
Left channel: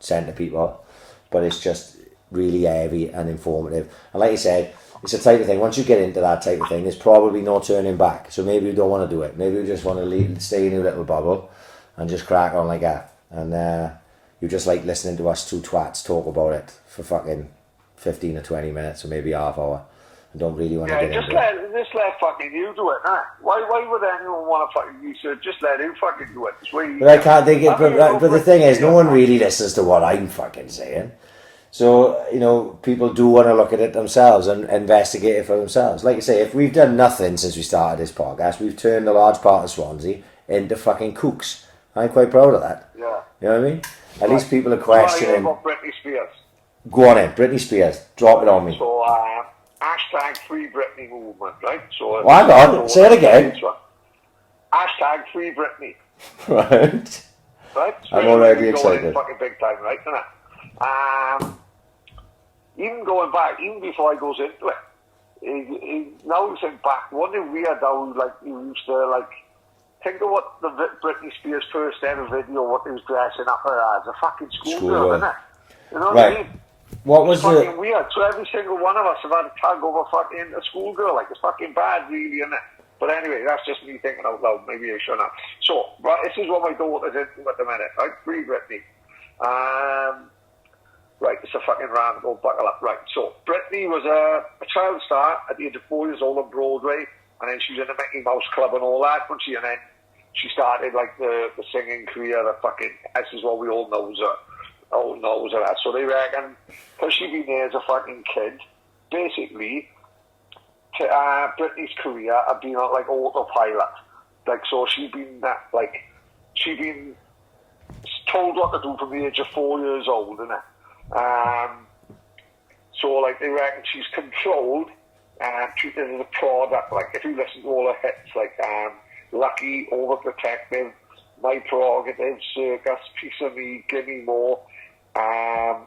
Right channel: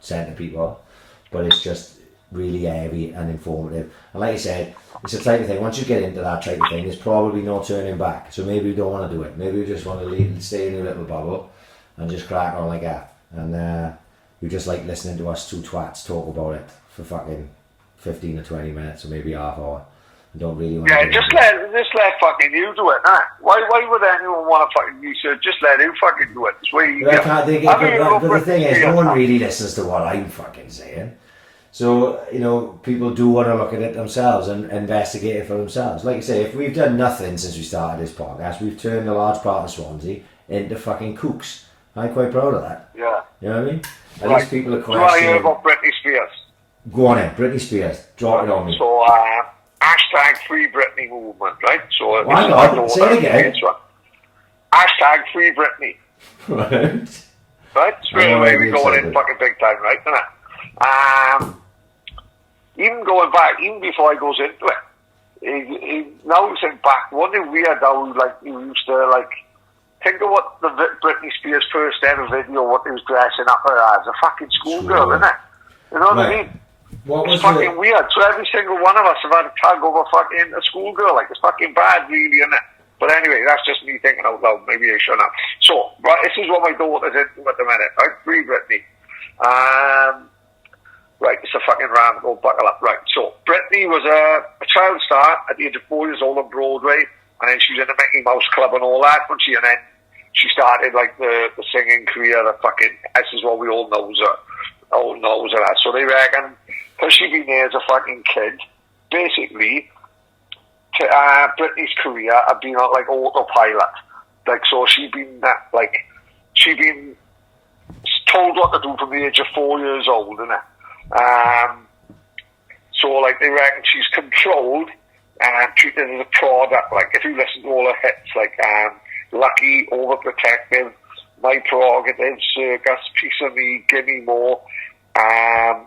sent to people, but it's just really heavy and informative. And like you said, it's the type of thing, once you get into that type of thing, there's probably no turning back. So maybe we don't want to do it. Maybe we just want to stay in a little bubble and just crack on like that. And you just like listening to us two twats talk about it for fucking 15 or 20 minutes or maybe half hour. I don't really want to do it. Just let fucking you do it, nah. Why would anyone want to fucking research? Just let you fucking do it. It's way easier. But I can't think but the thing is, no one really listens to what I'm fucking saying. So, you know, people do want to look at it themselves and investigate it for themselves. Like you say, if we've done nothing since we started this podcast, we've turned a large part of Swansea into fucking kooks. I'm quite proud of that. Yeah. You know what I mean? At least people are questioning. About Britney Spears. Go on in, Britney Spears. Drop it on me. So, hashtag Free Britney movement, right? So, hang on, say it again. Hashtag Free Britney. Right. Right? So I'm already going excited. in fucking big time, right? Isn't it? Even going back, even before I goes into it, now you think back, what did we had now, like, you used to, like, think of what the Britney Spears first ever video, what they was dressing up as a fucking schoolgirl, isn't it? You know what I mean? What was it's fucking weird. So every single one of us have had a tag over fucking a schoolgirl. Like, it's fucking bad, really, isn't it? But anyway, that's just me thinking out loud. Maybe I shouldn't have. So, right, this is what my daughter's into at the minute, right? Free Britney. Right, it's a fucking rant. Go buckle up. Right, so Britney was a child star at the age of 4 years old on Broadway, and then she was in the Mickey Mouse Club and all that. And then she started like the singing career. The fucking, this is what we all knows her. All knows her. So they reckon, because she'd been there as a fucking kid, basically, Britney's career had been on like autopilot. Like, so she'd been told what to do from the age of 4 years old, innit? So like they reckon she's controlled and treated as a product. Like, if you listen to all her hits, like Lucky, Overprotective, My Prerogative, Circus, Piece of Me, Gimme More,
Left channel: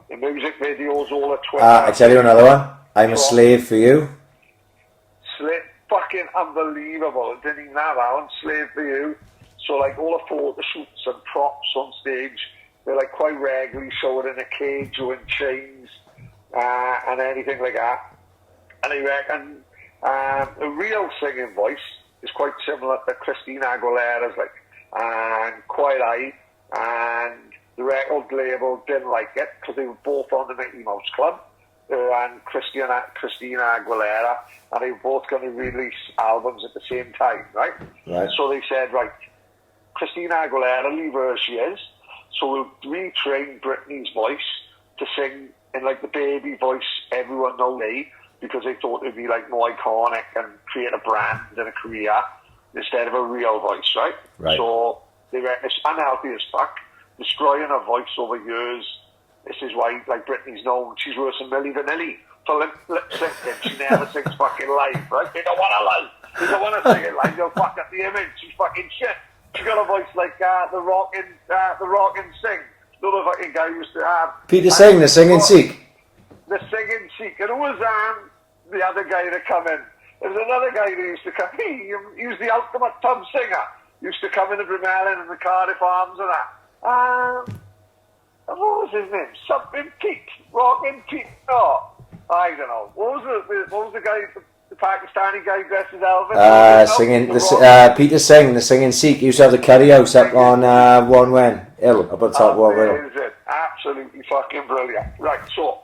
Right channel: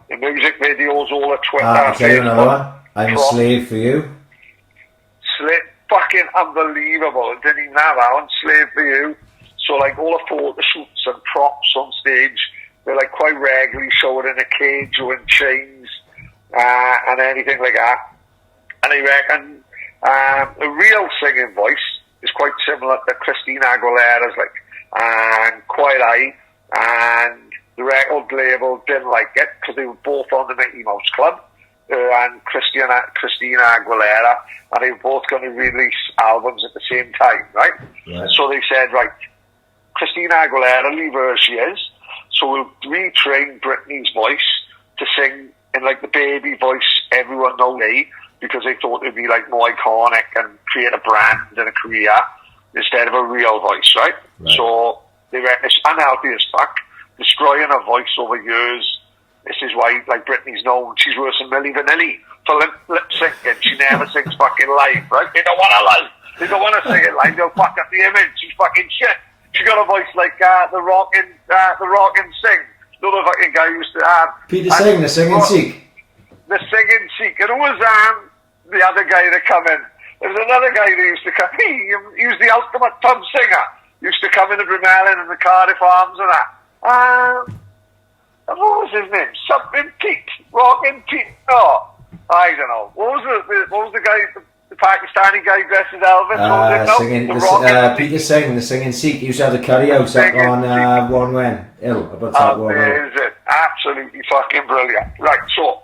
the music videos, all the Twitter. I'll tell you another one. I'm a Slave for You. Fucking unbelievable. It didn't even have that one, Slave for You. So like all the photo shoots and props on stage, they're like quite regularly showing in a cage or in chains and anything like that. And I reckon the real singing voice is quite similar to Christina Aguilera's, like, and Quiet Eye, and the record label didn't like it because they were both on the Mickey Mouse Club, and Christina Aguilera, and they were both going to release albums at the same time, right? So they said, right, Christina Aguilera, leave her as she is, so we'll retrain Britney's voice to sing in like the baby voice everyone knows, because they thought it'd be like more iconic and create a brand and a career instead of a real voice, right? So they reckon it's unhealthy as fuck, destroying her voice over years. This is why, like, Britney's known, she's worse than Milli Vanilli for lip syncing. She never sings fucking live, right? They don't want to live. They don't want to sing it live. They'll fuck up the image. She's fucking shit. She got a voice like the Rock and Sing. Another fucking guy used to have. Peter Singh, the singing Sikh. The singing Sikh. And who was the other guy that come in? There was another guy that used to come. He was the ultimate pub singer. Used to come in at Brunellan and the Cardiff Arms and that. What was his name? Something Pete. Rockin' Pete. No, I don't know. What was the guy? The Pakistani guy dressed as Elvis? Peter Singh, the singing Sikh. He used to have the curry house up on One Wen Hill, up on top One Hill. Absolutely fucking brilliant. Right, so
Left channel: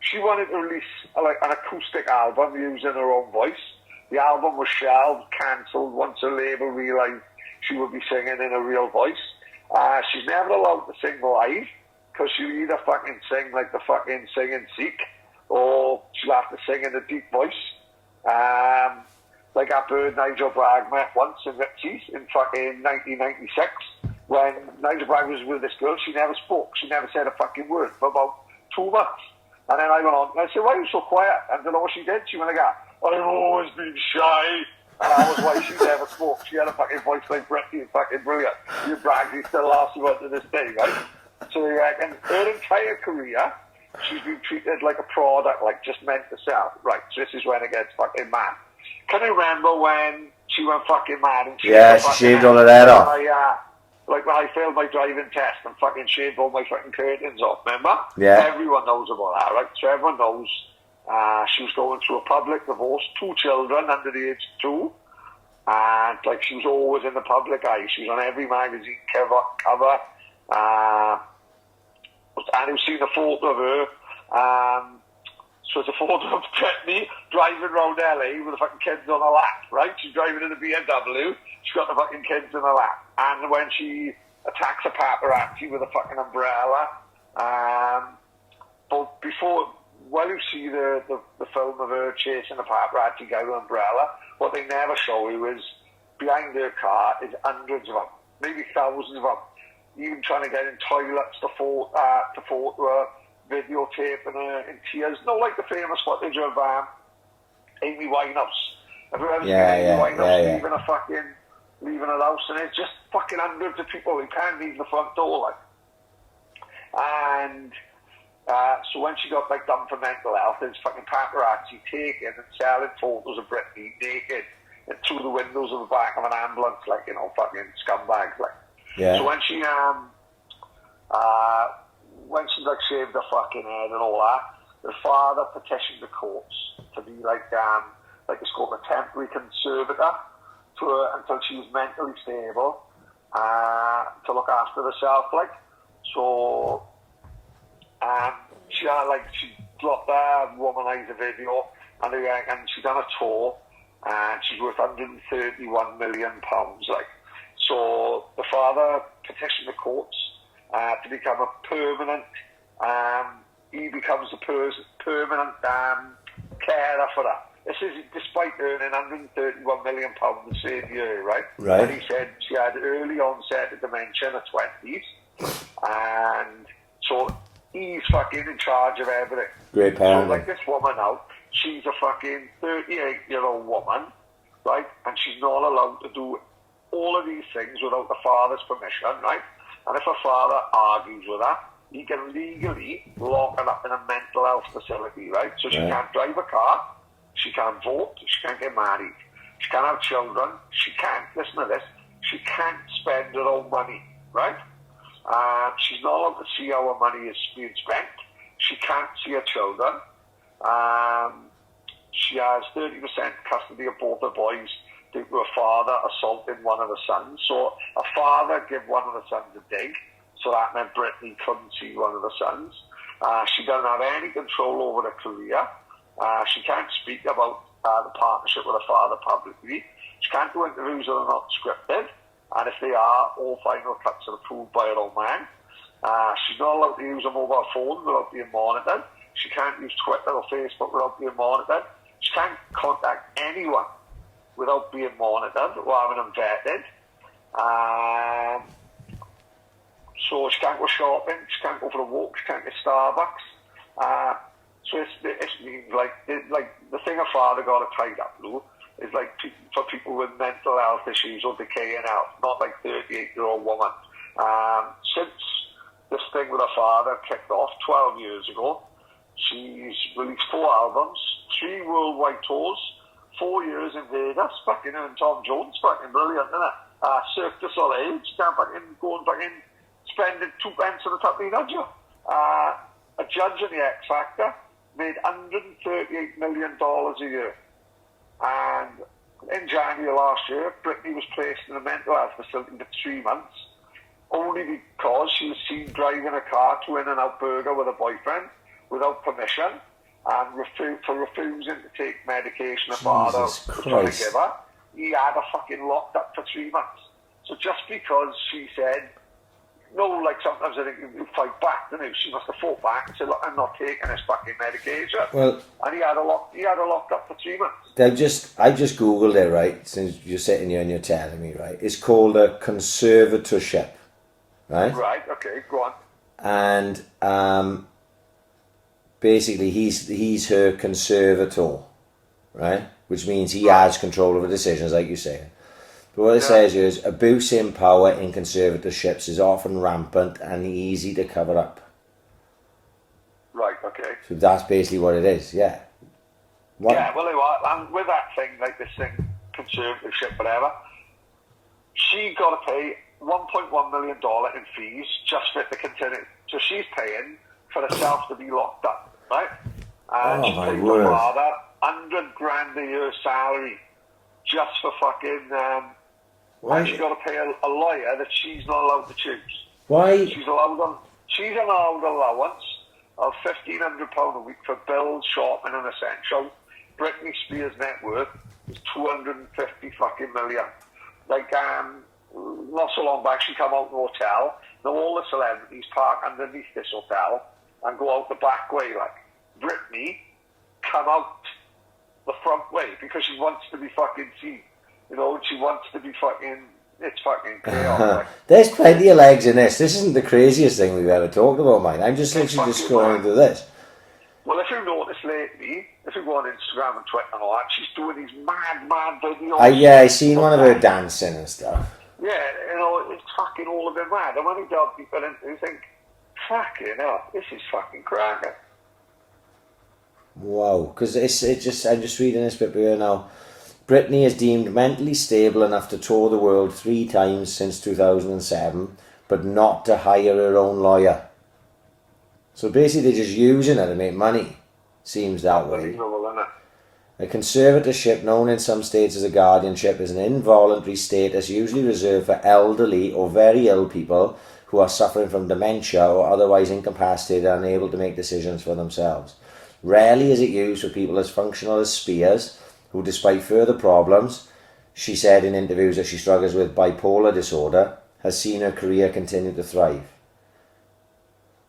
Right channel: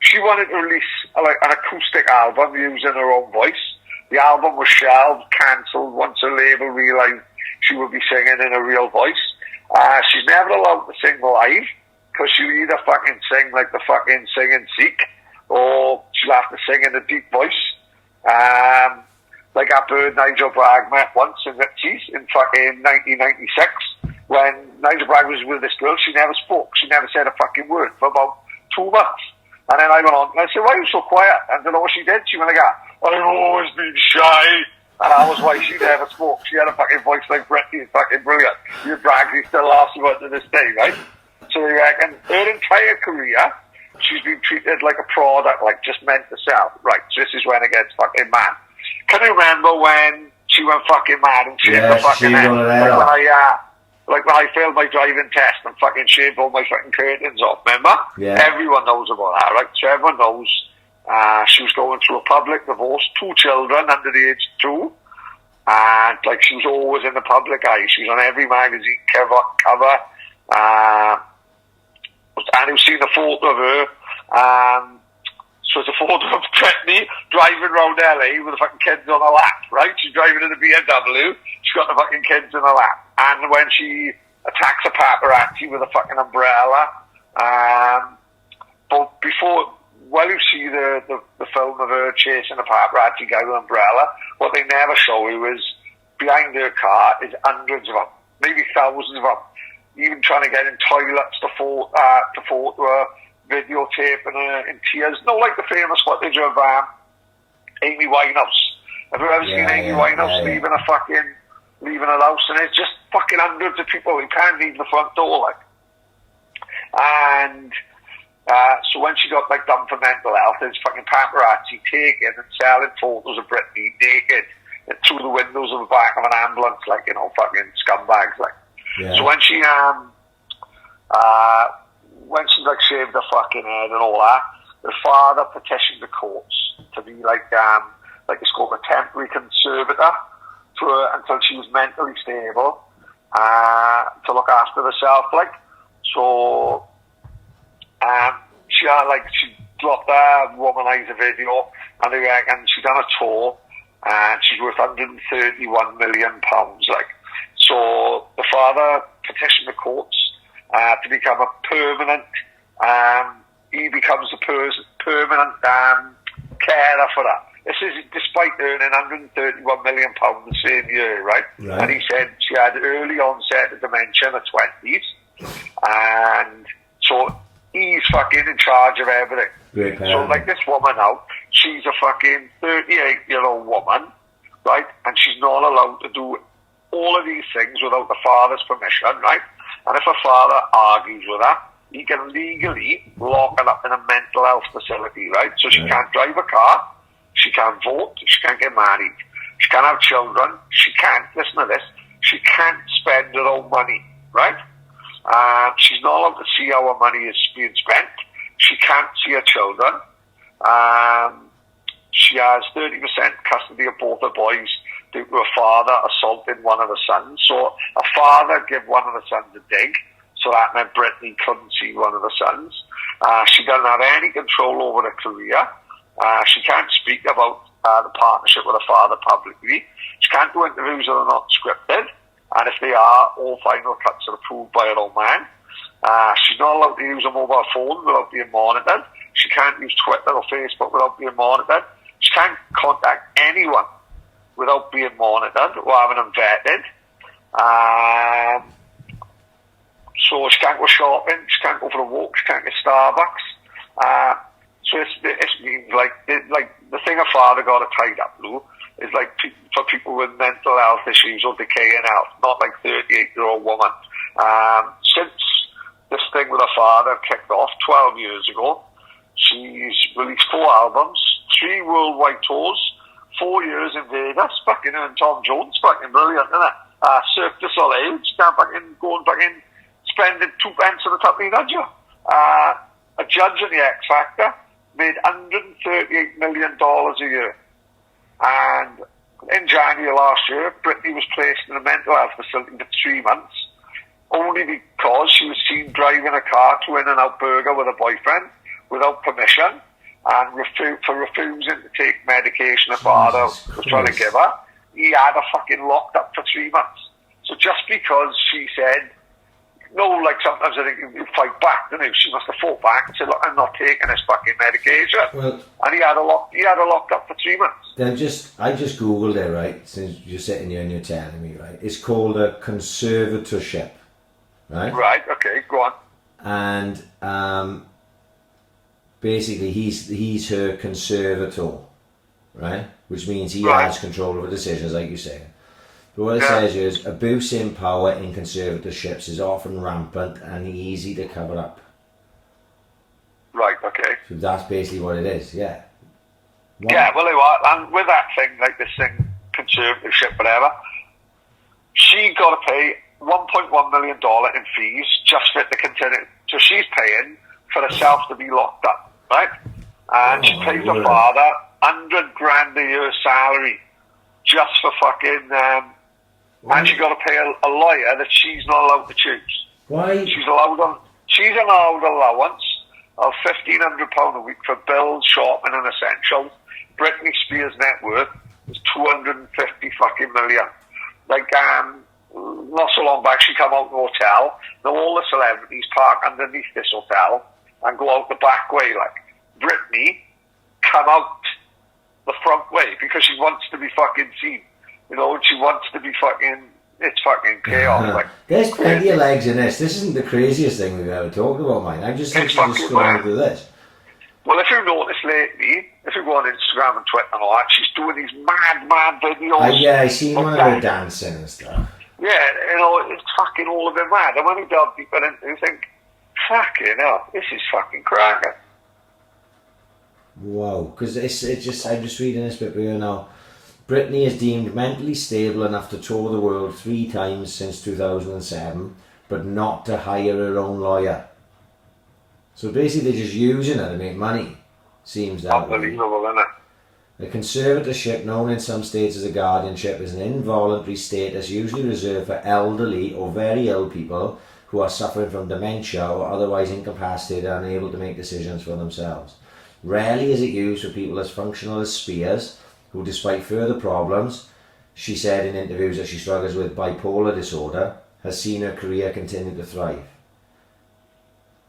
she wanted to release an acoustic album using her own voice. The album was shelved, cancelled once the label realised she would be singing in a real voice. She's never allowed to sing live because she'll either fucking sing like the fucking singing Sikh, or she'll have to sing in a deep voice. Like our bird Nigel Bragg met once in Ritchie's in fucking 1996 when Nigel Bragg was with this girl. She never spoke. She never said a fucking word for about 2 months. And then I went on and I said, why are you so quiet? I don't know what she did. She went like, I've always been shy. And that was why she never spoke. She had a fucking voice like Britney. Fucking brilliant. Your Bragg, he still laughs about it to this day, right? So they reckon her entire career, she's been treated like a product, like just meant to sell. Right, so this is when it gets fucking mad. Can you remember when she went fucking mad and shaved she shaved all of that off. Like when I failed my driving test and fucking shaved all my fucking curtains off, remember? Yeah. Everyone knows about that, right? So everyone knows she was going through a public divorce, 2 children under the age of 2. And like she was always in the public eye. She was on every magazine cover. And you've seen a photo of her. So it's a photo of Britney driving around LA with the fucking kids on her lap, right? She's driving in a BMW. She's got the fucking kids in her lap. And when she attacks a paparazzi with a fucking umbrella, but while you see the film of her chasing a paparazzi guy with an umbrella, what they never show you is behind her car is hundreds of them, maybe thousands of them, even trying to get in toilets to photo her, videotaping her in tears. No, like the famous footage of Amy Winehouse. Have you ever seen Amy Winehouse leaving her house, and it's just fucking hundreds of people who can't leave the front door, like. And so when she got like done for mental health, there's fucking paparazzi taking and selling photos of Britney naked through the windows of the back of an ambulance, like, you know, fucking scumbags, like. Yeah. So when she like shaved her fucking head and all that, the father petitioned the courts to be like it's called a temporary conservator to her until she was mentally stable to look after herself, like. So she dropped a womanizer video, and they reckon she done a tour, and she's worth £131 million, like. So the father petitioned the courts to become a permanent. He becomes a permanent carer for her. This is despite earning £131 million the same year, right? And he said she had early onset of dementia in her 20s, and so he's fucking in charge of everything. Great parent. So like this woman now, she's a fucking 38-year-old woman, right? And she's not allowed to do all of these things without the father's permission, right? And if her father argues with her, he can legally lock her up in a mental health facility, right? So she can't drive a car, she can't vote, she can't get married, she can't have children, she can't, listen to this, she can't spend her own money, right? She's not allowed to see how her money is being spent. She can't see her children. She has 30% custody of both her boys due to her father assaulting one of the sons. So a father gave one of the sons a dig, so that meant Britney couldn't see one of the sons. She doesn't have any control over her career. She can't speak about the partnership with her father publicly. She can't do interviews that are not scripted, and if they are, all final cuts are approved by her own man. She's not allowed to use a mobile phone without being monitored. She can't use Twitter or Facebook without being monitored. She can't contact anyone without being monitored or having them vetted. So she can't go shopping, she can't go for a walk, she can't get Starbucks. So this means like the thing her father got her tied up, Lou, is like for people with mental health issues or decaying health, not like 38-year-old woman. Since this thing with her father kicked off 12 years ago, she's released 4 albums, 3 worldwide tours, 4 years in Vegas, fucking and Tom Jones, fucking brilliant, isn't it? Cirque du Soleil, she can't fucking go and fucking spending 2 pence on the top of the nudger. A judge in the X Factor made $138 million a year. And in January last year, Britney was placed in a mental health facility for 3 months, only because she was seen driving a car to In-N-Out Burger with a boyfriend without permission, and for refusing to take medication her father was trying to give her. He had her fucking locked up for 3 months. So just because she said, no, like sometimes I think you fight back, don't you? She must have fought back and said, look, I'm not taking this fucking medication. Well, and he had her locked up for 3 months. I just Googled it, right, since you're sitting here and you're telling me, right? It's called a conservatorship, right? Right, okay, go on. And basically he's her conservator, right? Which means he has control over decisions, like you say. But what it says here is abuse in power in conservatorships is often rampant and easy to cover up. Right, okay. So that's basically what it is, yeah. Yeah, well, and with that thing, like this thing, conservatorship, whatever, she got to pay $1.1 million in fees just for it to continue. So she's paying for herself to be locked up, right? And she pays her father $100,000 a year salary just for fucking. And she got to pay a lawyer that she's not allowed to choose. Why? She's allowed allowance of £1,500 a week for bills, shopping, and essentials. Britney Spears' net worth is 250 fucking million. Like, not so long back, she come out in the hotel. Now all the celebrities park underneath this hotel and go out the back way. Like, Britney come out the front way because she wants to be fucking seen. You know, and she wants to be fucking. It's fucking chaos. Like, there's plenty of legs in this. This isn't the craziest thing we've ever talked about, mate. I'm just literally just scrolling through this. Well, if you notice lately, if you go on Instagram and Twitter and all that, she's doing these mad videos. Yeah, I seen one of her dancing and stuff. Yeah, you know, it's fucking all of it mad. And when you delve deeper into it, you think, fucking hell, this is fucking cracking. Wow, because I'm just reading this bit here now. Britney is deemed mentally stable enough to tour the world 3 times since 2007, but not to hire her own lawyer. So basically they're just using her to make money. Seems that way. Unbelievable, isn't it? A conservatorship, known in some states as a guardianship, is an involuntary status usually reserved for elderly or very ill people who are suffering from dementia or otherwise incapacitated and unable to make decisions for themselves. Rarely is it used for people as functional as Spears, who, despite further problems, she said in interviews that she struggles with bipolar disorder, has seen her career continue to thrive.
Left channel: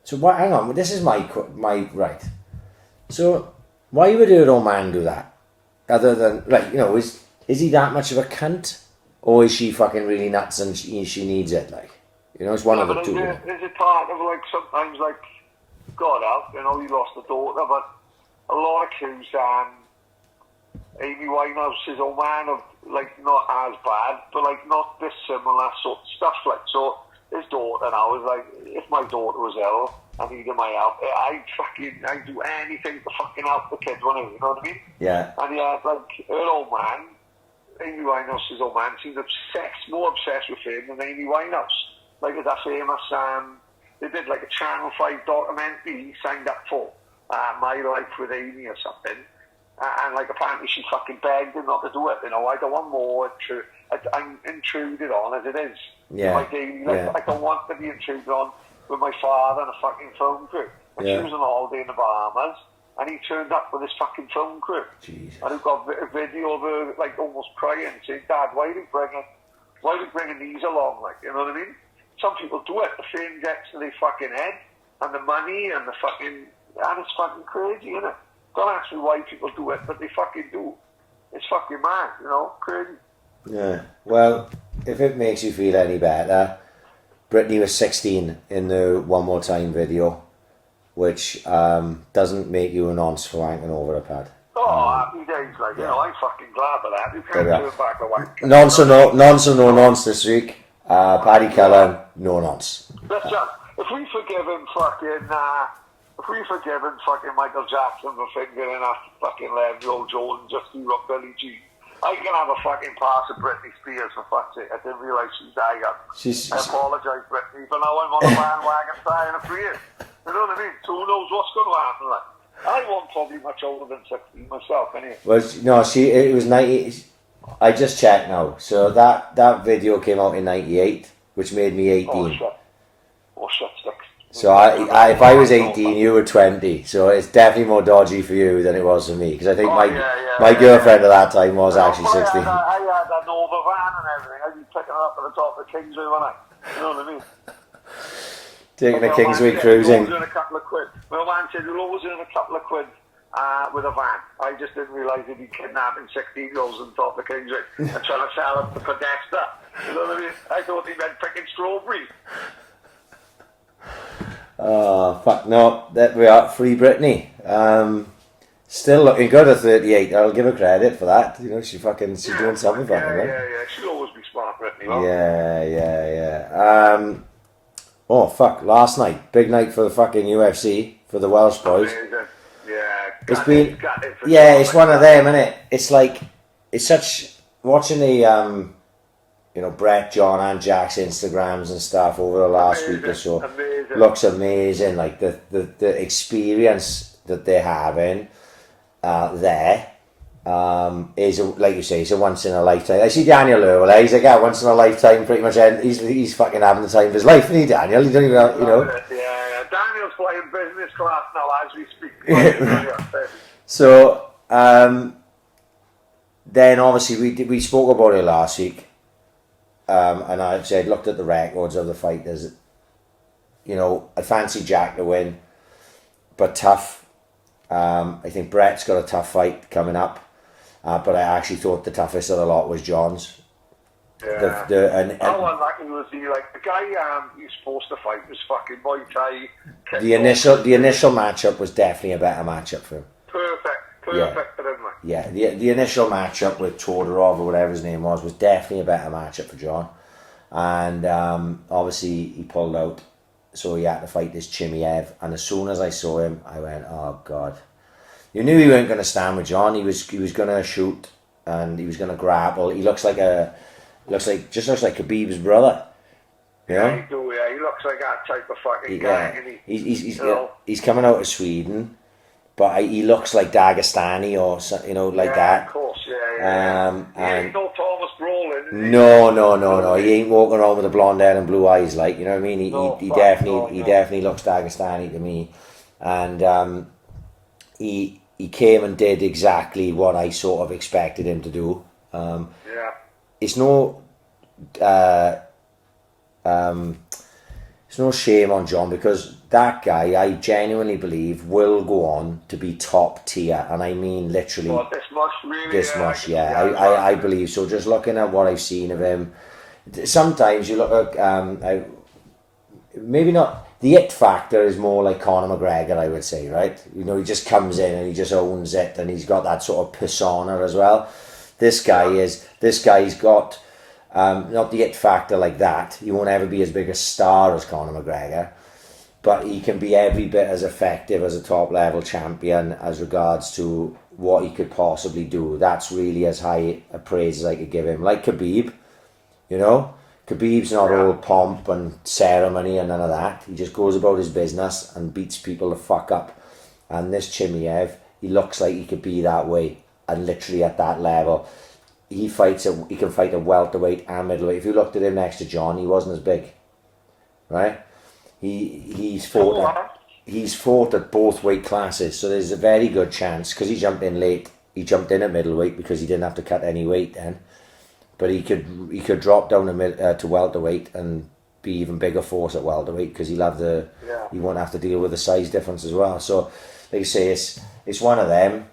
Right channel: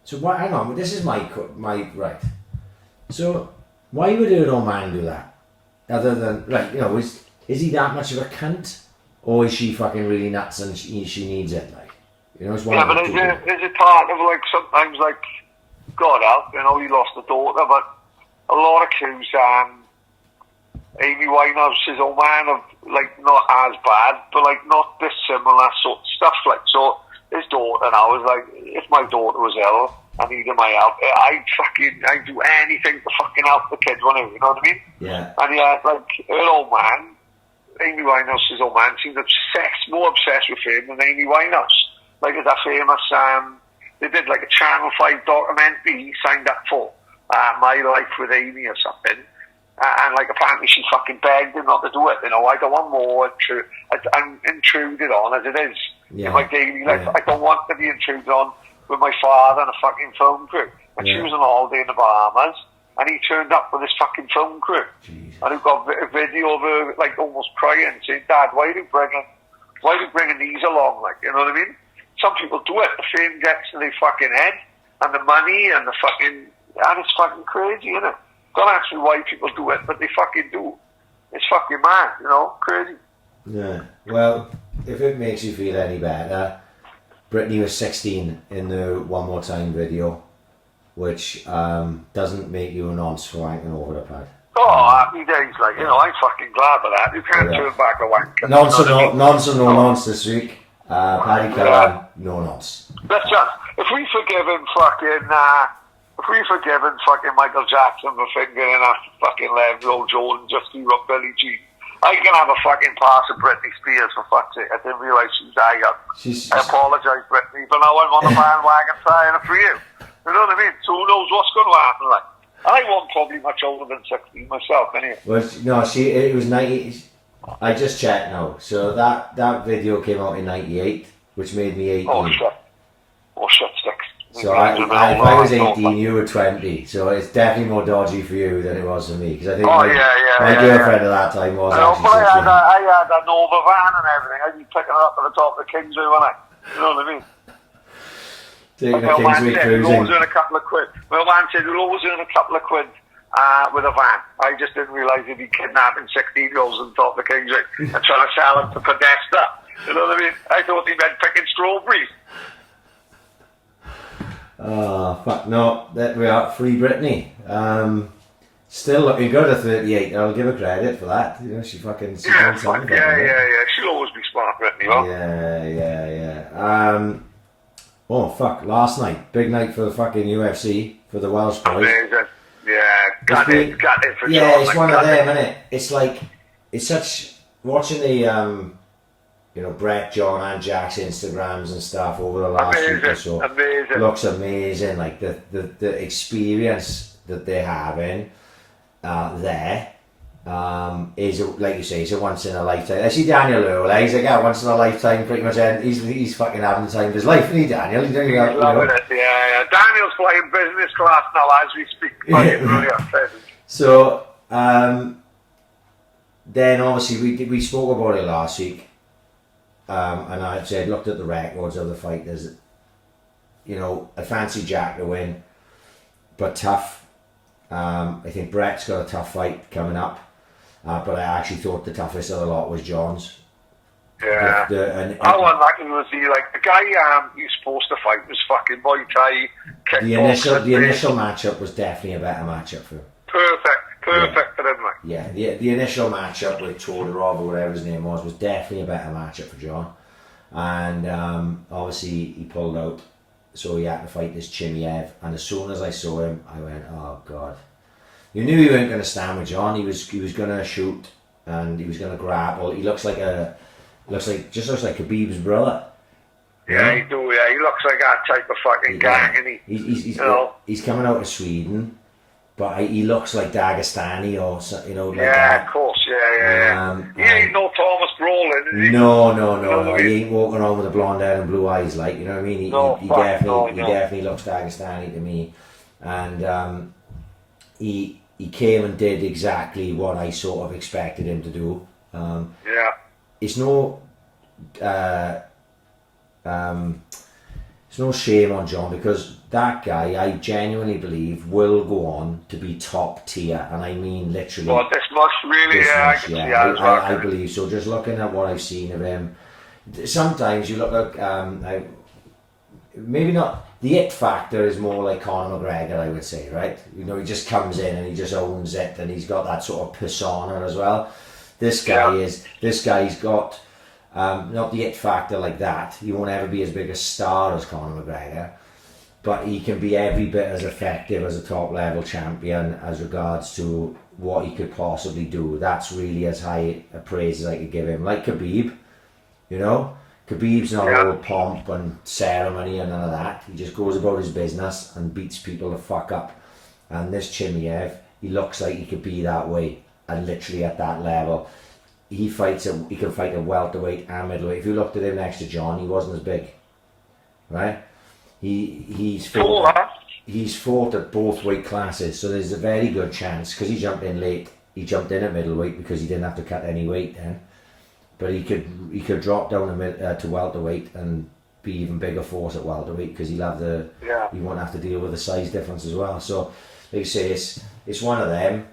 So, hang on, this is my right. So, why would her old man do that? Other than, like, you know, is he that much of a cunt? Or is she fucking really nuts and she needs it, like? You know, it's one of the two. Is it part of, like, sometimes, like, God help, you know, he lost a daughter, but a lot of clues, Amy Winehouse's old man of, like, not as bad, but, like, not dissimilar sort of stuff, like, so his daughter now is like, if my daughter was ill, I needed my help, I'd do anything to fucking help the kid, you know what I mean? Yeah. And yeah, like, her old man, Amy Winehouse's old man, seemed more obsessed with him than Amy Winehouse. Like, that famous, they did, like, a Channel 5 documentary he signed up for, My Life with Amy or something. And like apparently she fucking begged him not to do it. You know, I don't want more. I'm intruded on as it is. Yeah. In my daily life, I don't want to be intruded on with my father and a fucking film crew. And she was on holiday in the Bahamas, and he turned up with his fucking film crew. Jeez. And we've got a video of her like almost crying, saying, "Dad, why are you bringing these along?" Like, you know what I mean? Some people do it. The fame gets to their fucking head, and the money, and the fucking, and it's fucking crazy, isn't it? Don't ask me why people do it, but they fucking do. It's fucking mad, you know, crazy. Yeah, well, if it makes you feel any better, Britney was 16 in the One More Time video, which doesn't make you a nonce for wanking over a pad. Oh, happy days, like, you know, I'm fucking glad for that. You can't turn back a wank. Nonce or no nonce this week. Paddy Cullen, no nonce. Let's just, if we forgive him fucking Michael Jackson for fingering a fucking 11-year-old Jordan just to run Billie Jean, I can have a fucking pass of Britney Spears for fuck's sake. I didn't realise she died. I apologise, Britney, but now I'm on the bandwagon trying it for you. You know what I mean? So who knows what's going to happen, like. I wasn't probably much older than 16 myself, anyway. Well, no, it was 90. I just checked now. So that video came out in 98, which made me 18. Oh, shit, sticks. So if I was 18, you were 20. So it's definitely more dodgy for you than it was for me. Because I think my girlfriend at that time was actually 16. I had a Nova van and everything. I'd be picking her up at the top of the Kingsway, wouldn't I? You know what I mean? Taking the Kingsway cruising. We'll always earn a couple of quid. Well, man said we'll always earn a couple of quid with a van. I just didn't realise he'd be kidnapping 16-year-olds on top of the Kingsway and trying to sell them to Podesta. You know what I mean? I thought he meant picking strawberries. Oh, fuck no. That we are. Free Britney. Still looking good at 38. I'll give her credit for that. You know, she's doing something. Yeah. She'll always be spot you know? Yeah. Oh, fuck, last night. Big night for the fucking UFC, for the Welsh boys. Amazing. Yeah, it's one of them, isn't it? It's like, it's such, watching the, Brett, John and Jack's Instagrams and stuff over the last week or so. Looks amazing. Like, the experience that they're having there is, like you say, it's a once in a lifetime. I see Daniel Earl, he's like, once in a lifetime, pretty much. He's fucking having the time of his life, isn't he, Daniel? You don't even, Yeah. Daniel's flying business class now as we speak. So, then obviously we spoke about it last week, and I said, looked at the records of the fighters. I fancy Jack to win, but tough. I think Brett's got a tough fight coming up. But I actually thought the toughest of the lot was John's. Yeah. I wasn't lucky to see, like, the guy you're supposed to fight was fucking Muay Thai. The initial matchup was definitely a better matchup for him. Perfect for him, like. Yeah, the initial matchup with Todorov or whatever his name was definitely a better matchup for John. And obviously he pulled out, so he had to fight this Chimaev. And as soon as I saw him, I went, oh God. You knew he weren't going to stand with John. He was going to shoot and he was going to grapple. He looks like Khabib's brother. Yeah, he looks like that type of fucking guy. He's coming out of Sweden, but he looks like Dagestani or like that. Yeah, of course, yeah. He ain't no Thomas Brolin, is he? No. He ain't walking around with a blonde hair and blue eyes, like, you know what I mean? He definitely looks Dagestani to me, and he came and did exactly what I sort of expected him to do. It's no shame on John, because that guy, I genuinely believe, will go on to be top tier, and I mean literally. Oh, this much, really? I believe so. Just looking at what I've seen of him, sometimes you look at maybe not. The it factor is more like Conor McGregor, I would say, right? He just comes in and he just owns it, and he's got that sort of persona as well. This guy's got not the it factor like that. He won't ever be as big a star as Conor McGregor, but he can be every bit as effective as a top level champion as regards to what he could possibly do. That's really as high a praise as I could give him. Like Khabib, Khabib's not all pomp and ceremony and none of that. He just goes about his business and beats people the fuck up. And this Chimaev, he looks like he could be that way, and literally at that level. He can fight a welterweight and middleweight. If you looked at him next to John, he wasn't as big, right? He's fought at both weight classes, so there's a very good chance, because he jumped in late. He jumped in at middleweight because he didn't have to cut any weight then. But he could drop down to welterweight and be even bigger force at welterweight, because he won't have to deal with the size difference as well. So, like you say, it's one of them.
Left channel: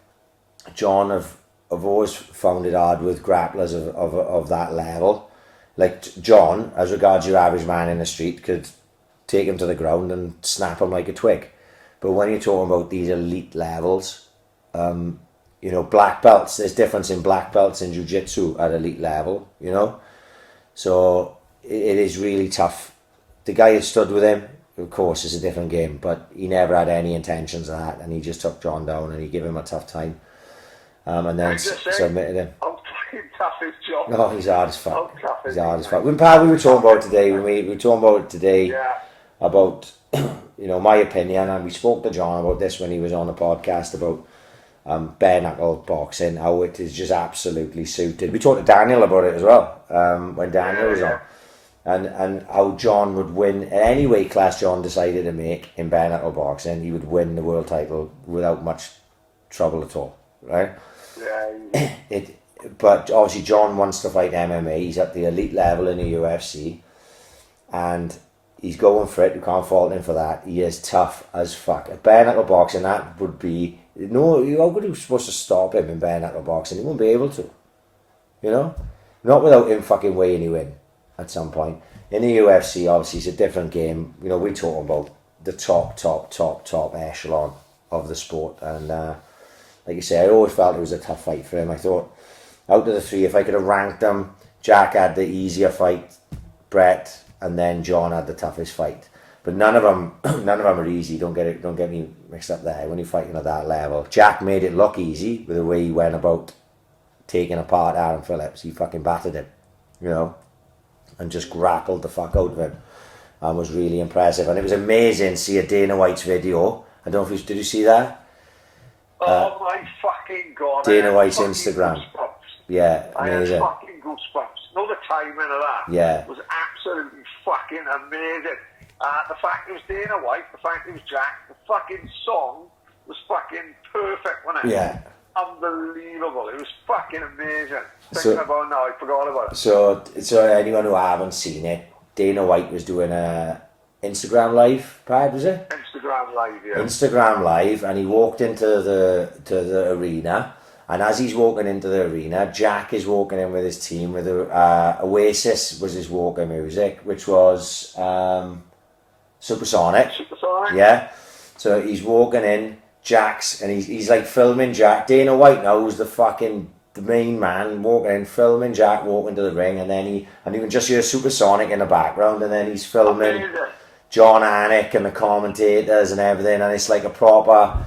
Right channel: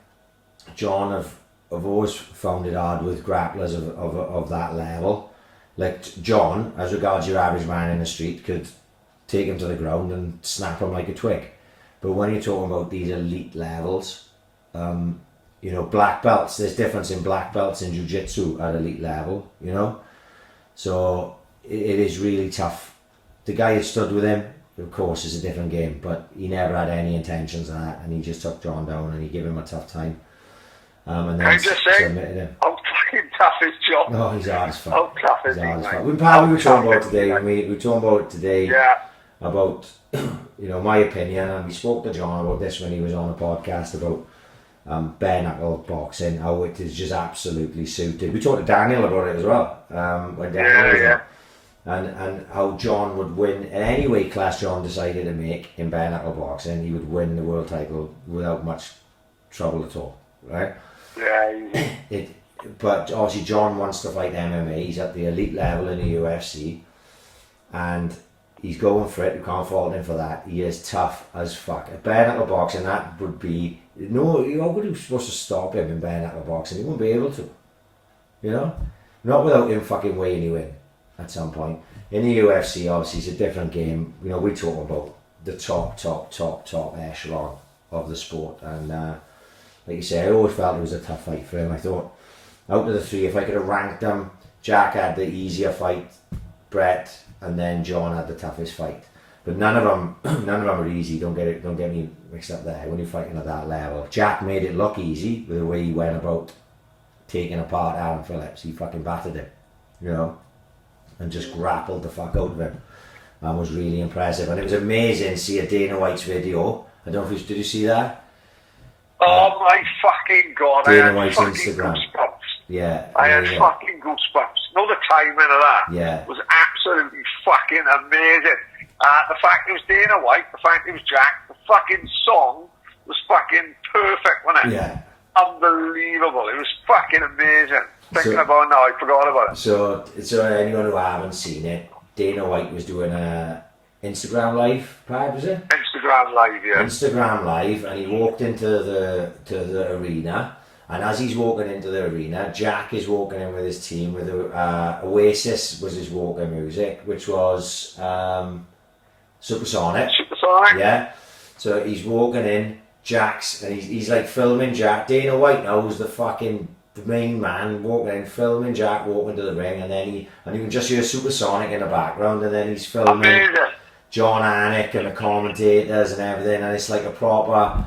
John, I've always found it hard with grapplers of that level. Like John, as regards your average man in the street, could take him to the ground and snap him like a twig. But when you're talking about these elite levels, black belts, there's difference in black belts in jiu-jitsu at elite level, So it is really tough. The guy that stood with him, of course, is a different game, but he never had any intentions of that, and he just took John down and he gave him a tough time. And then submitted him. How fucking tough is John? No, he's hard as fuck. He's hard as fuck. We were talking about today, we were talking about today about, my opinion, and we spoke to John about this when he was on the podcast about bare knuckle boxing, how it is just absolutely suited. We talked to Daniel about it as well, when Daniel was on. And how John would win in any weight class John decided to make in bare knuckle boxing, he would win the world title without much trouble at all, right? Yeah. But obviously John wants to fight MMA. He's at the elite level in the UFC, and he's going for it. You can't fault him for that. He is tough as fuck. Bare knuckle boxing, that would be how would you supposed to stop him in bare knuckle boxing? He won't be able to, not without him fucking weighing you in at some point. In the UFC, obviously, it's a different game. We talk about the top echelon of the sport, and like you say, I always felt it was a tough fight for him. I thought, out of the three, if I could have ranked them Jack had the easier fight, Brett, and then John had the toughest fight. But none of them are easy. Don't get me mixed up there. When you're fighting at that level, Jack made it look easy with the way he went about taking apart Aaron Phillips. He fucking battered him, you know, and just grappled the fuck out of him. And was really impressive. And it was amazing to see a Dana White's video. I don't know if did you see that? Oh my fucking god! Dana White's Instagram. Goosebumps. Yeah, I had fucking goosebumps. No, the timing of that was absolutely fucking amazing. The fact it was Dana White, the fact it was Jack, the fucking song was fucking perfect, wasn't it? Yeah. Unbelievable. It was fucking amazing. Thinking about it now, I forgot about it. So anyone who haven't seen it, Dana White was doing a Instagram live, Brad, was it? Instagram live, yeah. Instagram live, and he walked into the arena, and as he's walking into the arena, Jack is walking in with his team with Oasis was his walking music, which was Supersonic. Supersonic? Yeah. So he's walking in, Jack's, and he's like filming Jack. Dana White knows the main man walking in, filming Jack walking to the ring, and you can just hear Supersonic in the background, and then he's filming John Anik and the commentators and everything, and it's like a proper,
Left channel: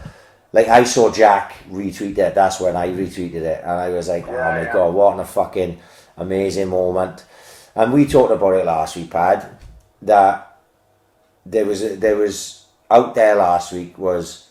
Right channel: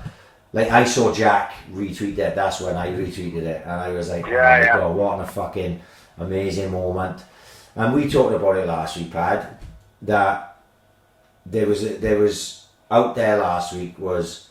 like I saw Jack retweet it, that's when I retweeted it, and I was like, oh my god, what a fucking amazing moment. And we talked about it last week, Pad, that there was out there last week was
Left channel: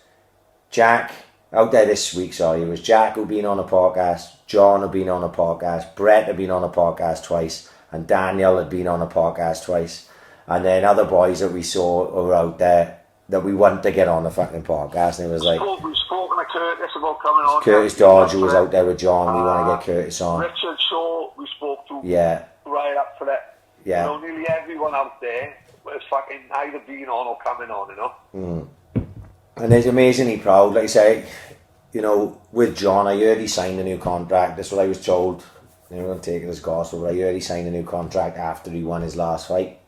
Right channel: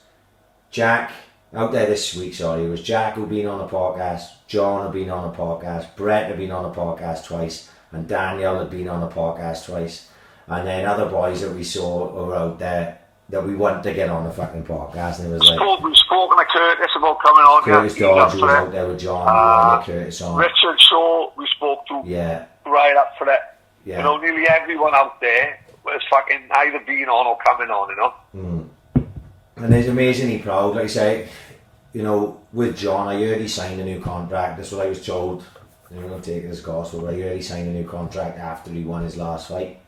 Jack, out there this week, sorry, it was Jack who'd been on a podcast, John had been on a podcast, Brett had been on a podcast twice, and Daniel had been on a podcast twice, and then other boys that we saw were out there that we wanted to get on the fucking podcast, and it was like... We've spoken to Curtis about coming on. Curtis Dodge, who was out there with John, we want to get Curtis on. Richard Shaw, we spoke to. Yeah. Right up for it. Yeah. You know, nearly everyone out there was fucking either being on or coming on, you know. And he's amazingly proud, like I say, you know, with John, I heard he signed a new contract. That's what I was told. You know, I'm taking this gospel, but I heard he signed a new contract after he won his last fight.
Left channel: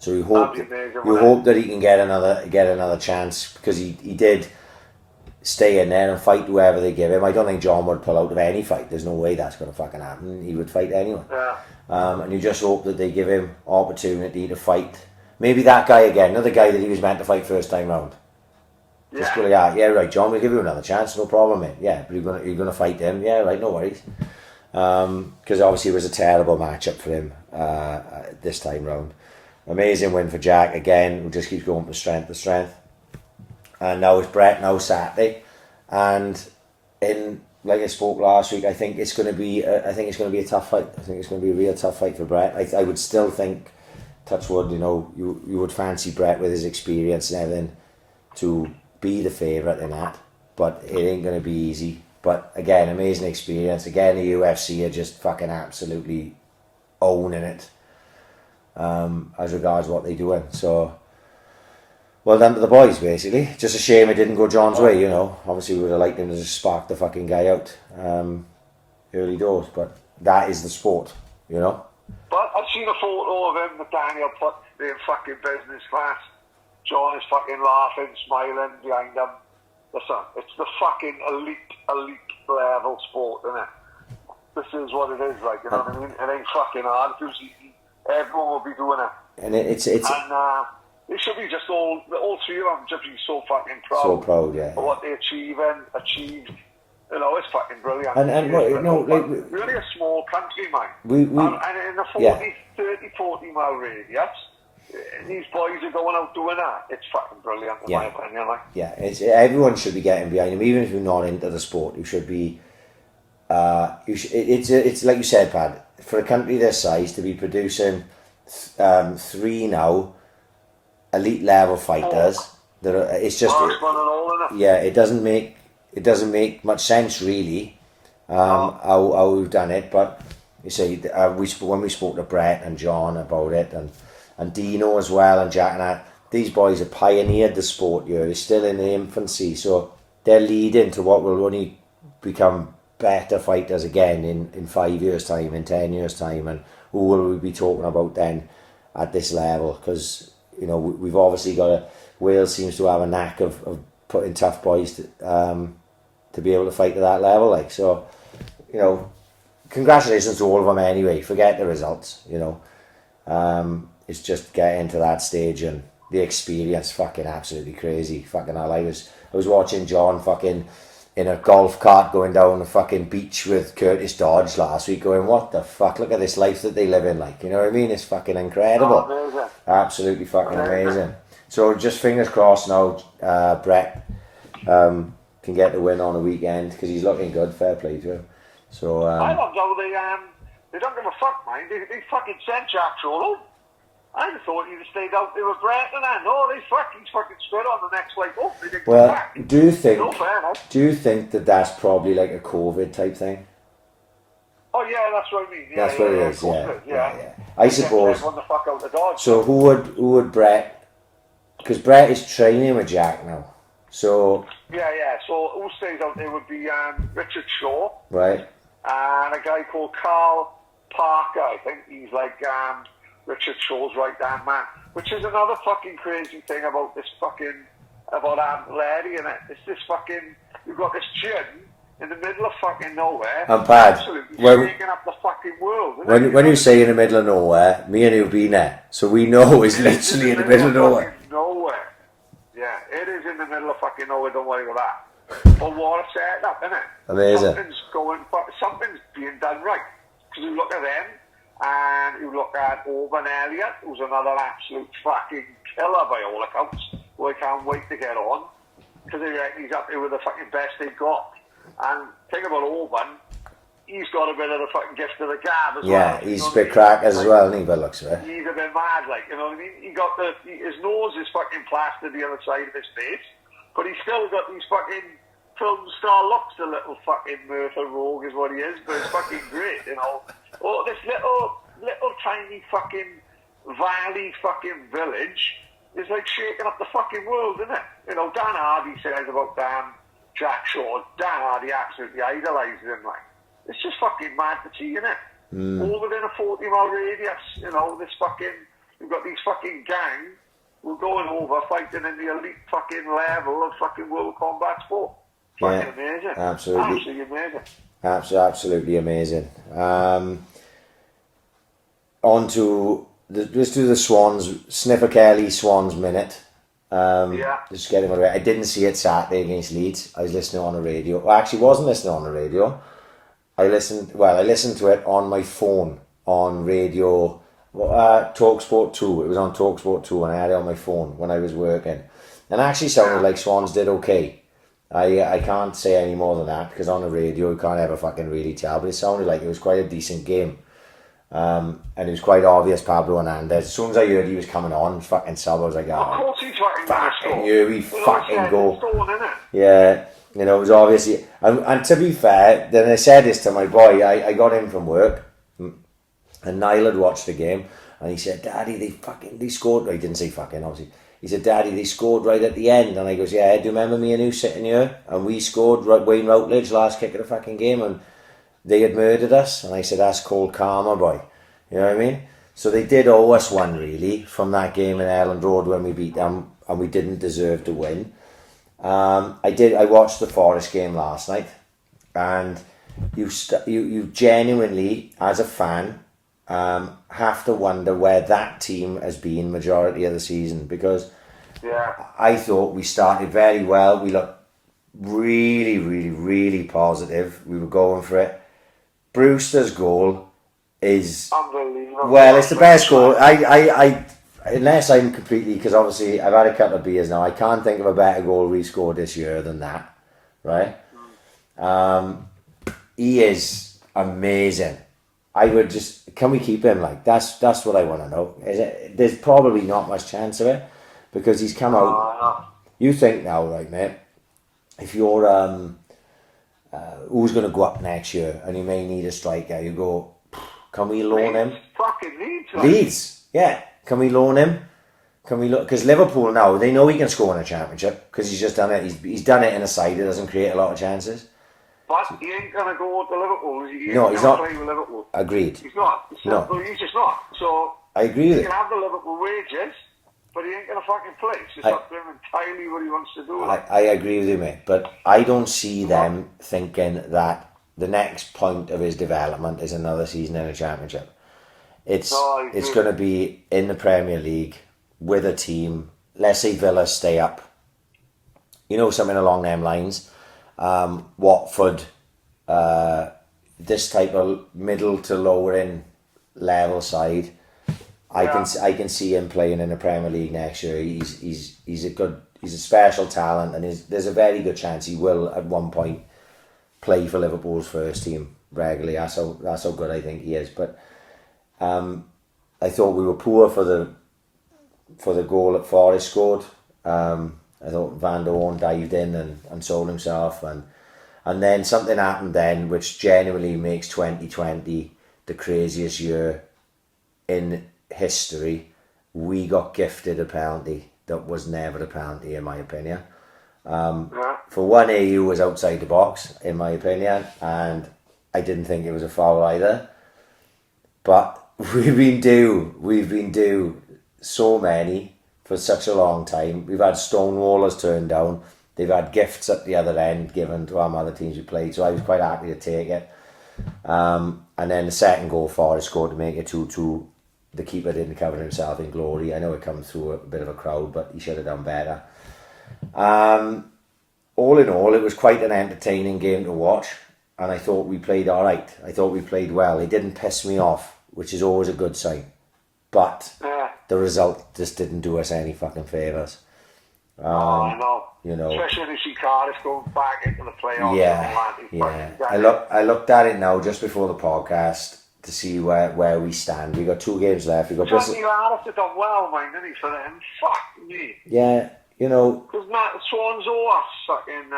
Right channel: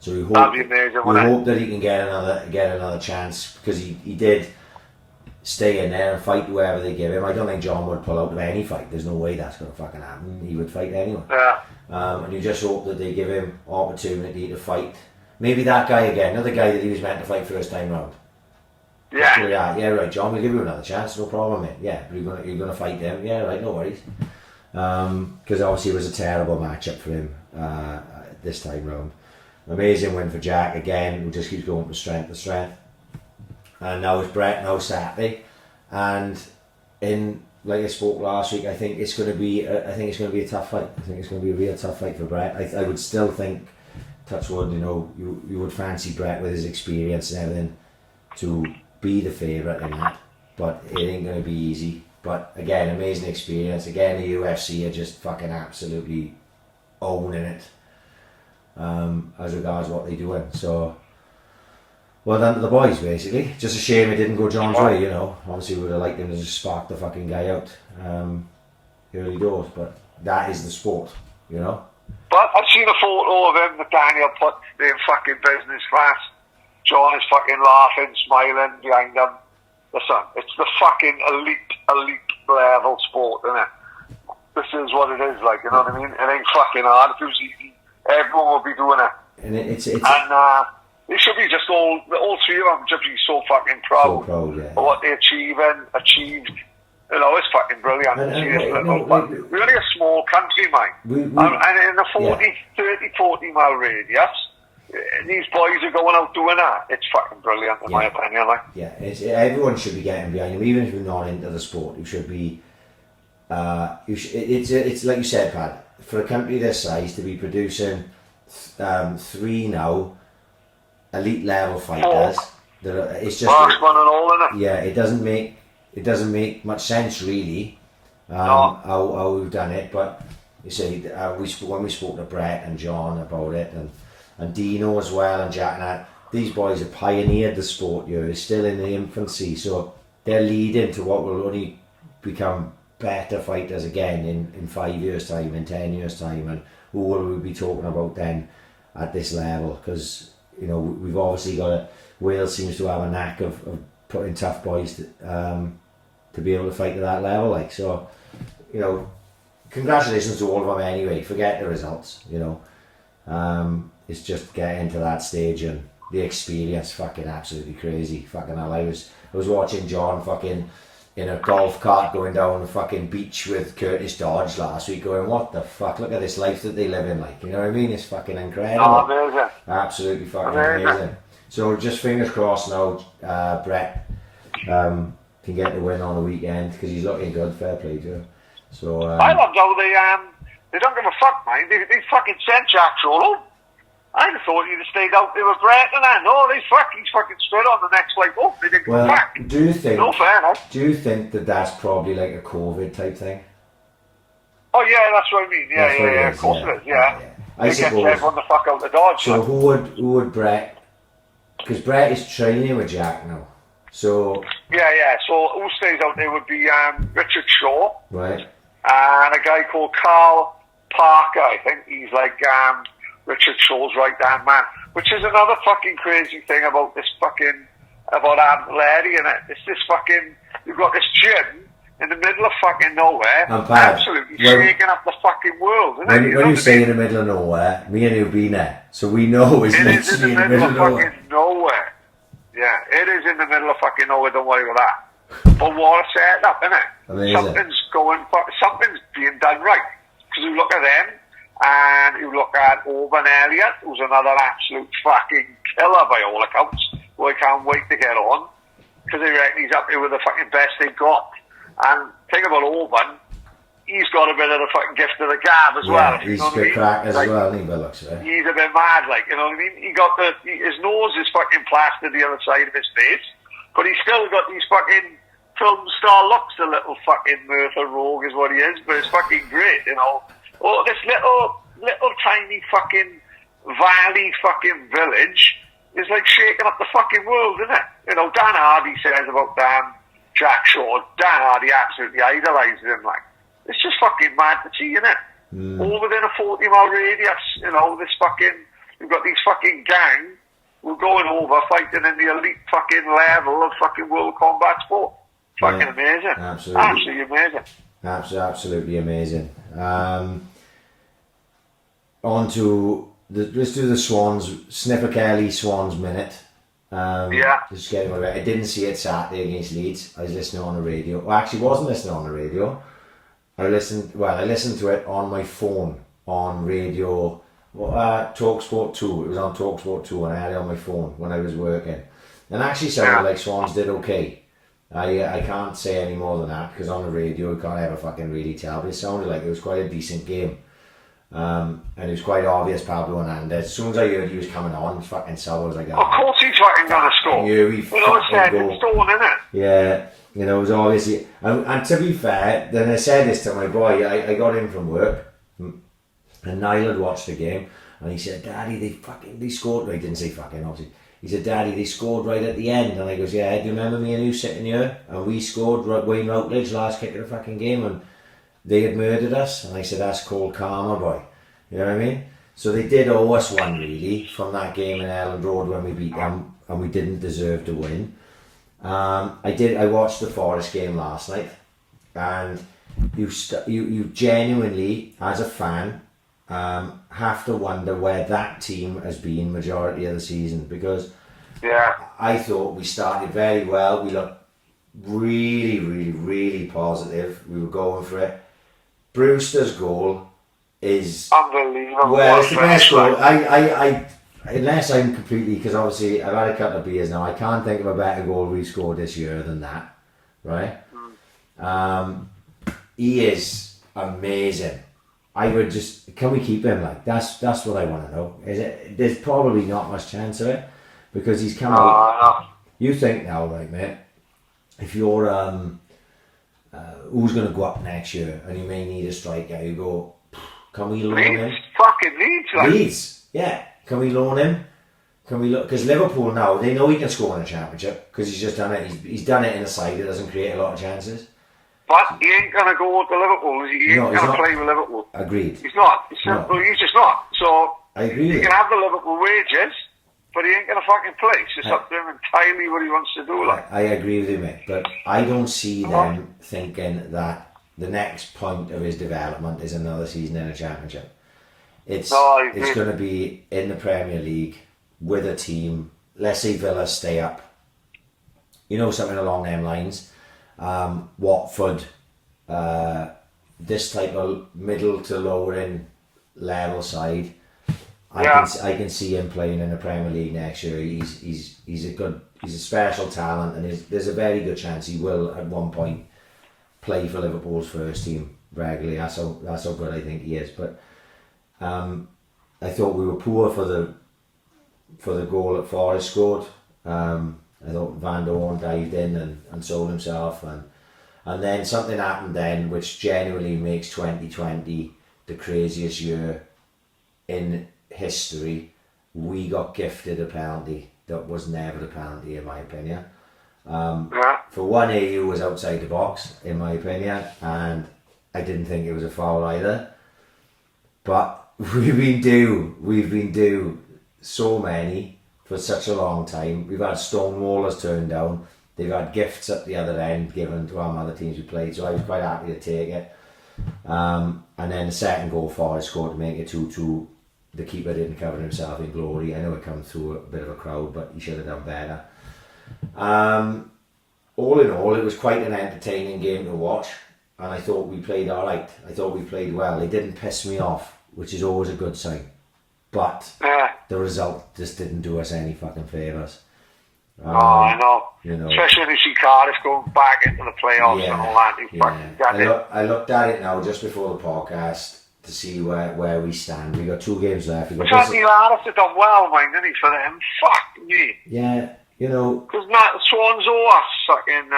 So we hope that he can get another chance, because he did stay in there and fight whoever they give him. I don't think John would pull out of any fight. There's no way that's going to fucking happen. He would fight anyone. Yeah. And you just hope that they give him opportunity to fight. Maybe that guy again, another guy that he was meant to fight first time round. Yeah. Yeah, right, John, we'll give you another chance, no problem, mate. Yeah, but you're gonna fight him. Yeah, right, no worries. Because obviously it was a terrible matchup for him this time round. Amazing win for Jack again, who just keeps going from strength to strength. And now it's Brett, now Saturday. And like I spoke last week, I think it's going to be a tough fight. I think it's going to be a real tough fight for Brett. I would still think, touch wood, you know, you would fancy Brett with his experience and everything to be the favourite in that, but it ain't going to be easy. But again, amazing experience. Again, the UFC are just fucking absolutely owning it as regards what they're doing. So, well done to the boys, basically. Just a shame it didn't go John's way, you know. Obviously, we would have liked him to just spark the fucking guy out early doors, but that is the sport, you know. But I've seen a photo of him that Daniel put in fucking business class. John is fucking laughing, smiling behind him. Listen, it's the fucking elite level sport, isn't it? This is what it is, like, you know what I mean? It ain't fucking hard. If it was easy, everyone would be doing it. And it's they should be just all three of them should be so fucking proud. So proud, yeah. For what they achieved. You know, it's fucking brilliant. We're only a small country, mate. And in a 40 mile radius, these boys are going out doing that. It's fucking brilliant, in my opinion. Like. Yeah, everyone should be getting behind him, even if you're not into the sport. You should be. It's like you said, Pad. For a country this size to be producing 3 now elite level fighters, it's just. Yeah, it doesn't make much sense really. How we've done it, but you see, when we spoke to Brett and John about it, and Dino as well, and Jack and that, these boys have pioneered the sport here. They're still in the infancy, so they're leading to what will only become better fighters again in 5 years' time, in 10 years' time, and who will we be talking about then at this level? Because, you know, we've obviously got Wales seems to have a knack of putting tough boys to be able to fight at that level, like, so, you know, congratulations to all of them anyway. Forget the results, you know. It's just getting to that stage and the experience, fucking absolutely crazy. Fucking hell, I was watching John fucking in a golf cart going down the fucking beach with Curtis Dodge last week, going, what the fuck, look at this life that they live in, like, you know what I mean? It's fucking incredible. Amazing. Absolutely fucking amazing. So just fingers crossed now, Brett can get the win on the weekend, because he's looking good, fair play to him. So I love how they don't give a fuck, man. They fucking sent Jack Charlton. I thought he'd have stayed out there with Brett, and I know he's fucking straight on the next leg up. They didn't come back. Do you think that that's probably like a COVID type thing? Oh yeah, that's what I mean. Yeah, that's what it is. Of course it is. Yeah. I suppose. Everyone the fuck out the Dodge. So who would Brett? Because Brett is training with Jack now. So. Yeah. So who stays out there would be Richard Shaw. Right. And a guy called Carl Parker. I think he's like Richard Shaw's right-hand man, which is another fucking crazy thing about Larry, and it's this fucking, you've got this gym in the middle of fucking nowhere, and Pad, absolutely shaking up the fucking world. When you say in the middle of nowhere, me and you've been there, so we know it's literally in the middle of nowhere. Yeah, it is in the middle of fucking nowhere, don't worry about that. But what a setup, innit? Amazing. Something's being done right. Because you look at them, and you look at Oban Elliott, who's another absolute fucking killer by all accounts, who I can't wait to get on, because they reckon he's up there with the fucking best they've got. And think about Oban, he's got a bit of the fucking gift of the gab as well. Yeah, he's a bit crack as well, isn't he, by looks of it? He's a bit mad, like, you know what I mean? His nose is fucking plastered the other side of his face, but he's still got these fucking film star looks, a little fucking Merthyr Rogue is what he is, but it's fucking great, you know. Oh, this little tiny fucking valley fucking village is like shaking up the fucking world, isn't it? You know, Dan Hardy says about Jack Shaw. Dan Hardy absolutely idolises him, like. It's just fucking mad to see, isn't it? All within a 40-mile radius, you know, we've got these fucking gangs who are going over fighting in the elite fucking level of fucking world combat sport. Fucking amazing. Absolutely amazing. Absolutely amazing. Let's do the Swans, Sniffer Kelly Swans minute. Just getting my way. I didn't see it Saturday against Leeds. I was listening on the radio. Well, I actually wasn't listening on the radio. I listened to it on my phone on radio. TalkSport 2. It was on TalkSport 2 and I had it on my phone when I was working. And actually sounded like Swans did okay. I can't say any more than that, because on the radio you can't ever fucking really tell, but it sounded like it was quite a decent game. And it was quite obvious Pablo Hernandez. As soon as I heard he was coming on, fucking sub, I was like, of course he's fucking gonna score. You fucking go. Yeah, you know, it was obviously, and to be fair, then I said this to my boy, I got in from work, and Niall had watched the game, and he said, Daddy, they scored. He didn't say fucking, obviously. He said, Daddy, they scored right at the end. And I goes, yeah, do you remember me and you sitting here? And we scored Wayne Routledge last kick of the fucking game, and they had murdered us. And I said, that's called karma, boy. You know what I mean? So they did owe us one, really, from that game in Elland Road when we beat them, and we didn't deserve to win. I watched the Forest game last night, and you genuinely, as a fan, have to wonder where that team has been majority of the season, because I thought we started very well. We looked really, really, really positive. We were going for it. Brewster's goal is unbelievable. Well, it's the best goal. I unless I'm completely, because obviously I've had a couple of beers now, I can't think of a better goal we scored this year than that, right? He is amazing. I would just, can we keep him? Like, that's what I want to know. There's probably not much chance of it, because he's come out. You think now, right, mate? If you're who's going to go up next year, and you may need a striker, you go, can we loan him? Fucking Leeds, yeah. Can we loan him? Can we look? Because Liverpool now, they know he can score in a championship, because he's just done it. He's done it in a side that doesn't create a lot of chances. But he ain't going to go to Liverpool, is he? He ain't going to play with Liverpool. Agreed. He's not. He's just not. So I agree with you. He can have the Liverpool wages, but he ain't going to fucking play. It's just up to him entirely what he wants to do. I agree with you, mate. But I don't see them thinking that the next point of his development is another season in a championship. It's going to be in the Premier League with a team. Let's say Villa stay up. You know, something along them lines. Watford, this type of middle to lower in level side. I can see him playing in the Premier League next year. He's a special talent, and there's a very good chance he will at one point play for Liverpool's first team regularly. That's how good I think he is. But I thought we were poor for the goal that Forest scored. I thought Van Dorn dived in and sold himself, and then something happened then which genuinely makes 2020 the craziest year in history. We got gifted a penalty that was never a penalty, in my opinion. For one, AU was outside the box, in my opinion, and I didn't think it was a foul either. But we've been due so many for such a long time. We've had stonewallers turned down. They've had gifts at the other end given to our other teams we played, so I was quite happy to take it. And then the second goal Forest scored to make it 2-2. The keeper didn't cover himself in glory. I know it comes through a bit of a crowd, but he should have done better. All in all, it was quite an entertaining game to watch, and I thought we played all right. I thought we played well. It didn't piss me off, which is always a good sign. But the result just didn't do us any fucking favours. I know. You know, especially when you see Cardiff go back into the playoffs and all that. I looked at it now just before the podcast to see where we stand. We got 2 games left. We got Andy Lardis have done well, mind, didn't he, for them? Fuck me. Yeah, you know. Because Swans owe us fucking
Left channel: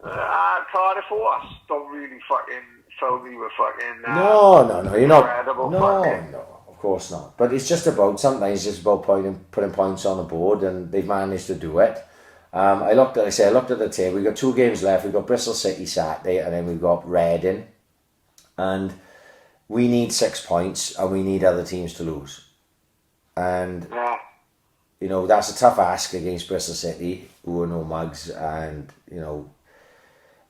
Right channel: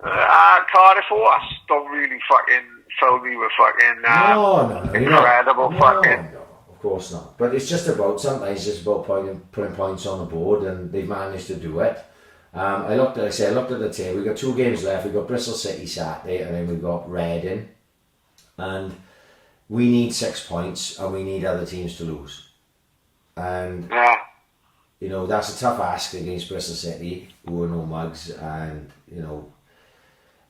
Cardiff owe us. Don't really fucking fill me with fucking you're not. incredible fucking. No, of course not. But it's just about putting points on the board, and they've managed to do it. I looked at the table. We got 2 games left. We got Bristol City Saturday, and then we got Reading. And we need 6 points, and we need other teams to lose. And you know, that's a tough ask against Bristol City, who are no mugs, and you know,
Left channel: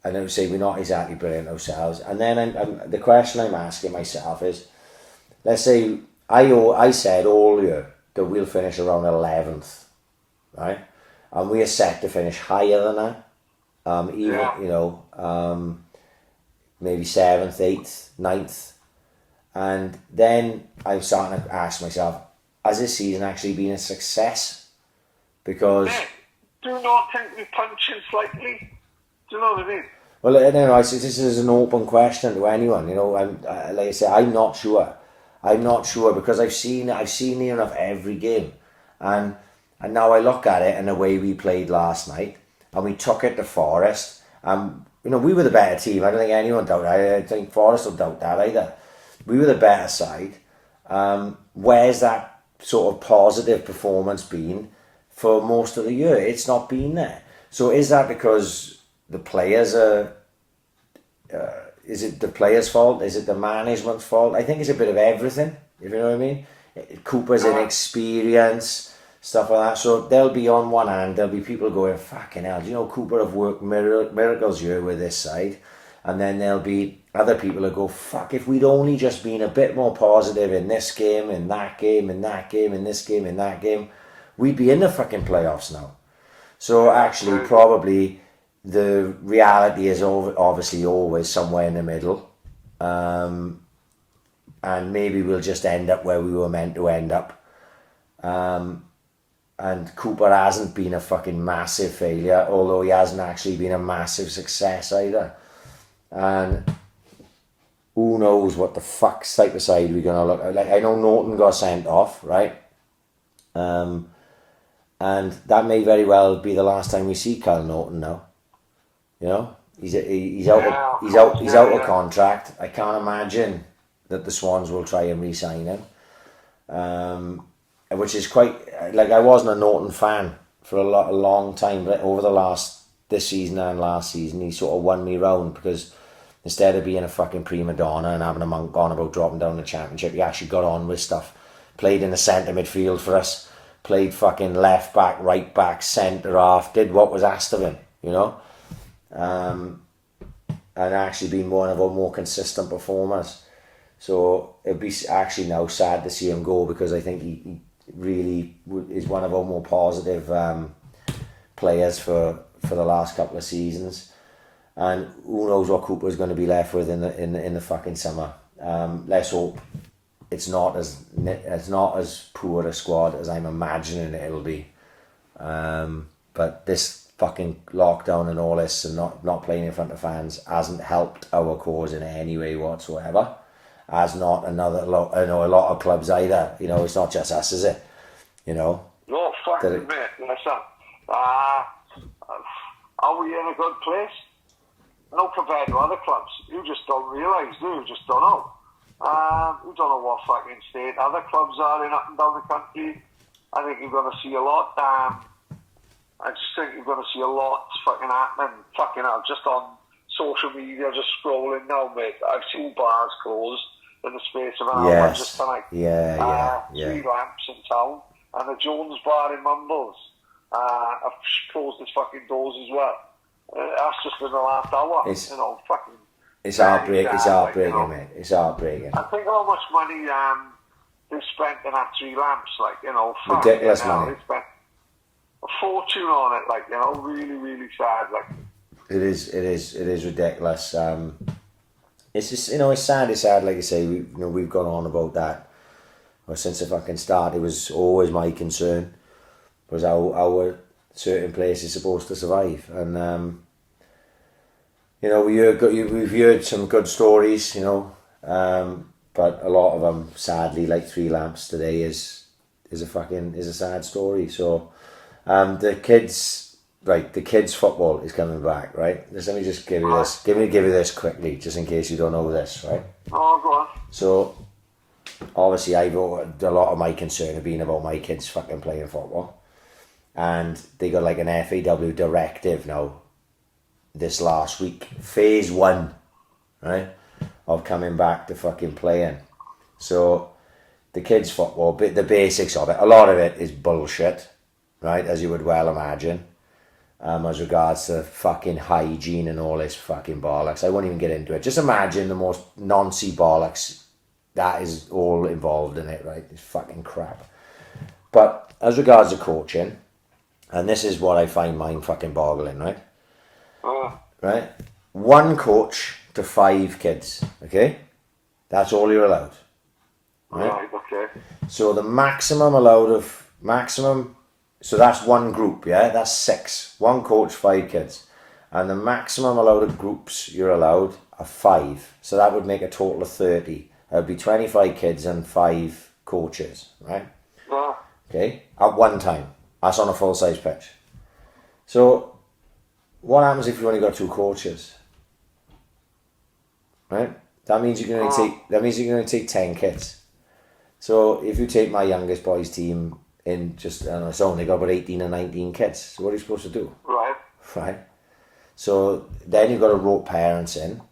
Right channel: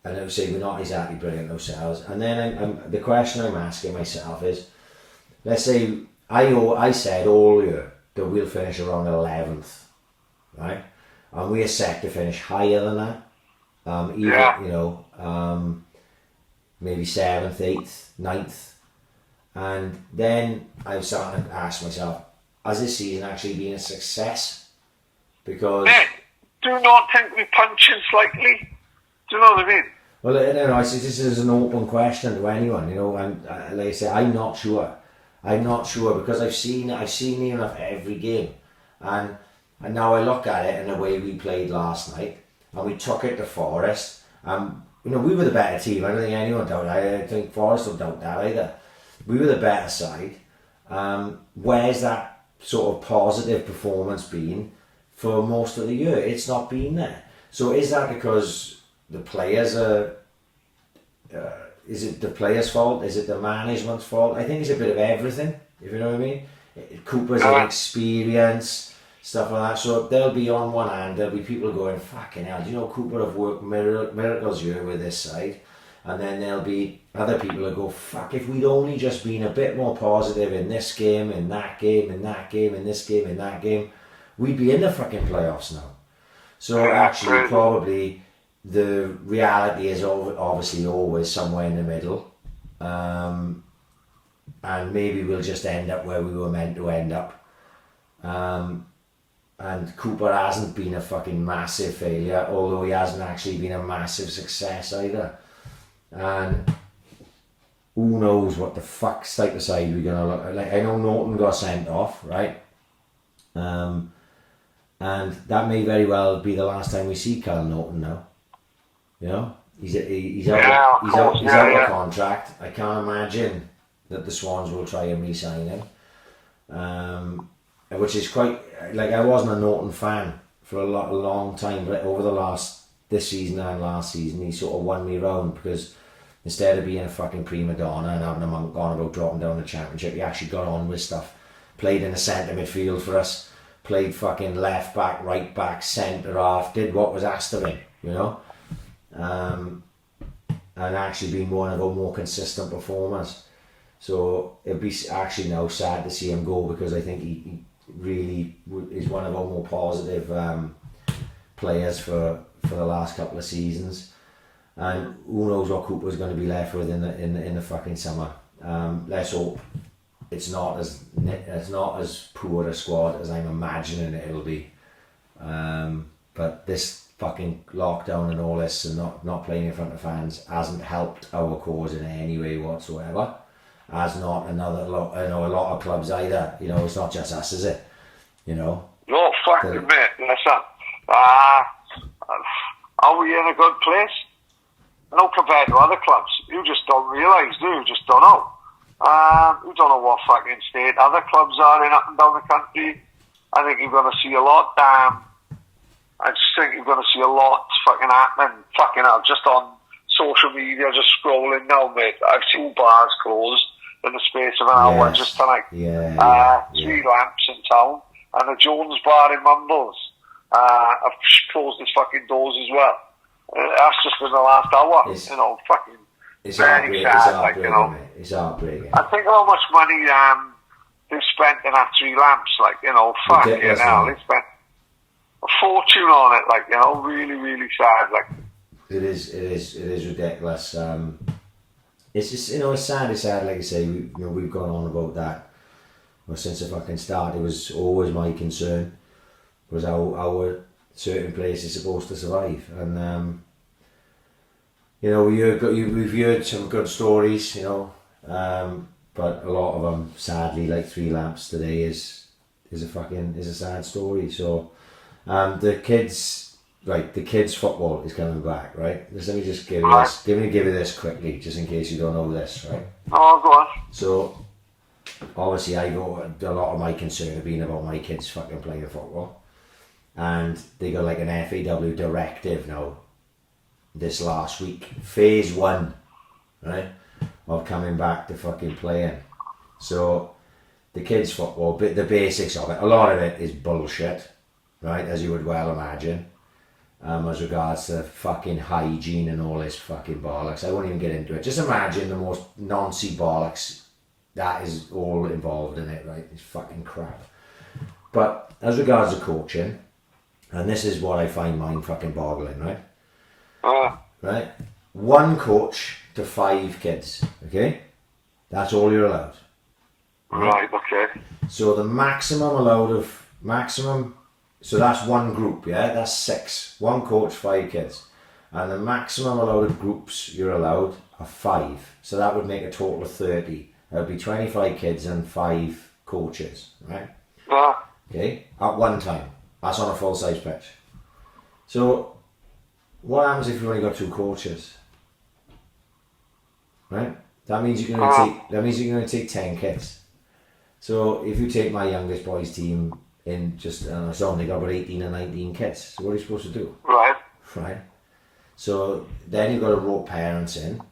and I would say we're not exactly brilliant ourselves. And then the question I'm asking myself is, let's say I said all year that we'll finish around 11th, right? And we are set to finish higher than that. You know, maybe 7th, 8th, 9th. And then I was starting to ask myself, has this season actually been a success? Because do not think we punch in slightly. Do you know what I mean? Well, I don't know. I see this is an open question to anyone. You know, and like I say, I'm not sure. I'm not sure because I've seen near enough every game, and now I look at it in the way we played last night, and we took it to Forest. You know, we were the better team. I don't think anyone doubted. I think Forest will doubt that either. We were the better side. Where's that sort of positive performance been for most of the year? It's not been there. So is that because the players are? Is it the players' fault? Is it the management's fault? I think it's a bit of everything. If you know what I mean. Cooper's inexperience, stuff like that. So they'll be on one hand. There'll be people going, "Fucking hell!" Do you know Cooper have worked miracles here with this side? And then there'll be other people who go, "Fuck! If we'd only just been a bit more positive in this game, in that game, in that game, in this game, in that game, we'd be in the fucking playoffs now." So actually, probably. The reality is obviously always somewhere in the middle, and maybe we'll just end up where we were meant to end up. And Cooper hasn't been a fucking massive failure, although he hasn't actually been a massive success either. And who knows what the fuck type of side we're gonna look like. I know Norton got sent off, right? And that may very well be the last time we see Kyle Norton now. You know, he's out of contract. I can't imagine that the Swans will try and re-sign him, which is quite like I wasn't a Norton fan for a long time, but over this season and last season, he sort of won me round because instead of being a fucking prima donna and having a monk on about dropping down the championship, he actually got on with stuff. Played in the centre midfield for us. Played fucking left back, right back, centre half. Did what was asked of him. You know. and actually been one of our more consistent performers. So it'd be actually now sad to see him go, because I think he really is one of our more positive players for the last couple of seasons. And who knows what Cooper's going to be left with in the fucking summer. Let's hope it's not as poor a squad as I'm imagining it'll be. But this fucking lockdown and all this, and not playing in front of fans, hasn't helped our cause in any way whatsoever. As not a lot of clubs either. You know, it's not just us, is it? You know. No, fucking mate. Listen, are we in a good place? No, compared to other clubs, you just don't realise, do you? Just don't know. You don't know what fucking state other clubs are in up and down the country. I think you're going to see a lot. I just think you're going to see a lot fucking happening. Fucking hell, just on social media, just scrolling now, mate. I've seen bars closed in the space of an hour just tonight. Three lamps in town, and the Jones bar in Mumbles have closed its fucking doors as well. That's just in the last hour. Fucking. It's heartbreaking. It's heartbreaking, mate. It's heartbreaking. I think how much money they've spent in that three lamps, ridiculous, they spent a fortune on it, really, really sad, It is ridiculous. It's just, it's sad, like I say, we've gone on about that. Well, since the fucking start, it was always my concern, was how certain places supposed to survive. And, we've heard some good stories, but a lot of them, sadly, like Three Lamps today, is a sad story. So, the kids football is coming back, right? Let me just give you this quickly, just in case you don't know this, right? Oh, go on. So, obviously, a lot of my concern have been about my kids fucking playing football, and they got like an FAW directive now this last week, phase 1, right, of coming back to fucking playing. So the kids football, the basics of it, a lot of it is bullshit, right, as you would well imagine, as regards to fucking hygiene and all this fucking bollocks. I won't even get into it. Just imagine the most noncy bollocks that is all involved in it, right? It's fucking crap. But as regards to coaching, and this is what I find mind fucking boggling, right? Right? 1 coach to 5 kids, okay? That's all you're allowed. Right, okay. So the maximum, so that's 1 group, yeah? That's 6. 1 coach, 5 kids. And the maximum allowed of groups you're allowed are 5. So that would make a total of 30. That would be 25 kids and 5 coaches, right? Okay? At one time. That's on a full-size pitch. So what happens if you only got 2 coaches? Right? That means you're going to take 10 kids. So if you take my youngest boys team in it's only got about 18 or 19 kids. So what are you supposed to do? Right. So then you've got to rope parents in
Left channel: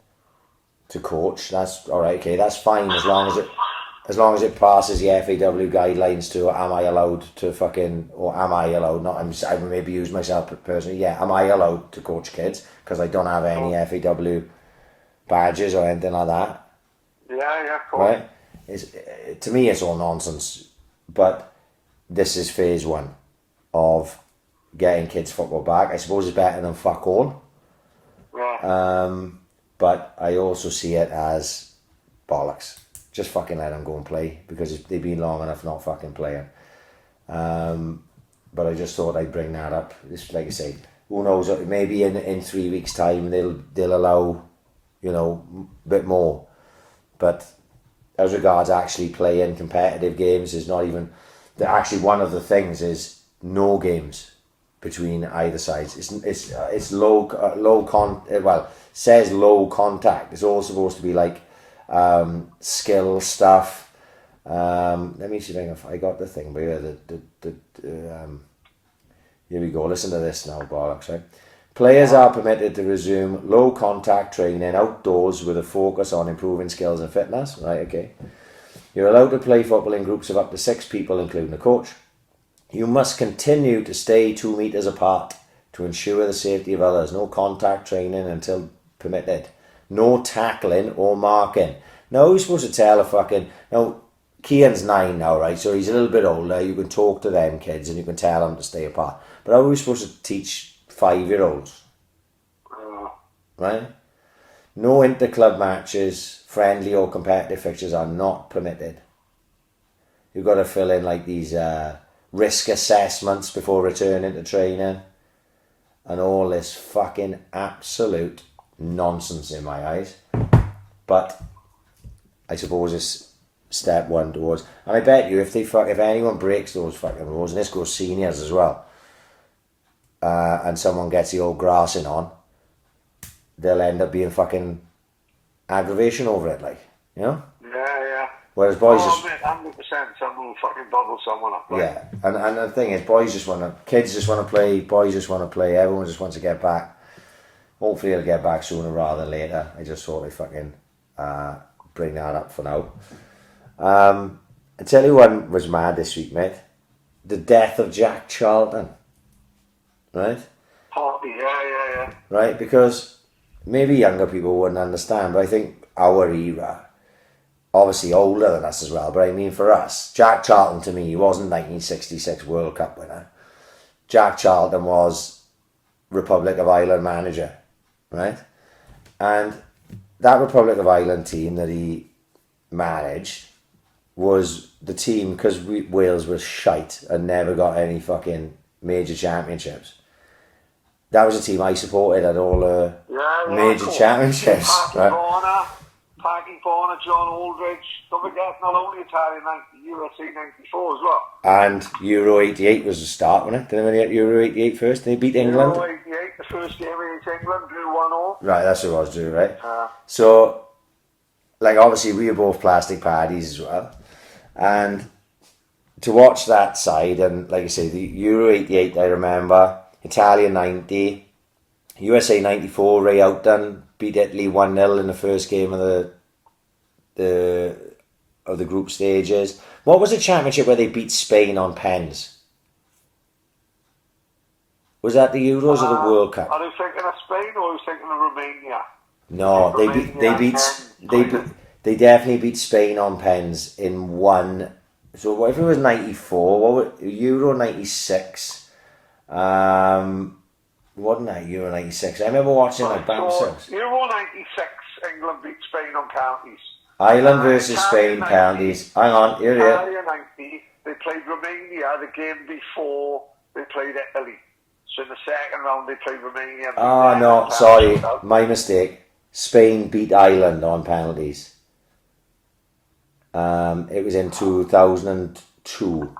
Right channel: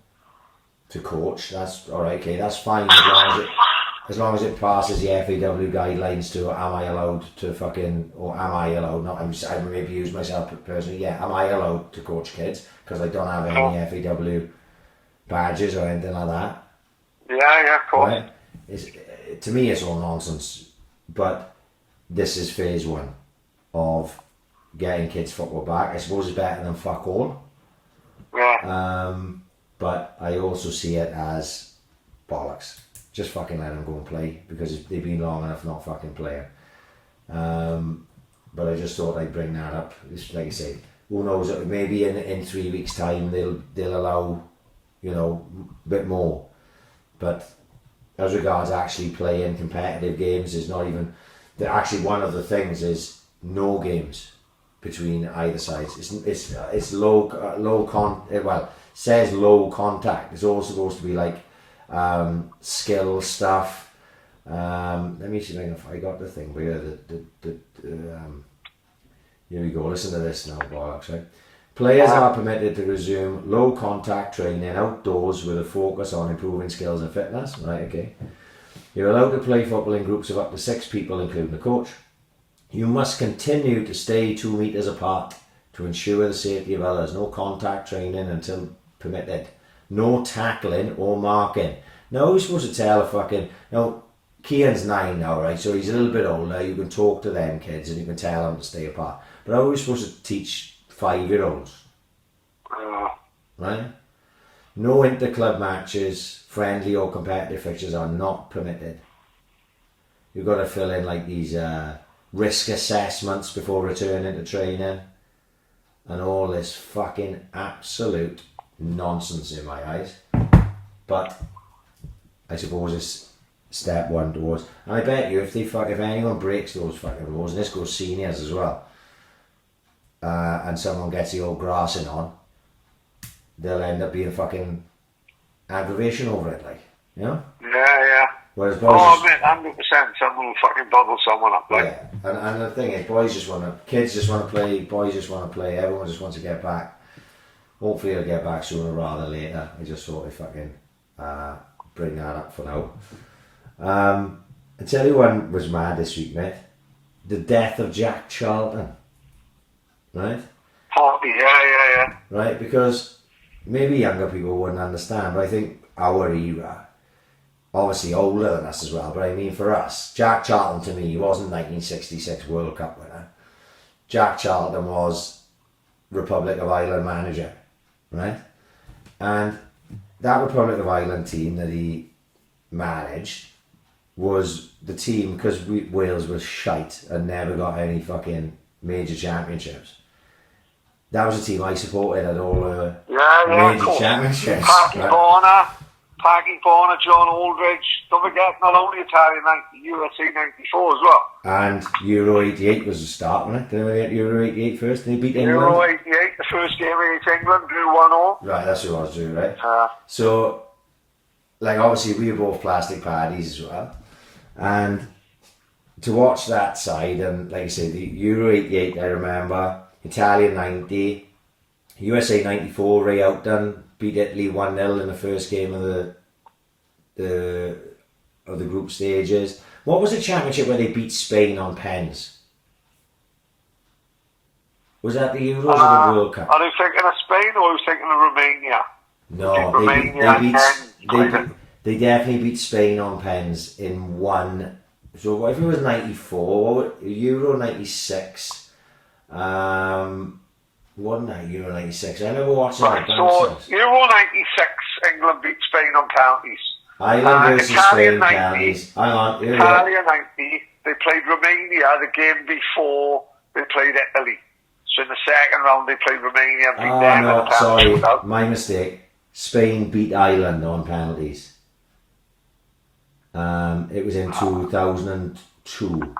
to coach. That's all right. Okay, that's fine as long as it passes the FAW guidelines to am I allowed to I maybe use myself personally. Yeah, am I allowed to coach kids? Because I don't have any FAW badges or anything like that. Yeah, of course. Right? To me, it's all nonsense. But this is phase 1 of getting kids football back. I suppose it's better than fuck all. Yeah. But I also see it as bollocks. Just fucking let them go and play, because they've been long enough not fucking playing. But I just thought I'd bring that up. It's, like I say, who knows? Maybe in 3 weeks' time they'll allow, a bit more. But as regards actually playing competitive games, is not even. Actually, one of the things is no games between either sides. It's low says low contact. It's all supposed to be like skill stuff. Let me see if I got the thing here. Here we go. Listen to this now, bollocks. Right? Players are permitted to resume low contact training outdoors with a focus on improving skills and fitness. Right, okay. You're allowed to play football in groups of up to 6 people, including a coach. You must continue to stay 2 meters apart to ensure the safety of others. No contact training until permitted. No tackling or marking. Now who's supposed to tell a fucking... Now, Cian's 9 now, right? So he's a little bit older. You can talk to them kids and you can tell them to stay apart. But how are we supposed to teach 5-year-olds? Right? No inter-club matches, friendly or competitive fixtures are not permitted. You've got to fill in like these risk assessments before returning to training. And all this fucking absolute nonsense in my eyes. But I suppose it's step one towards... And I bet you if anyone breaks those fucking rules, and this goes seniors as well, and someone gets the old grassing on, they'll end up being fucking aggravation over it, like, you know? Yeah. Whereas boys... Oh, mate, 100%, someone will fucking bubble someone up, like. Yeah, and the thing is, kids just want to play, boys just want to play, everyone just wants to get back. Hopefully it'll get back sooner rather than later. I just thought I'd fucking bring that up for now. I tell you one was mad this week, mate. The death of Jack Charlton. Right? Party, yeah. Right, because maybe younger people wouldn't understand, but I think our era, obviously older than us as well, but I mean for us, Jack Charlton to me, he wasn't 1966 World Cup winner. Jack Charlton was Republic of Ireland manager, right? And that Republic of Ireland team that he managed was the team, because Wales was shite and never got any fucking major championships. That was a team I supported at all the major championships. Paddy, John Aldridge. Don't forget, not only Italian UFC 94 as well. And Euro 88 was the start, wasn't it? Didn't they get Euro 88 first? They beat England? Euro 88, the first game against England, drew 1-0. Right, that's what I was doing, right? So, like, obviously we were both plastic Paddies as well. And to watch that side, and like I say, the Euro 88, I remember, Italian 90, USA 94, Ray Outdone beat Italy 1-0 in the first game of the group stages. What was the championship where they beat Spain on pens? Was that the Euros or the World Cup? Are you thinking of Spain or are you thinking of Romania? No, they definitely beat Spain on pens in one. So what if it was 94? Euro 96? Wasn't that Euro 96? I remember watching like bouncers. Euro 96, England beat Spain on penalties. Ireland versus Spain penalties. Hang on, here we are. Italy 90, they played Romania the game before they played Italy. So in the second round they played Romania. Oh no, sorry, my mistake. Spain beat Ireland on penalties. It was in 2002.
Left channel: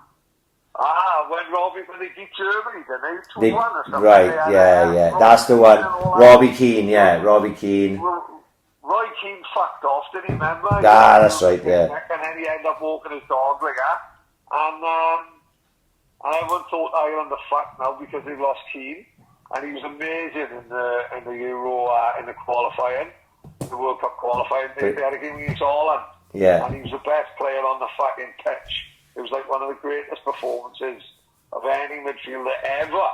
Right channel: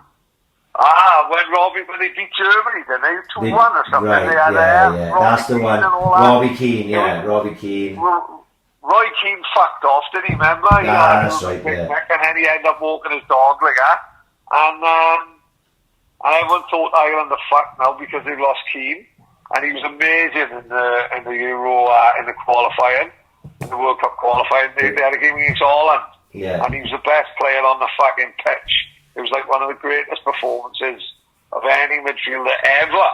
When they beat Germany, didn't they? 2-1 or something. Right, yeah. That's the one. Robbie Keane, Robbie Keane. Roy Keane fucked off, did he, remember? That's right, yeah. And then he ended up walking his dog like that. And everyone thought Ireland are fucked now because they lost Keane. And he was amazing in the Euro, in the qualifying, in the World Cup qualifying. They had a game against Holland. Yeah. And he was the best player on the fucking pitch. It was like one of the greatest performances of any midfielder ever.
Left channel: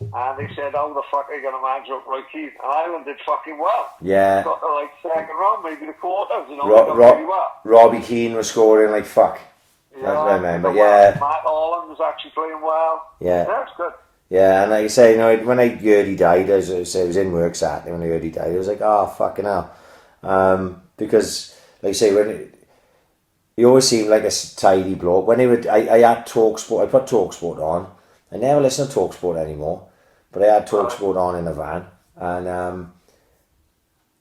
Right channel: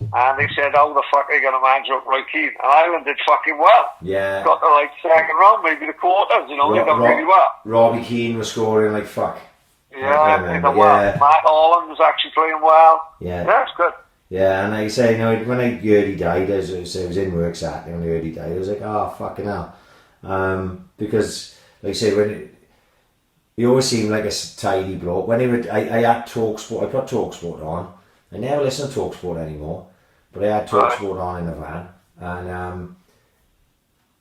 And they said, how the fuck are you going to manage up Roy Keane? And Ireland did fucking well. Yeah. Got the second round, maybe the quarters, they done really well. Robbie Keane was scoring like fuck. Yeah. Matt Holland was actually playing well. Yeah. Yeah, it's good. Yeah, and like I say, when I heard he died, I was in work Saturday when I heard he died, I was like, oh, fucking hell. Because, like I say, he always seemed like a tidy bloke. When I had TalkSport, I put TalkSport on. I never listen to TalkSport anymore, but I had TalkSport on in the van, and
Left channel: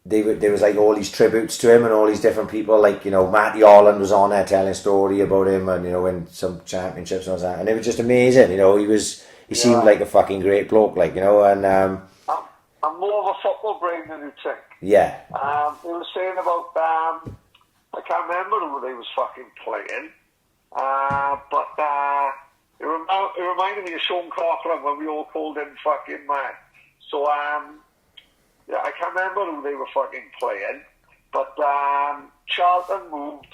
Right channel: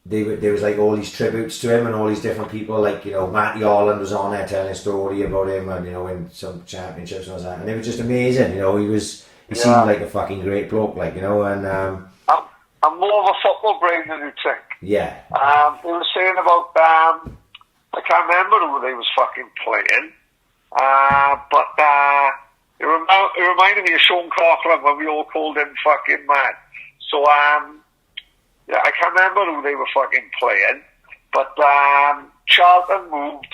there was like all these tributes to him and all these different people, like, you know, Matty Holland was on there telling a story about him, and, you know, win some championships and all that, and it was just amazing, you know. He seemed like a fucking great bloke, like, you know, and I'm more of a football brain than you think. Yeah. They were saying about I can't remember who they was fucking playing, but it reminded me of Sean Coughlin when we all called him fucking mad. So yeah, I can't remember who they were fucking playing, but Charlton moved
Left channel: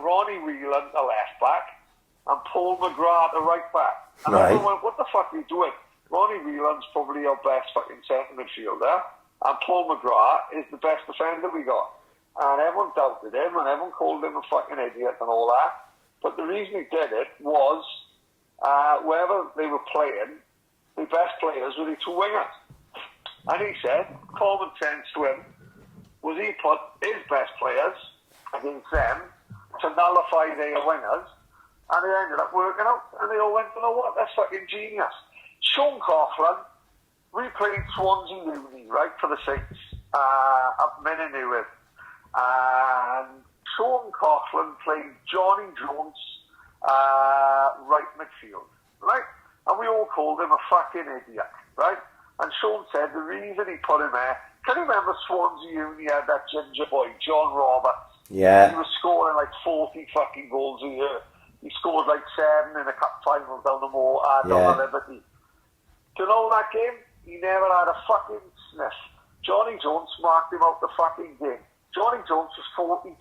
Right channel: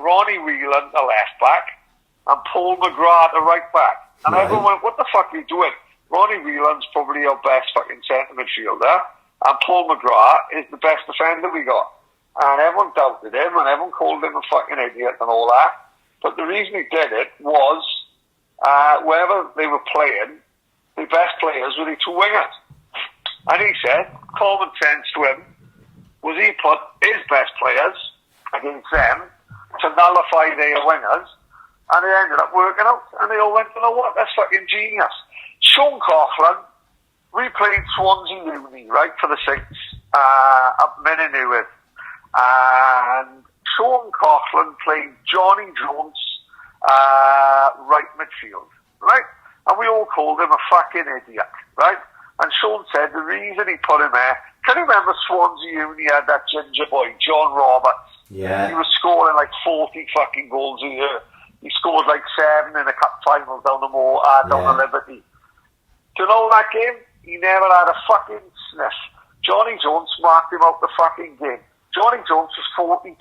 Ronnie Whelan, the left back, and Paul McGrath, the right back. And everyone went, what the fuck are you doing? Ronnie Whelan's probably our best fucking centre midfielder. And Paul McGrath is the best defender we got. And everyone doubted him, and everyone called him a fucking idiot and all that. But the reason he did it was, wherever they were playing, the best players were the two wingers. And he said, common sense to him, was he put his best players against them to nullify their wingers, and it ended up working out. And they all went, you know what, that's fucking genius. Sean Coughlin, we played Swans in uni, right, for the Saints, up Minnenewydd. And Sean Coughlin played Johnny Jones right midfield, right? And we all called him a fucking idiot, right? And Sean said the reason he put him there, can you remember Swansea Uni had that ginger boy, John Roberts? Yeah. He was scoring like 40 fucking goals a year. He scored like 7 in the cup finals down the down the Liberty. Do you know that game? He never had a fucking sniff. Johnny Jones marked him out the fucking game. Johnny Jones was 42.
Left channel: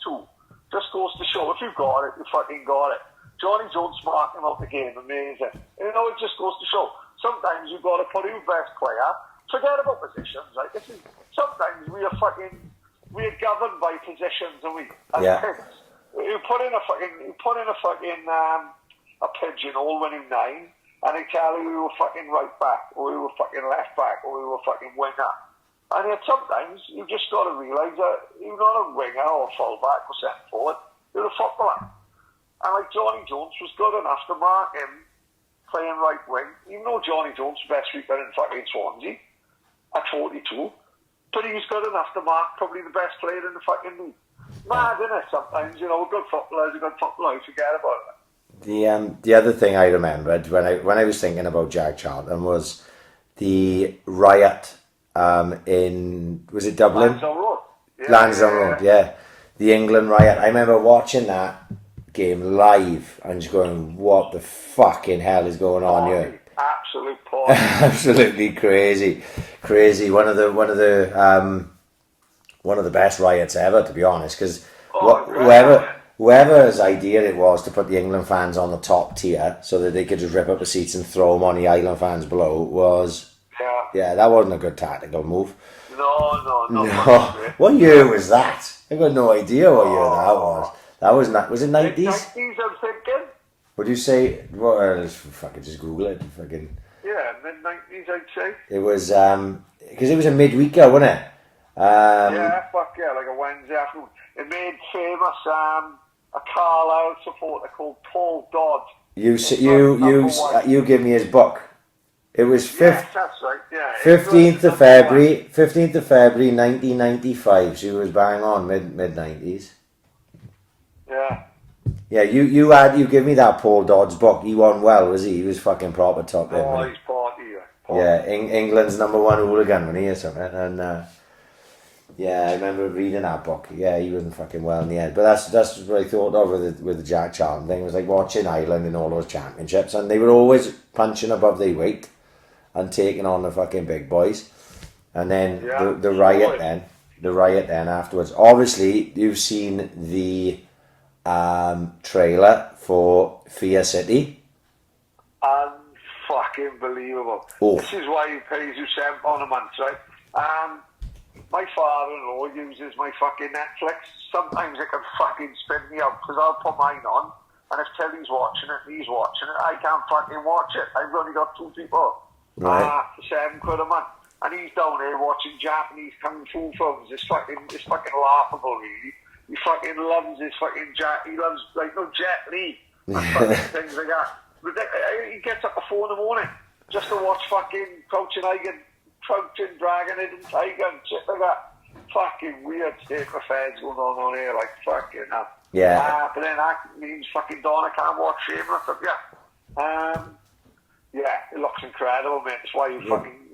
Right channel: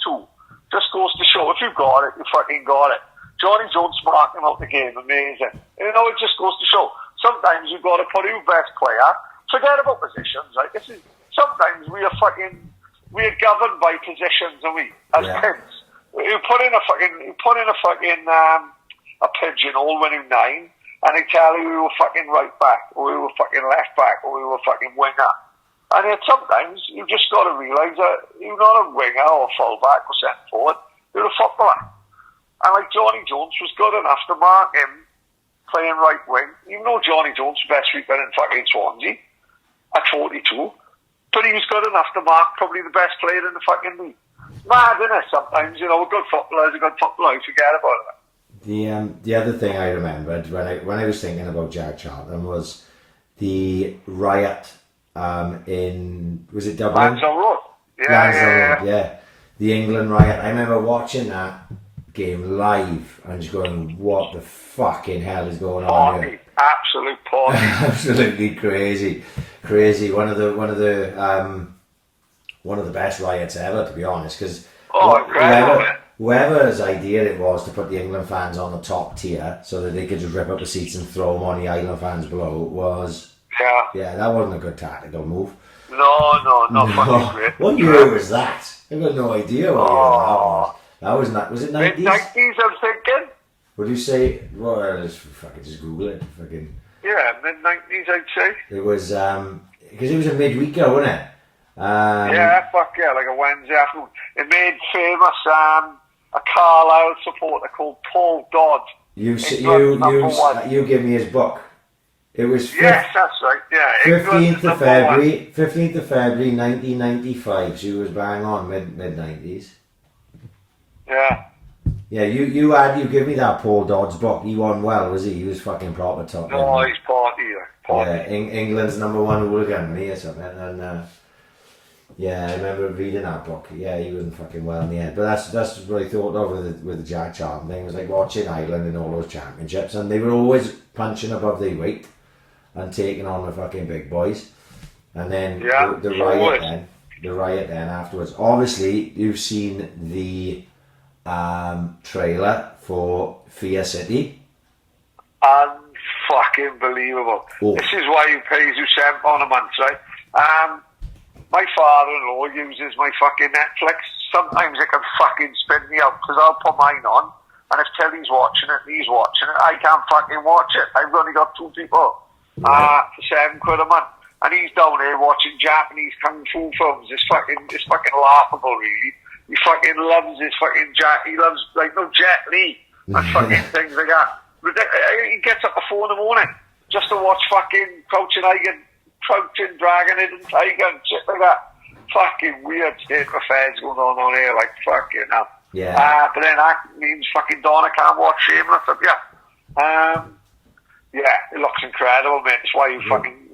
Just goes to show, if you got it, you fucking got it. Johnny Jones marked him out the game, amazing. You know, it just goes to show. Sometimes you've got to put your best player. Forget about positions, right? Sometimes we are governed by positions, are we? As kids. You put in a pigeonhole when you're 9, and they tell you we were fucking right back, or we were fucking left back, or we were fucking winger. And yet sometimes you just got to realise that you're not a winger or full back or centre forward, you're a footballer. And like Johnny Jones was good enough to mark him playing right wing, even though Johnny Jones was best sweeper in fucking Swansea at 42, but he was good enough to mark probably the best player in the fucking league. Mad, isn't it? Sometimes, you know, a good footballer is a good footballer, you forget about it. The other thing I remembered when I was thinking about Jack Charlton was the riot was it Dublin? Lansdowne Road. Road, yeah. The England riot. I remember watching that game live and just going, what the fucking hell is going on here? Absolute party. Absolutely crazy. One of the best riots ever, to be honest, because whoever's idea it was to put the England fans on the top tier so that they could just rip up the seats and throw them on the Island fans below was that wasn't a good tactical move. No. What year was that? I've got no idea what year that was. That was not. Was it 90s? Mid-90s, I'm thinking. Would you say? Well, let's fucking just Google it. Fucking. Yeah, mid-90s, I'd say. It was because it was a midweeker, wasn't it? Like a Wednesday afternoon. It made famous a Carlisle supporter called Paul Dodd. You give me his book. It was yes, that's right. Yeah. 15th of February, 1995. She was bang on mid-90s. Yeah. Yeah, you give me that Paul Dodd's book. He won well, was he? He was fucking proper top. Oh, he's party. Yeah, England's #1 hooligan, when he or something. And I remember reading that book. Yeah, he wasn't fucking well in the end. But that's what I thought of with the Jack Charlton thing. It was like watching Ireland in all those championships, and they were always punching above their weight and taking on the fucking big boys. And then the riot then afterwards. Obviously, you've seen the trailer for Fear City. Unfucking believable. Oh. This is why he pays you £7 a month, right? My father-in-law uses my fucking Netflix. Sometimes it can fucking spin me out because I'll put mine on, and if Telly's watching it and he's watching it, I can't fucking watch it. I've only got 2 people. Right. For £7 a month. And he's down here watching Japanese kung fu films. It's fucking laughable, really. He fucking loves his fucking he loves, Jet Li and fucking things like that. He gets up at 4 in the morning just to watch fucking Crouching Dragon, Hidden Tiger and shit like that. Fucking weird state of affairs going on here, like fucking hell. Yeah. But then that means fucking Donna can't watch Shameless up here. It looks incredible, mate. It's why you fucking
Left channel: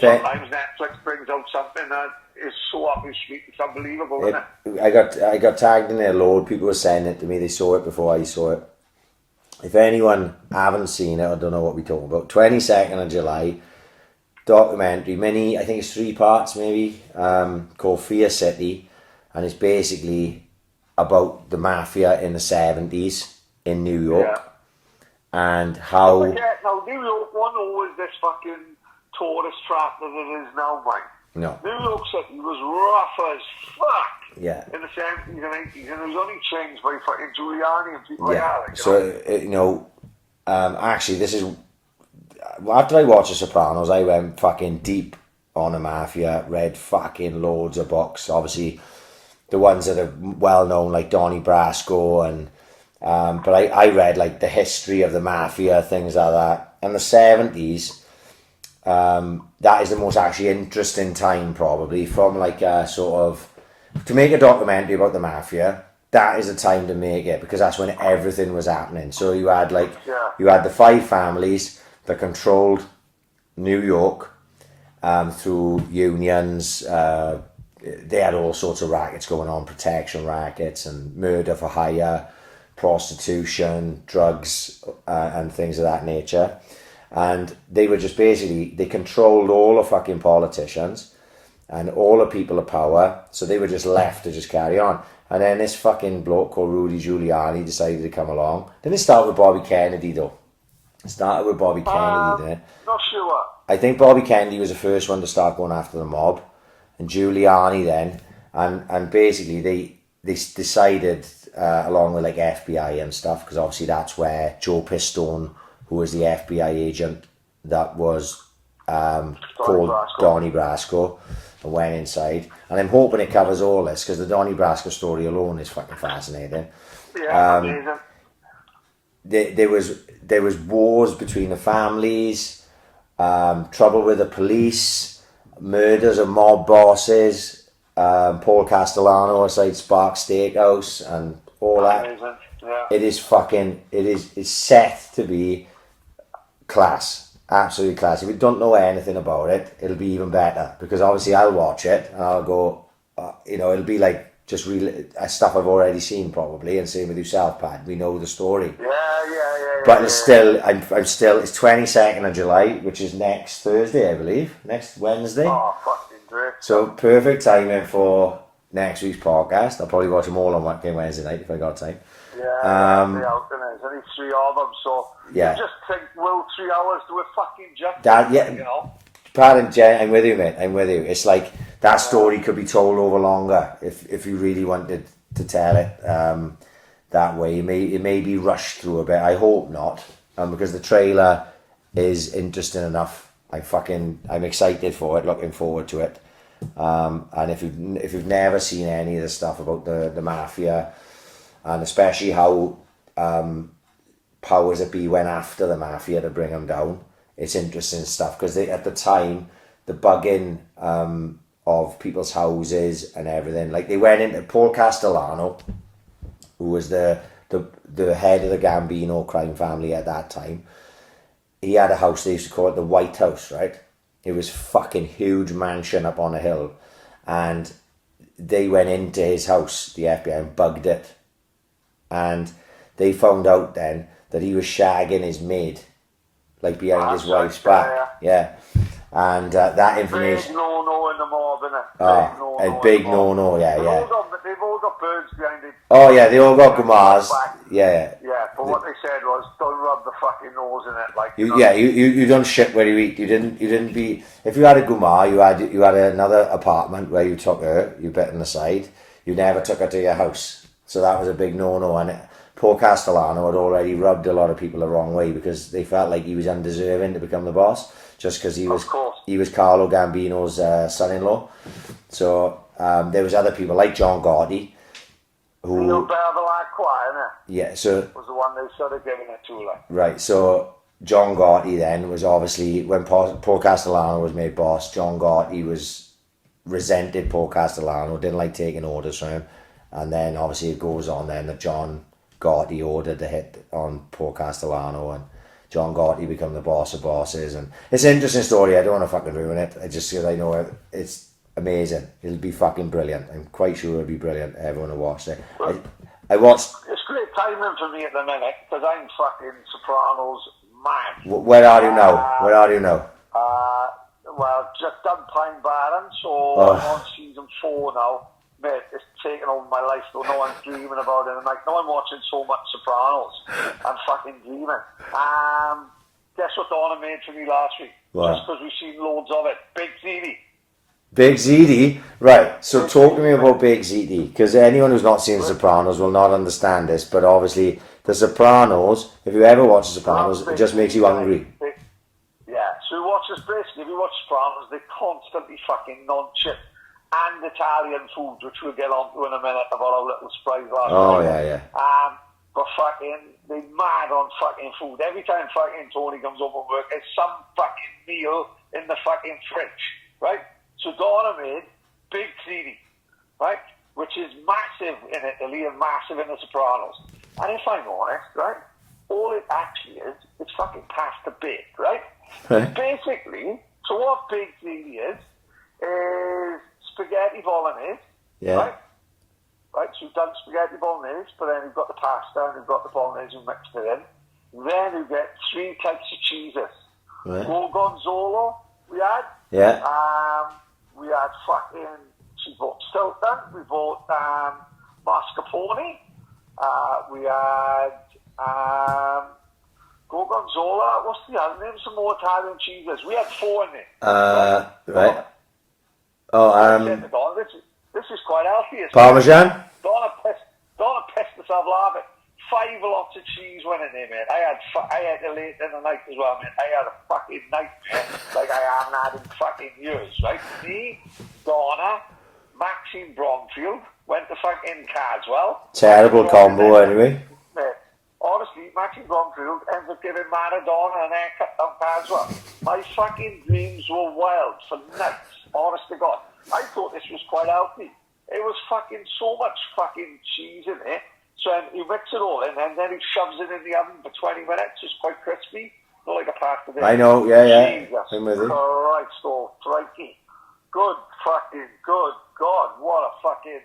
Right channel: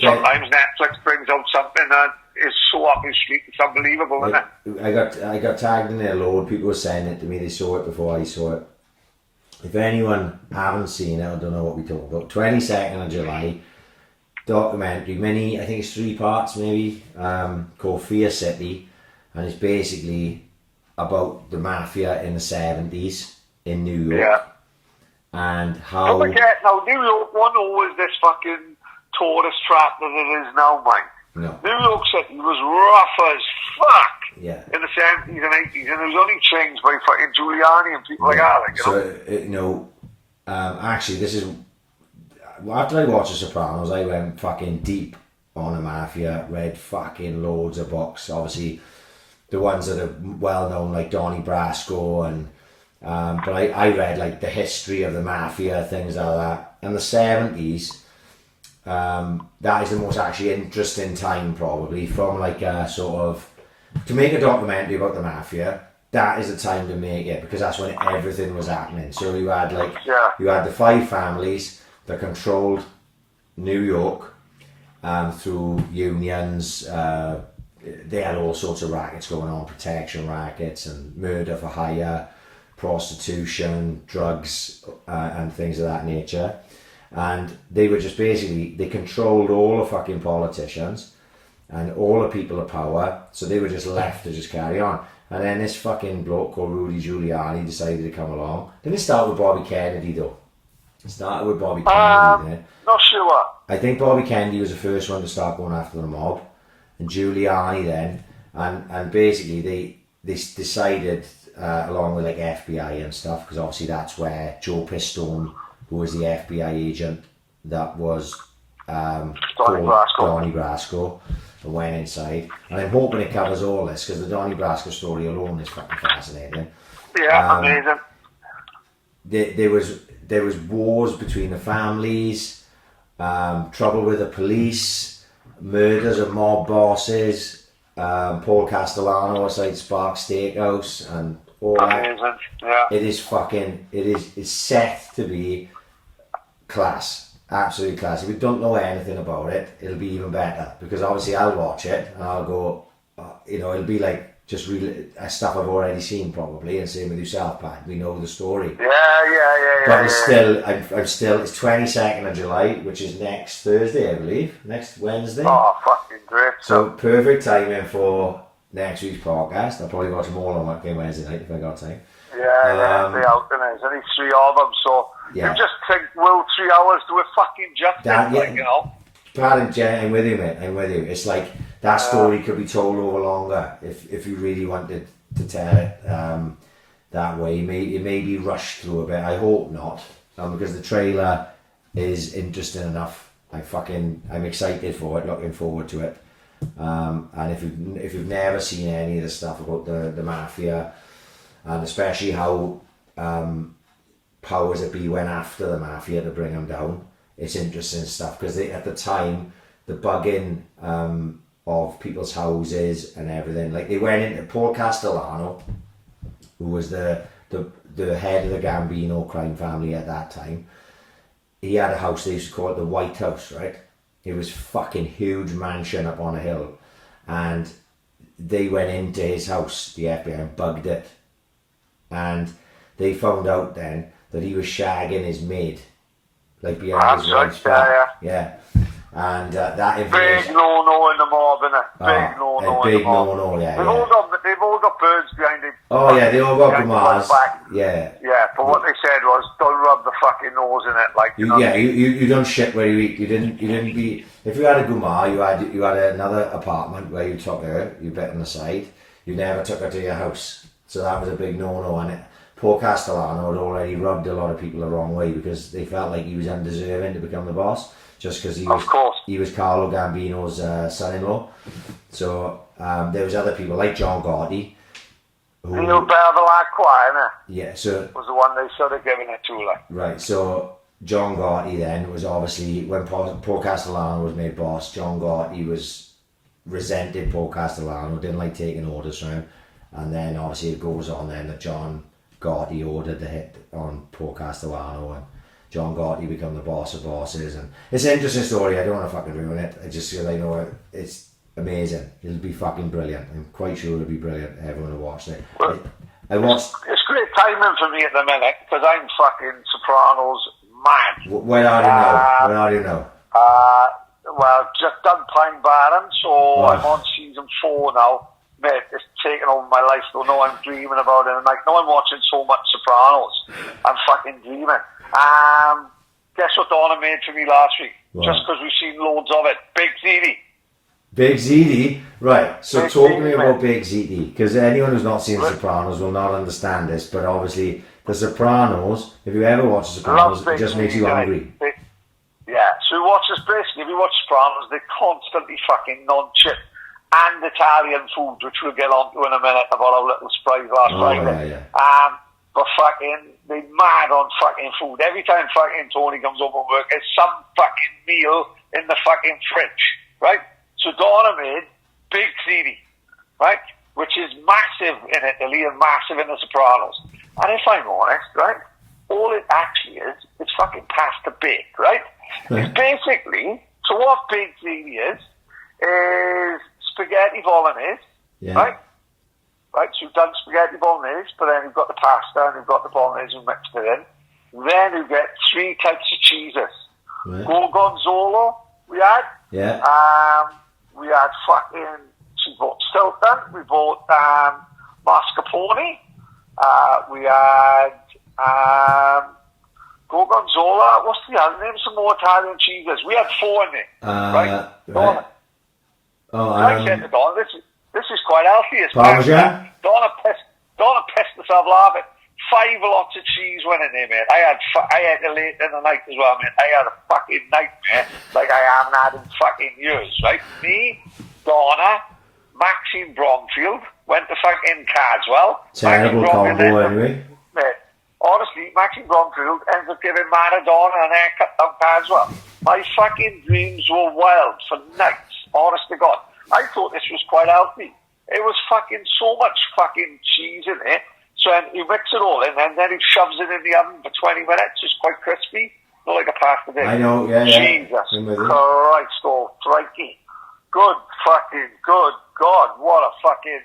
sometimes Netflix brings out something that is so up your street. It's unbelievable, isn't it? I got tagged in it a load. People were saying it to me. They saw it before I saw it. If anyone haven't seen it, I don't know what we're talking about. 22nd of July, documentary, mini. I think it's 3 parts maybe. Called Fear City, and it's basically about the mafia in the 70s in New York. Yeah. And how... Don't forget, now, New York wasn't always this fucking tourist trap that it is now, mate. No. New York City was rough as fuck. Yeah. In the 70s and 80s, and it was only changed by fucking Giuliani and people like that. Like, you know? Actually, this is after I watched The Sopranos, I went fucking deep on the mafia, read fucking loads of books. Obviously, the ones that are well known, like Donnie Brasco, and but I read like the history of the mafia, things like that. In the 70s, that is the most actually interesting time, probably, from like a sort of to make a documentary about the mafia. That is the time to make it, because that's when everything was happening. So you had you had the 5 families that controlled New York through unions. They had all sorts of rackets going on, protection rackets and murder for hire, prostitution, drugs, and things of that nature. And they were just basically, they controlled all the fucking politicians and all the people of power, so they were just left to just carry on. And then this fucking bloke called Rudy Giuliani decided to come along. Didn't it start with Bobby Kennedy though? It started with Bobby Kennedy then. Not sure. I think Bobby Kennedy was the first one to start going after the mob. And Giuliani then. And basically they decided, along with like FBI and stuff, because obviously that's where Joe Pistone, who was the FBI agent that was called Donnie Brasco, went inside. And I'm hoping it covers all this, because the Donnie Brasco story alone is fucking fascinating. Yeah, amazing. There was wars between the families, trouble with the police, murders of mob bosses, Paul Castellano outside Spark Steakhouse and all that. Amazing. Yeah. It's set to be class, absolutely class. If you don't know anything about it, it'll be even better, because obviously I'll watch it and I'll go, it'll be like just really stuff I've already seen probably, and same with yourself, Pat. We know the story. Yeah. But it's still, I'm still. It's 22nd of July, which is next Thursday, I believe. Next Wednesday. Oh, fucking great. So perfect timing for next week's podcast. I'll probably watch them all on Wednesday night if I got time. Yeah, they're out there. There's only 3 of them, so you just think, will 3 hours do a fucking jump? Pat and Jen, I'm with you, mate. I'm with you. It's like that story could be told over longer if you really wanted to tell it that way. It may be rushed through a bit. I hope not, because the trailer is interesting enough. I'm excited for it, looking forward to it. And if you've never seen any of the stuff about the mafia, and especially how powers that be went after the mafia to bring them down, it's interesting stuff, because at the time the bugging of people's houses and everything, like they went into Paul Castellano, who was the head of the Gambino crime family at that time. He had a house, they used to call it the White House, right? It was fucking huge mansion up on a hill, and they went into his house, the FBI, and bugged it, and they found out then that he was shagging his maid, like behind his wife's back. Yeah. And that information. Big no-no in the mob, innit? Big no-no, yeah. They've all got birds behind it. Oh yeah, they all got Gumars. Yeah. Yeah, but what they said was, don't rub the fucking nose in it, like. You done shit where you eat. You didn't be. If you had a Gumar, you had another apartment where you took her. You bet on the side. You never took her to your house. So that was a big no-no, and Paul Castellano had already rubbed a lot of people the wrong way, because they felt like he was undeserving to become the boss, just because he was Carlo Gambino's son-in-law. So there was other people like John Gotti, who you know, Beverly Choir, yeah, so was the one they should have given it to, like. Right, so John Gotti then was obviously, when Paul Castellano was made boss, John Gotti resented Paul Castellano, didn't like taking orders from him, and then obviously it goes on then that John Gotti ordered the hit on Paul Castellano, and John Gotti become the boss of bosses. And it's an interesting story. I don't want to fucking ruin it. I know it's amazing. It'll be fucking brilliant. I'm quite sure it'll be brilliant. Everyone will watch it. I watched. It's great timing for me at the minute, because I'm fucking Sopranos mad. Where are you now? Well, just done Pine Barren, so I'm on season 4 now. Mate, it's taken over my life. Don't know I'm dreaming about it. I'm watching so much Sopranos. I'm fucking dreaming. Guess what Donna made for me last week? Wow. Just because we've seen loads of it. Big TV. Big ZD, right? So talk to me about Big ZD, because anyone who's not seen The Sopranos will not understand this. But obviously, The Sopranos, if you ever watch The Sopranos, it just makes you hungry. Yeah. So you watch this basically. If you watch Sopranos, they constantly fucking non-chip and Italian food, which we'll get on to in a minute about our little surprise last night. Yeah. But fucking, they mad on fucking food. Every time fucking Tony comes home from work, there's some fucking meal in the fucking fridge, right? So Donna made Big Ziti, right? Which is massive in Italy and massive in The Sopranos. And if I'm honest, right, all it actually is, it's fucking pasta baked, right? It's basically, so what Big Ziti is spaghetti bolognese, right? Right, so you've done spaghetti bolognese, but then you've got the pasta and you've got the bolognese and mixed it in. Then you get 3 types of cheeses. Gorgonzola, we had. Yeah. We had fucking, she bought Stilton, we bought mascarpone, we had Gorgonzola, what's the other name? Some more Italian cheeses. We had 4 in there. Right. I said to Donna, this is quite healthy. Parmesan? Donna pissed herself laughing. 5 lots of cheese went in there, mate. I had it late in the night as well, mate. I had a fucking nightmare like I haven't had in fucking years, right? Me, Donna, Maxine Bromfield went to fucking Cadswell. Terrible combo anyway. Mate, honestly, Maxine Bromfield ends up giving Maradona an haircut down Cadswell. My fucking dreams were wild for nights, honest to God. I thought this was quite healthy. It was fucking so much fucking cheese in it. So you mix it all in, and then he shoves it in the oven for 20 minutes. It's quite crispy, not like a pasta dish. I know, yeah. Jesus Christ, crikey. Good fucking, good God. What a fucking,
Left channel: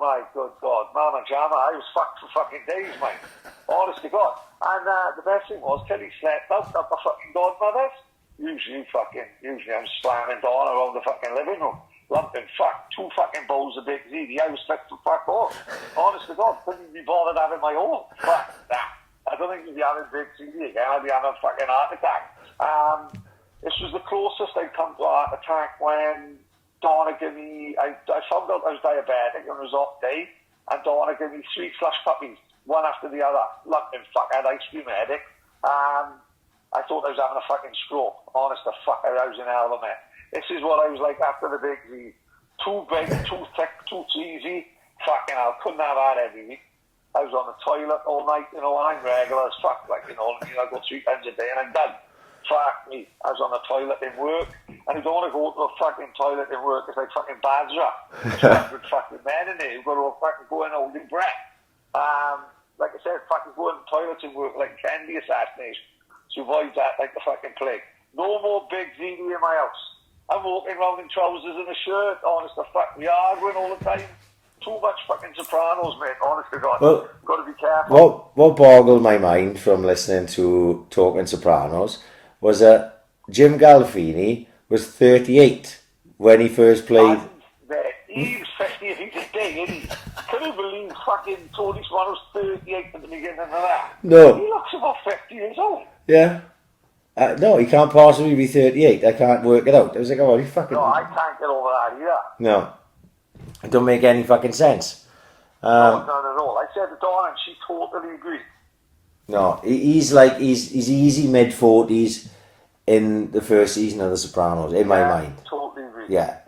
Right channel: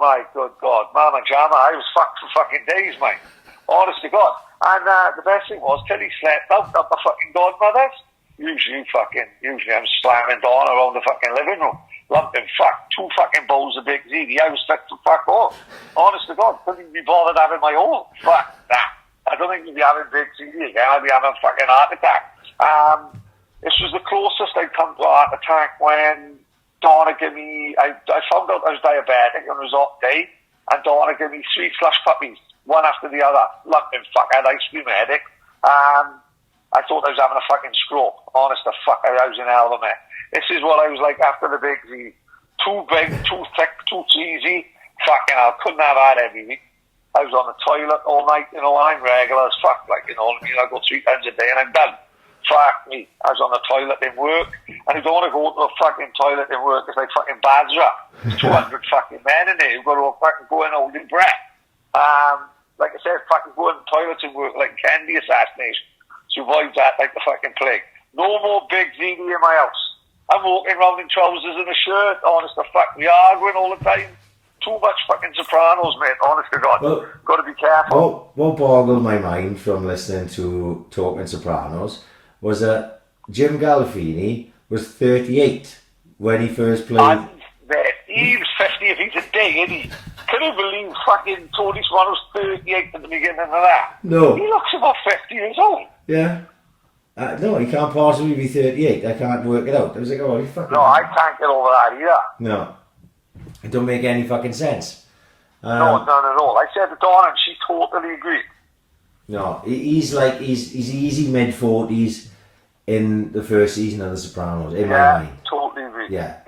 my good God. Mama Jama, I was fucked for fucking days, mate. Honest to God. And the best thing was, till he slept out at the fucking godmother's. Usually I'm slamming Dawn around the fucking living room. Lumping 2 fucking bowls of Big ZD. I was fit to fuck off. Honest to God, couldn't even be bothered having my own. Fuck that. I don't think you'd be having Big ZD again. I'd be having a fucking heart attack. This was the closest I'd come to a heart attack when Donna gave me, I found out I was diabetic on a resort day, and Donna gave me 3 flush puppies, one after the other. Lumping I had ice cream headache. I thought I was having a fucking stroke. Honest to fuck, I was in hell of a mess. This is what I was like after the Big Z. Too big, too thick, too cheesy. Fucking hell, couldn't have had everything. I was on the toilet all night, you know, I'm regular as fuck, like, you know, I mean, I go 3 times a day and I'm done. Fuck me. I was on the toilet in work, and you don't want to go to the fucking toilet in work, it's like fucking Basra. 200 fucking men in there, you've got to fucking go in holding breath. Like I said, fucking go in the toilets in work like Kennedy assassination. So avoid that like the fucking plague. No more Big ZD in my house. I'm walking around in trousers and a shirt, honest to fuck. We arguing all the time. Too much fucking Sopranos, mate, honest to God. Well, got to be careful. What boggled my mind from listening to Talking Sopranos was that Jim Gandolfini was 38 when he first played. He's 50 if he's a day, isn't he? Can you believe fucking Tony Soprano's 38 at the beginning of that? No. He looks about 50 years old. Yeah. No, he can't possibly be 38. I can't work it out. I was like, oh, he fucking... No, I can't get over that either. No. It don't make any fucking sense. No, none at all. I said to Dawn and she totally agreed. No, he's easy mid-40s in the first season of The Sopranos, in my mind. Totally agreed. Yeah.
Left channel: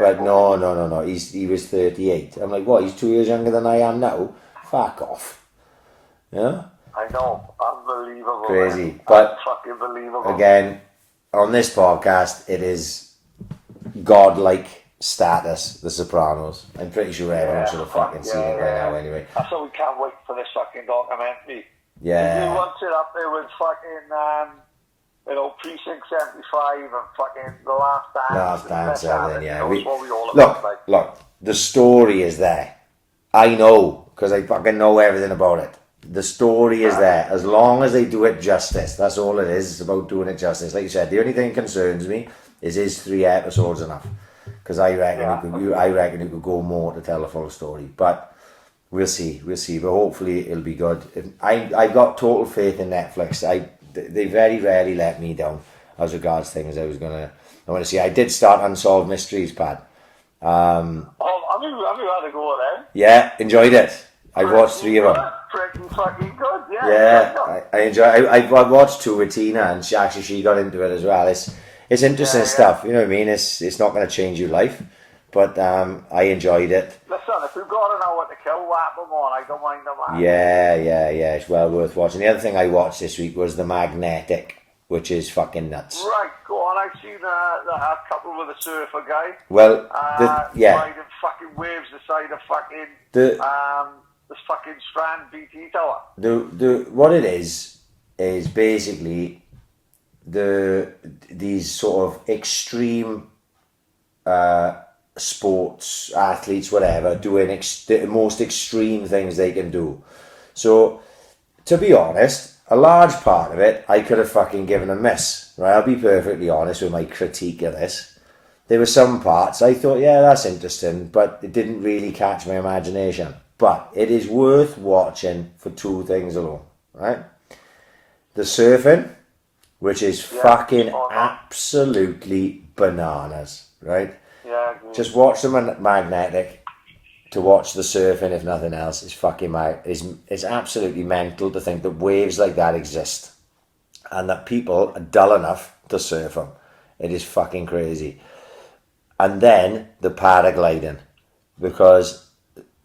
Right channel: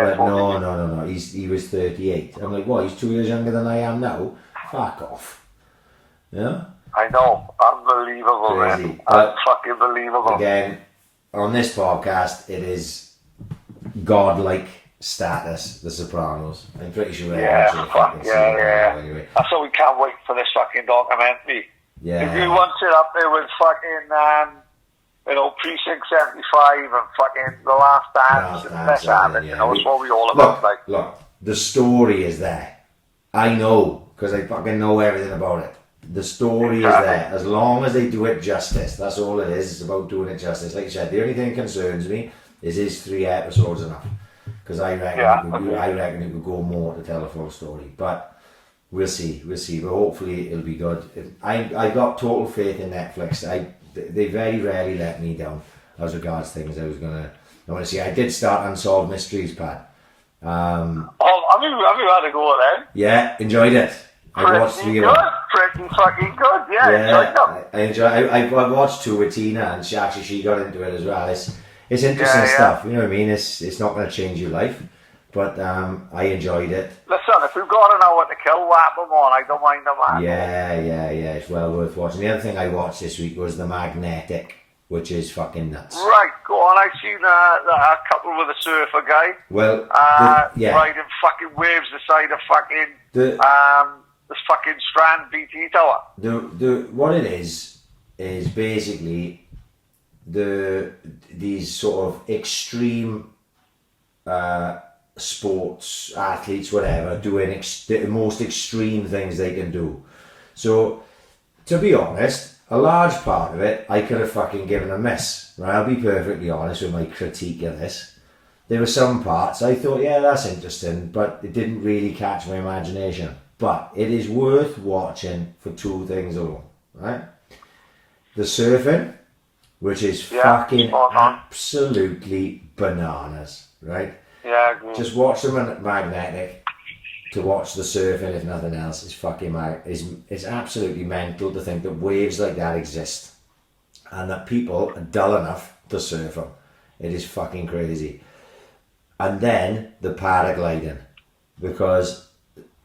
But totally no. He was 38. I'm like, what, he's 2 years younger than I am now? Fuck off. Yeah? I know. Unbelievable. Crazy. Man. But fucking believable. Again, on this podcast, it is godlike status, The Sopranos. I'm pretty sure everyone should have fucking seen it now anyway. That's why we can't wait for this fucking documentary. Yeah. If you want it up there with fucking, Precinct 75 and fucking The Last Dance. That's what we all about. Look, the story is there. I know, because I fucking know everything about it. The story is there. As long as they do it justice, that's all it is. It's about doing it justice. Like you said, the only thing that concerns me is 3 episodes enough? Because I reckon you could go more to tell a full story. But we'll see. But hopefully it'll be good. I got total faith in Netflix. They very rarely let me down as regards things I was gonna I want to see. I did start Unsolved Mysteries, Pad. Have you had a go then? Yeah, enjoyed it. I've watched 3 of them. Pretty fucking good, yeah. Yeah, I enjoy. I watched 2 with Tina, and she got into it as well. It's interesting stuff. You know what I mean? It's not going to change your life, but I enjoyed it. Listen, if you've got an hour to kill, whap them on. I don't mind them, man. Yeah. It's well worth watching. The other thing I watched this week was The Magnetic, which is fucking nuts. Right, go on. I've seen a couple with a surfer guy. Well, riding fucking waves beside a fucking this fucking Strand BT tower. What it is basically these sort of extreme sports athletes, whatever, doing the most extreme things they can do. So, to be honest, a large part of it I could have fucking given a miss. Right, I'll be perfectly honest with my critique of this. There were some parts I thought, yeah, that's interesting, but it didn't really catch my imagination. But it is worth watching for 2 things alone, right? The surfing, which is fucking absolutely bananas, right? Yeah. Just watch the Magnetic to watch the surfing, if nothing else. It's fucking it's absolutely mental to think that waves like that exist and that people are dull enough to surf them. It is fucking crazy. And then the paragliding, because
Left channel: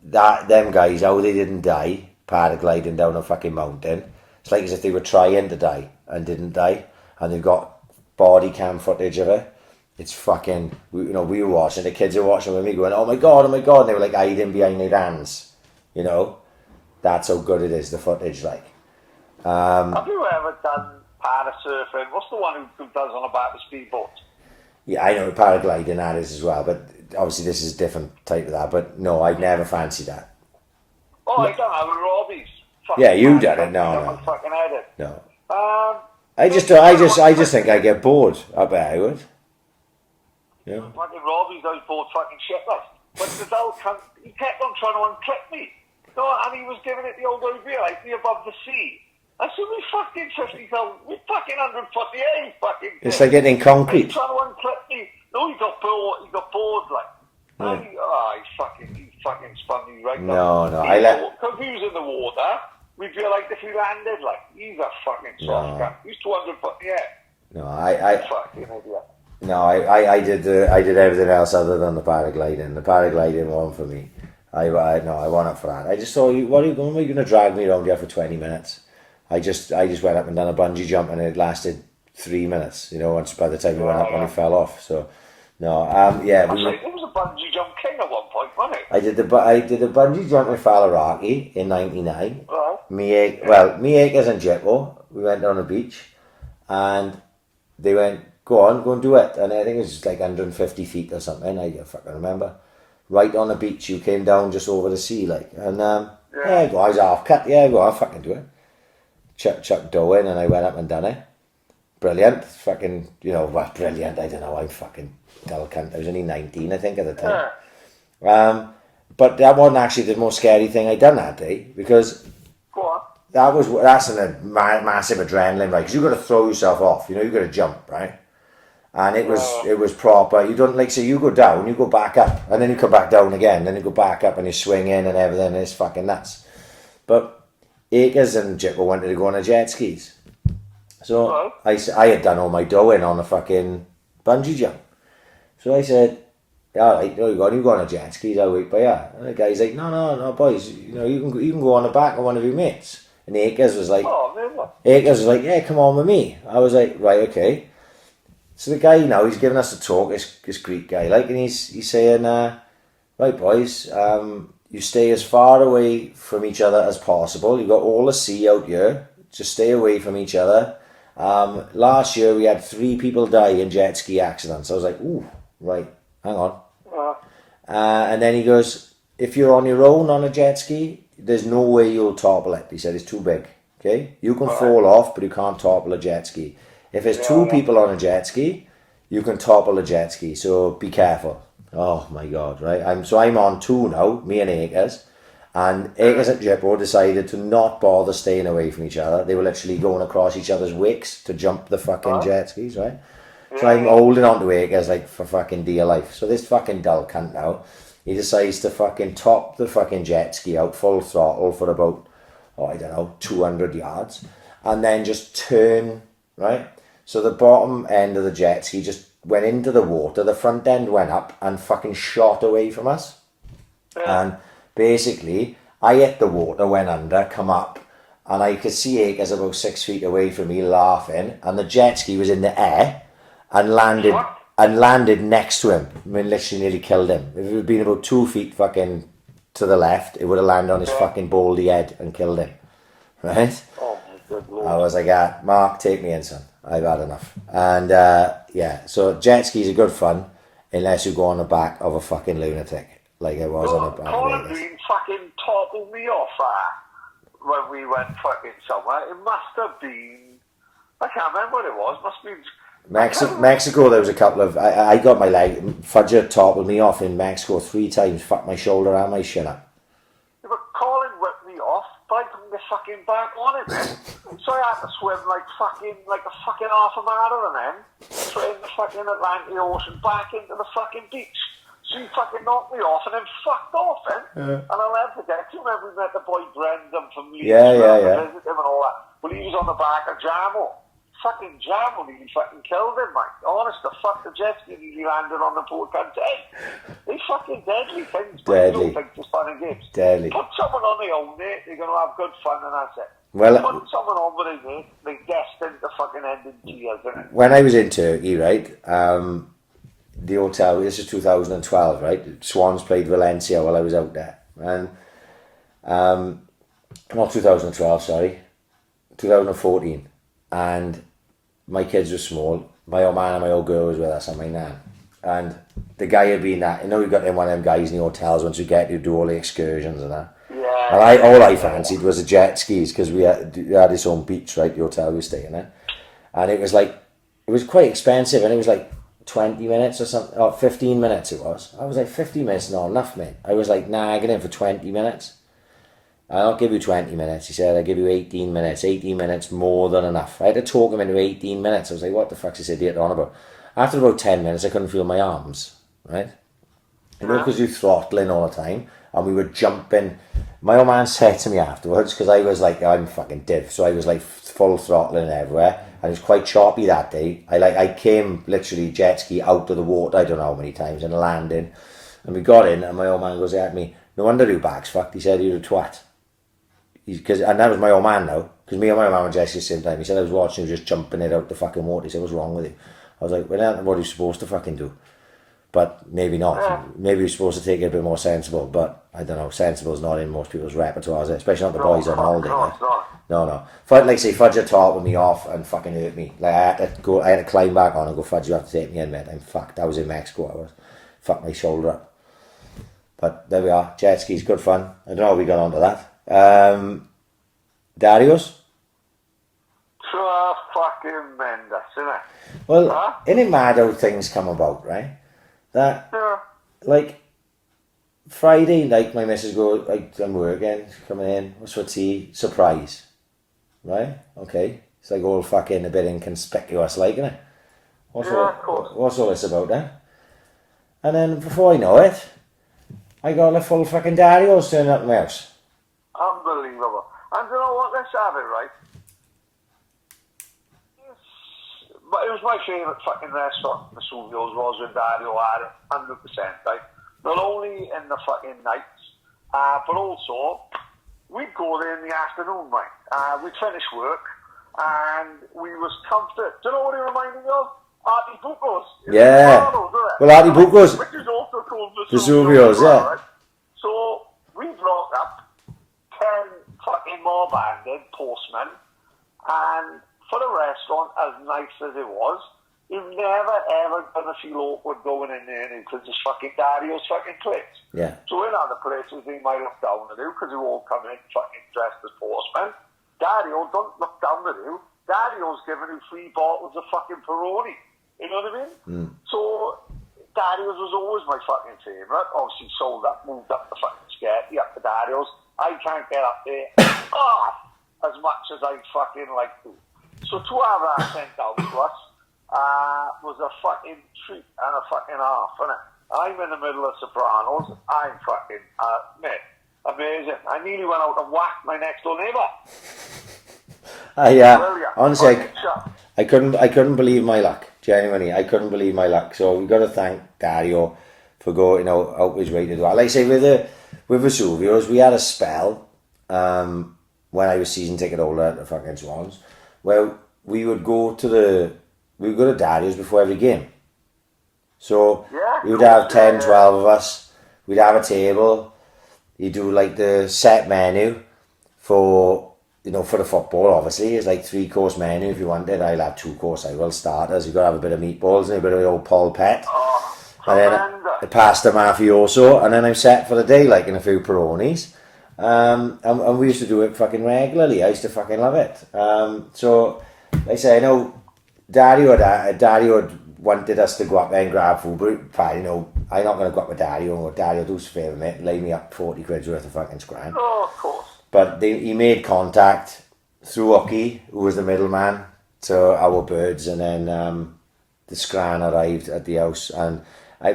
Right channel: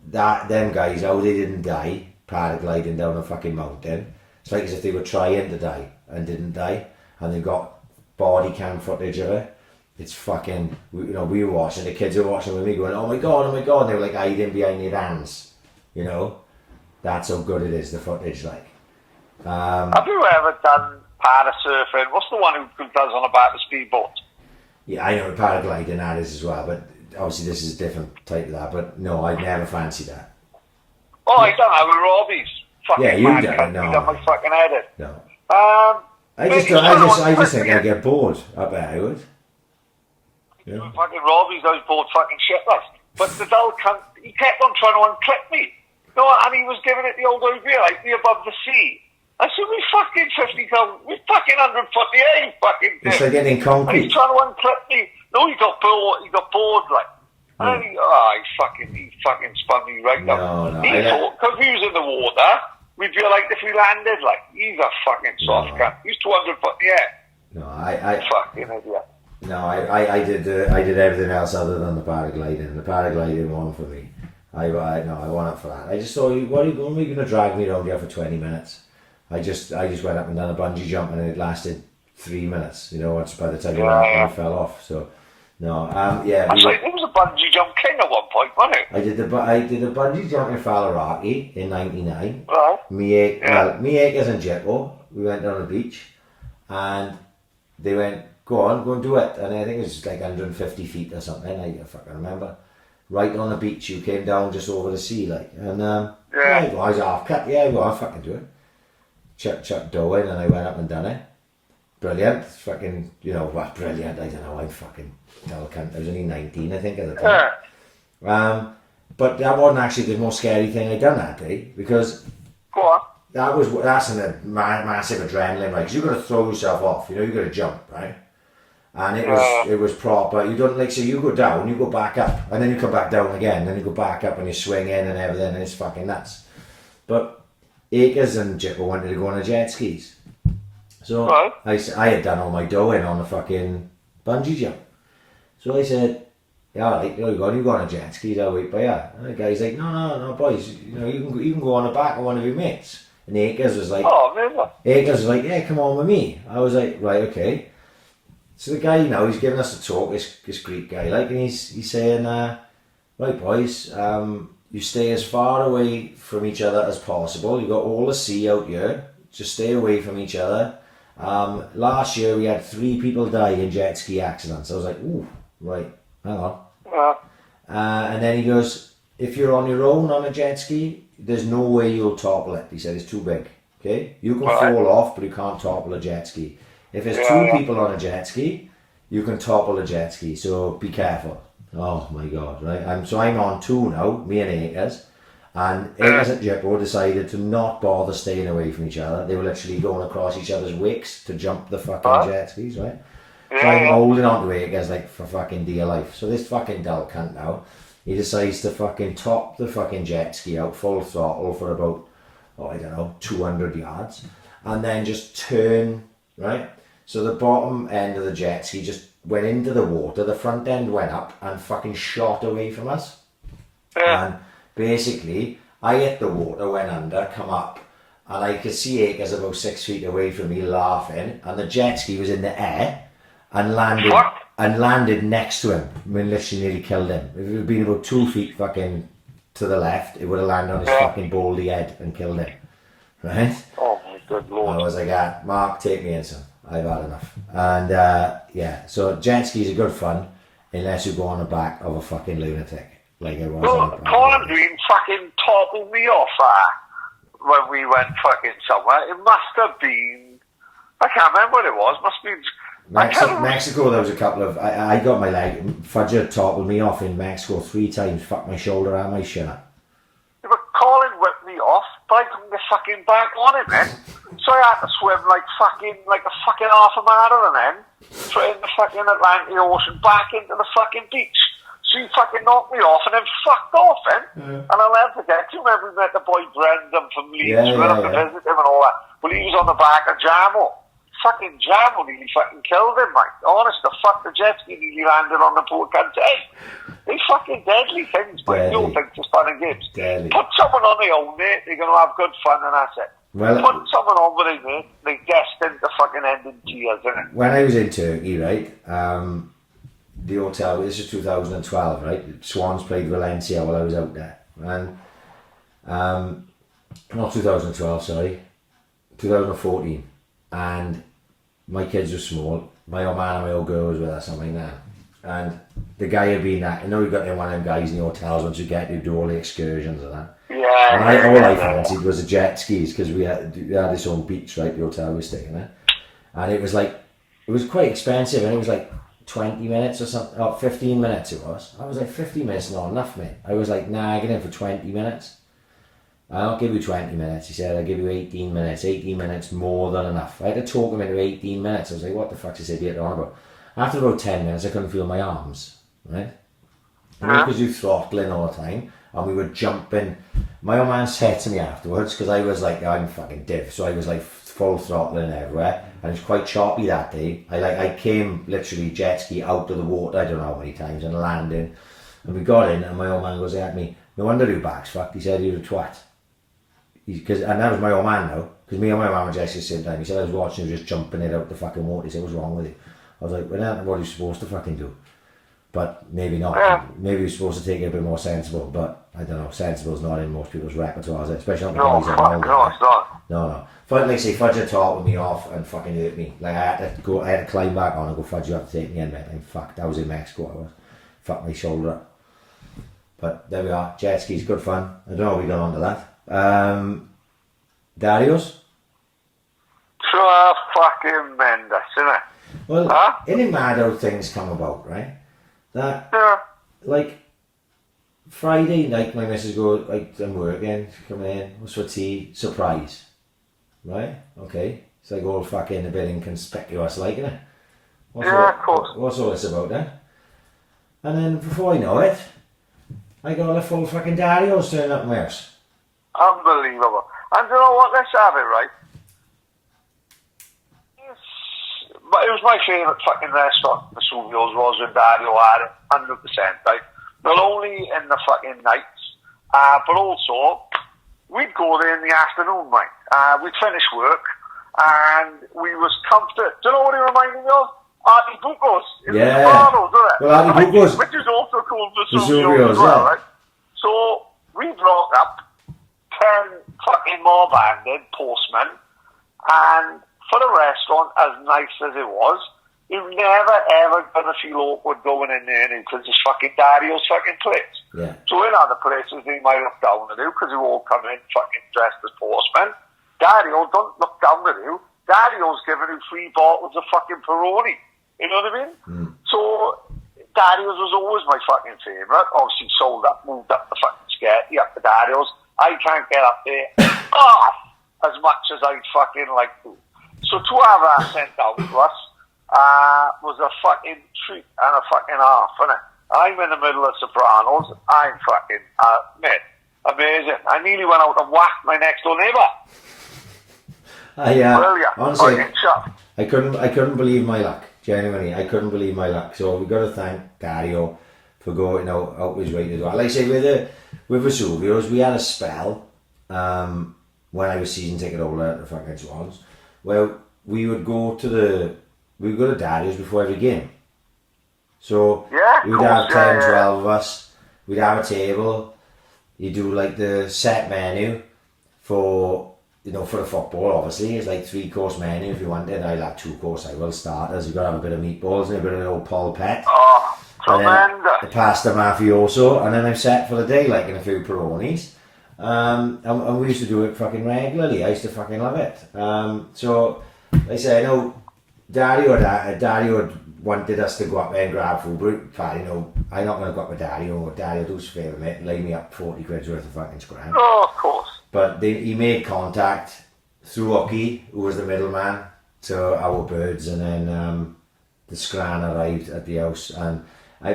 them guys, how they didn't die paragliding down a fucking mountain. It's like as if they were trying to die and didn't die, and they've got body cam footage of it. It's fucking, we were watching, the kids were watching with me going, oh my god, and they were like hiding behind their hands, that's how good it is, the footage, like. Have you ever done parasurfing? What's the one who does on about the speedboat? Yeah, I know what paragliding that is as well, but obviously this is a different type of that, but no, I'd never fancied that. Oh, I don't have a Robbie's. Yeah, you've done it, no. My fucking head in. No. I just think I'd get bored. I bet I would. Yeah. Fucking Robbie's, I was bored fucking shitless. But the dull cunt, he kept on trying to unclip me. And he was giving it the old idea, like me above the sea. I said, we fucking 50,000, we fucking 100 foot the air, fucking it's like getting concrete. He's trying to unclip me. No, he got bored, like. Yeah. And he fucking spun me right up. No, because he was in the water, we'd be like, if we landed, like, he's a fucking soft cunt. He's 200 foot in the air. No, I fucking idiot. No, I did everything else other than the paragliding. The paragliding one for me. I want it for that. I just thought, what are you going to drag me around here for 20 minutes? I just went up and done a bungee jump and it lasted 3 minutes. Once by the time you went up and it fell off. So no, yeah. I was like, it was a bungee jump king at one point, wasn't it? I did a bungee jump in Faliraki in '99. Right. Me Akers and Jippo, we went down the beach, and they went, go and do it. And I think it was like 150 feet or something. I fucking remember. Right on the beach, you came down just over the sea, like, and I was half cut. Yeah, well, I'll fucking do it. Chuck dough in, and I went up and done it. Brilliant, fucking, brilliant. I don't know, I'm fucking dull cunt. I was only 19, I think, at the time. But that wasn't actually the most scary thing I'd done that day, because that's a massive adrenaline, right? Because you got to throw yourself off, you got to jump, right? And it was proper. You don't so you go down, you go back up, and then you come back down again, then you go back up and you swing in and everything, and it's fucking nuts. But Akers and Jippo wanted to go on a jet skis. So I had done all my dough in on a fucking bungee jump. So I said, yeah, right, you go on a jet skis, I'll wait by you. And the guy's like, no, boys, you can go on the back of one of your mates. And Akers was like, yeah, come on with me. I was like, right, okay. So the guy now, he's giving us a talk, this Greek guy, like, and he's saying, right, boys, you stay as far away from each other as possible. You've got all the sea out here. Just stay away from each other. Last year we had 3 people die in jet ski accidents. I was like, ooh, right, hang on. And then he goes, if you're on your own on a jet ski, there's no way you'll topple it. He said, it's too big, okay? You can fall off, but you can't topple a jet ski. If there's 2 people on a jet ski, you can topple a jet ski, so be careful. Oh my God, right? I'm on 2 now, me and Akers. And Akers and Jippo decided to not bother staying away from each other. They were literally going across each other's wicks to jump the fucking jet skis, right? So I'm holding on to Akers like for fucking dear life. So this fucking dull cunt now, he decides to fucking top the fucking jet ski out full throttle for about, 200 yards. And then just turn, right? So the bottom end of the jet ski just went into the water. The front end went up and fucking shot away from us. And basically, I hit the water, went under, come up, and I could see Akers about 6 feet away from me laughing, and the jet ski was in the air and landed next to him. I mean, literally nearly killed him. If it had been about 2 feet fucking to the left, it would have landed on his fucking baldy head and killed him. Right? Oh my good lord. I was like, Mark, take me in, son. I've had enough. And so jet skis are good fun unless you go on the back of a fucking lunatic. Like I was on the back. Colin Green fucking toppled me off when we went fucking somewhere. It must have been, I can't remember what it was. Must have been Mexico. There was a couple of I got my leg. Fudger toppled me off in Mexico 3 times. Fucked my shoulder and my shin up. Yeah, but Colin whipped me off, but I couldn't get fucking back on it, man. So I had to swim like a fucking half a mile and then straight in the fucking Atlantic Ocean back into the fucking beach. So he fucking knocked me off and then fucked off then. And I'll never forget. Do you remember we met the boy Brendan from Leeds? Yeah. Visit him and all that. Well, he was on the back of Jamo. Fucking Jamo nearly fucking killed him, mate. Honest, the fuck, the jet ski nearly landed on the poor cunt's head. They fucking deadly things, but you don't think it's fun and games. Deadly. Put someone on their own, mate. They're going to have good fun and that's it. Well, put someone on with it, mate. They're destined to fucking end in tears, isn't it? When I was in Turkey, right, the hotel, this is 2012, right? Swans played Valencia while I was out there. And, not 2012, sorry, 2014. And my kids were small. My old man and my old girl was with us and my nan. And the guy had been that, we've got one of them guys in the hotels once you get to do all the excursions and that. Yeah. And all I fancied was the jet skis because we had this own beach, right? The hotel we were staying in. And it was quite expensive and it was like 20 minutes or something, or 15 minutes it was. I was like, 15 minutes not enough, mate. I was like, nah, I get in for 20 minutes. I'll give you 20 minutes. He said, I'll give you 18 minutes. 18 minutes more than enough. I had to talk him into 18 minutes. I was like, what the fuck's this idiot on about? After about 10 minutes, I couldn't feel my arms, right? Because you're throttling all the time, and we were jumping. My old man said to me afterwards, because I was like, I'm fucking div, so I was like full throttling everywhere, and it was quite choppy that day. I came literally jet ski out of the water, I don't know how many times, and landed, and we got in, and my old man goes at me, no wonder your back's fucked. He said, you're a twat. And that was my old man now, because me and my mum were just at the same time. He said I was watching him just jumping it out the fucking water. He said, what's wrong with you? I was like, well, that's what he's supposed to fucking do. But maybe not. Yeah. Maybe he's supposed to take it a bit more sensible, but I don't know, sensible's not in most people's repertoire, especially not the boys that hold it. No, it's not. No. Like I say, Fudger toppled me off and fucking hurt me. Like I had to climb back on and go, Fudge, you have to take me in, mate. I'm fucked. I was in Mexico, fucked my shoulder up. But there we are, jet skis, good fun. I don't know how we got onto that. Dario's? Fucking tremendous, isn't it? Well, isn't it mad how things come about, right? That, like, Friday night, my missus goes, I'm working, coming in, what's for tea? Surprise. Right? Okay. It's like all fucking a bit inconspicuous, like, isn't it? Of course. What's all this about then? And then, before I know it, I got a full fucking Dario's turning up in my house. Unbelievable. And you know what? Let's have it, right? But it was my favourite fucking restaurant, the Suvios was with Dario had it, 100%, right? Not only in the fucking nights, but also, we'd go there in the afternoon, mate. We'd finish work, and we was comforted. Do you know what it reminded me of? Artie Bucos. Yeah. Well, Artie Bucos. Which is also called the Suvios, yeah. Right? So, we brought up 10 fucking mob-handed postmen, and for the restaurant, as nice as it was, you're never ever gonna feel awkward going in there because it's fucking Dario's fucking place. Yeah. So in other places they might look down at you because you all come in fucking dressed as postmen. Dario don't look down at you. Dario's giving you 3 bottles of fucking Peroni. You know what I mean? So Dario's was always my fucking favourite. Obviously sold up, moved up the fucking sketty up to Dario's. I can't get up there as much as I'd fucking like to. So to have that sent out to us, was a fucking treat and a fucking half, innit? I'm in the middle of Sopranos. I'm fucking, mate, amazing. I nearly went out and whacked my next door neighbour. Honestly, I couldn't believe my luck. Genuinely, I couldn't believe my luck. So we've got to thank Dario for going, out his way to do that. Like I say, with Vesuvios, we had a spell when I was season ticket holder at the fucking Swans. Well, we would go to Dario's before every game. So we would have 10, 12 of us. We'd have a table. You do like the set menu for the football. Obviously, it's like 3-course menu. If you wanted, I'll have 2-course. I will starters. You got to have a bit of meatballs and a bit of old polpette. Oh, tremendous. And then a pasta mafioso, and then I'm set for the day, like in a few Peronis. And we used to do it fucking regularly. I used to fucking love it. So, like I say, I know Dario wanted us to go up there and grab food, but Paddy, I'm not going to go up with Dario. Dario, do us a favour, mate, lay me up 40 quid's worth of fucking scran. Oh, of course. But he made contact through Ucky, who was the middleman, to our birds, and then the scran arrived at the house, and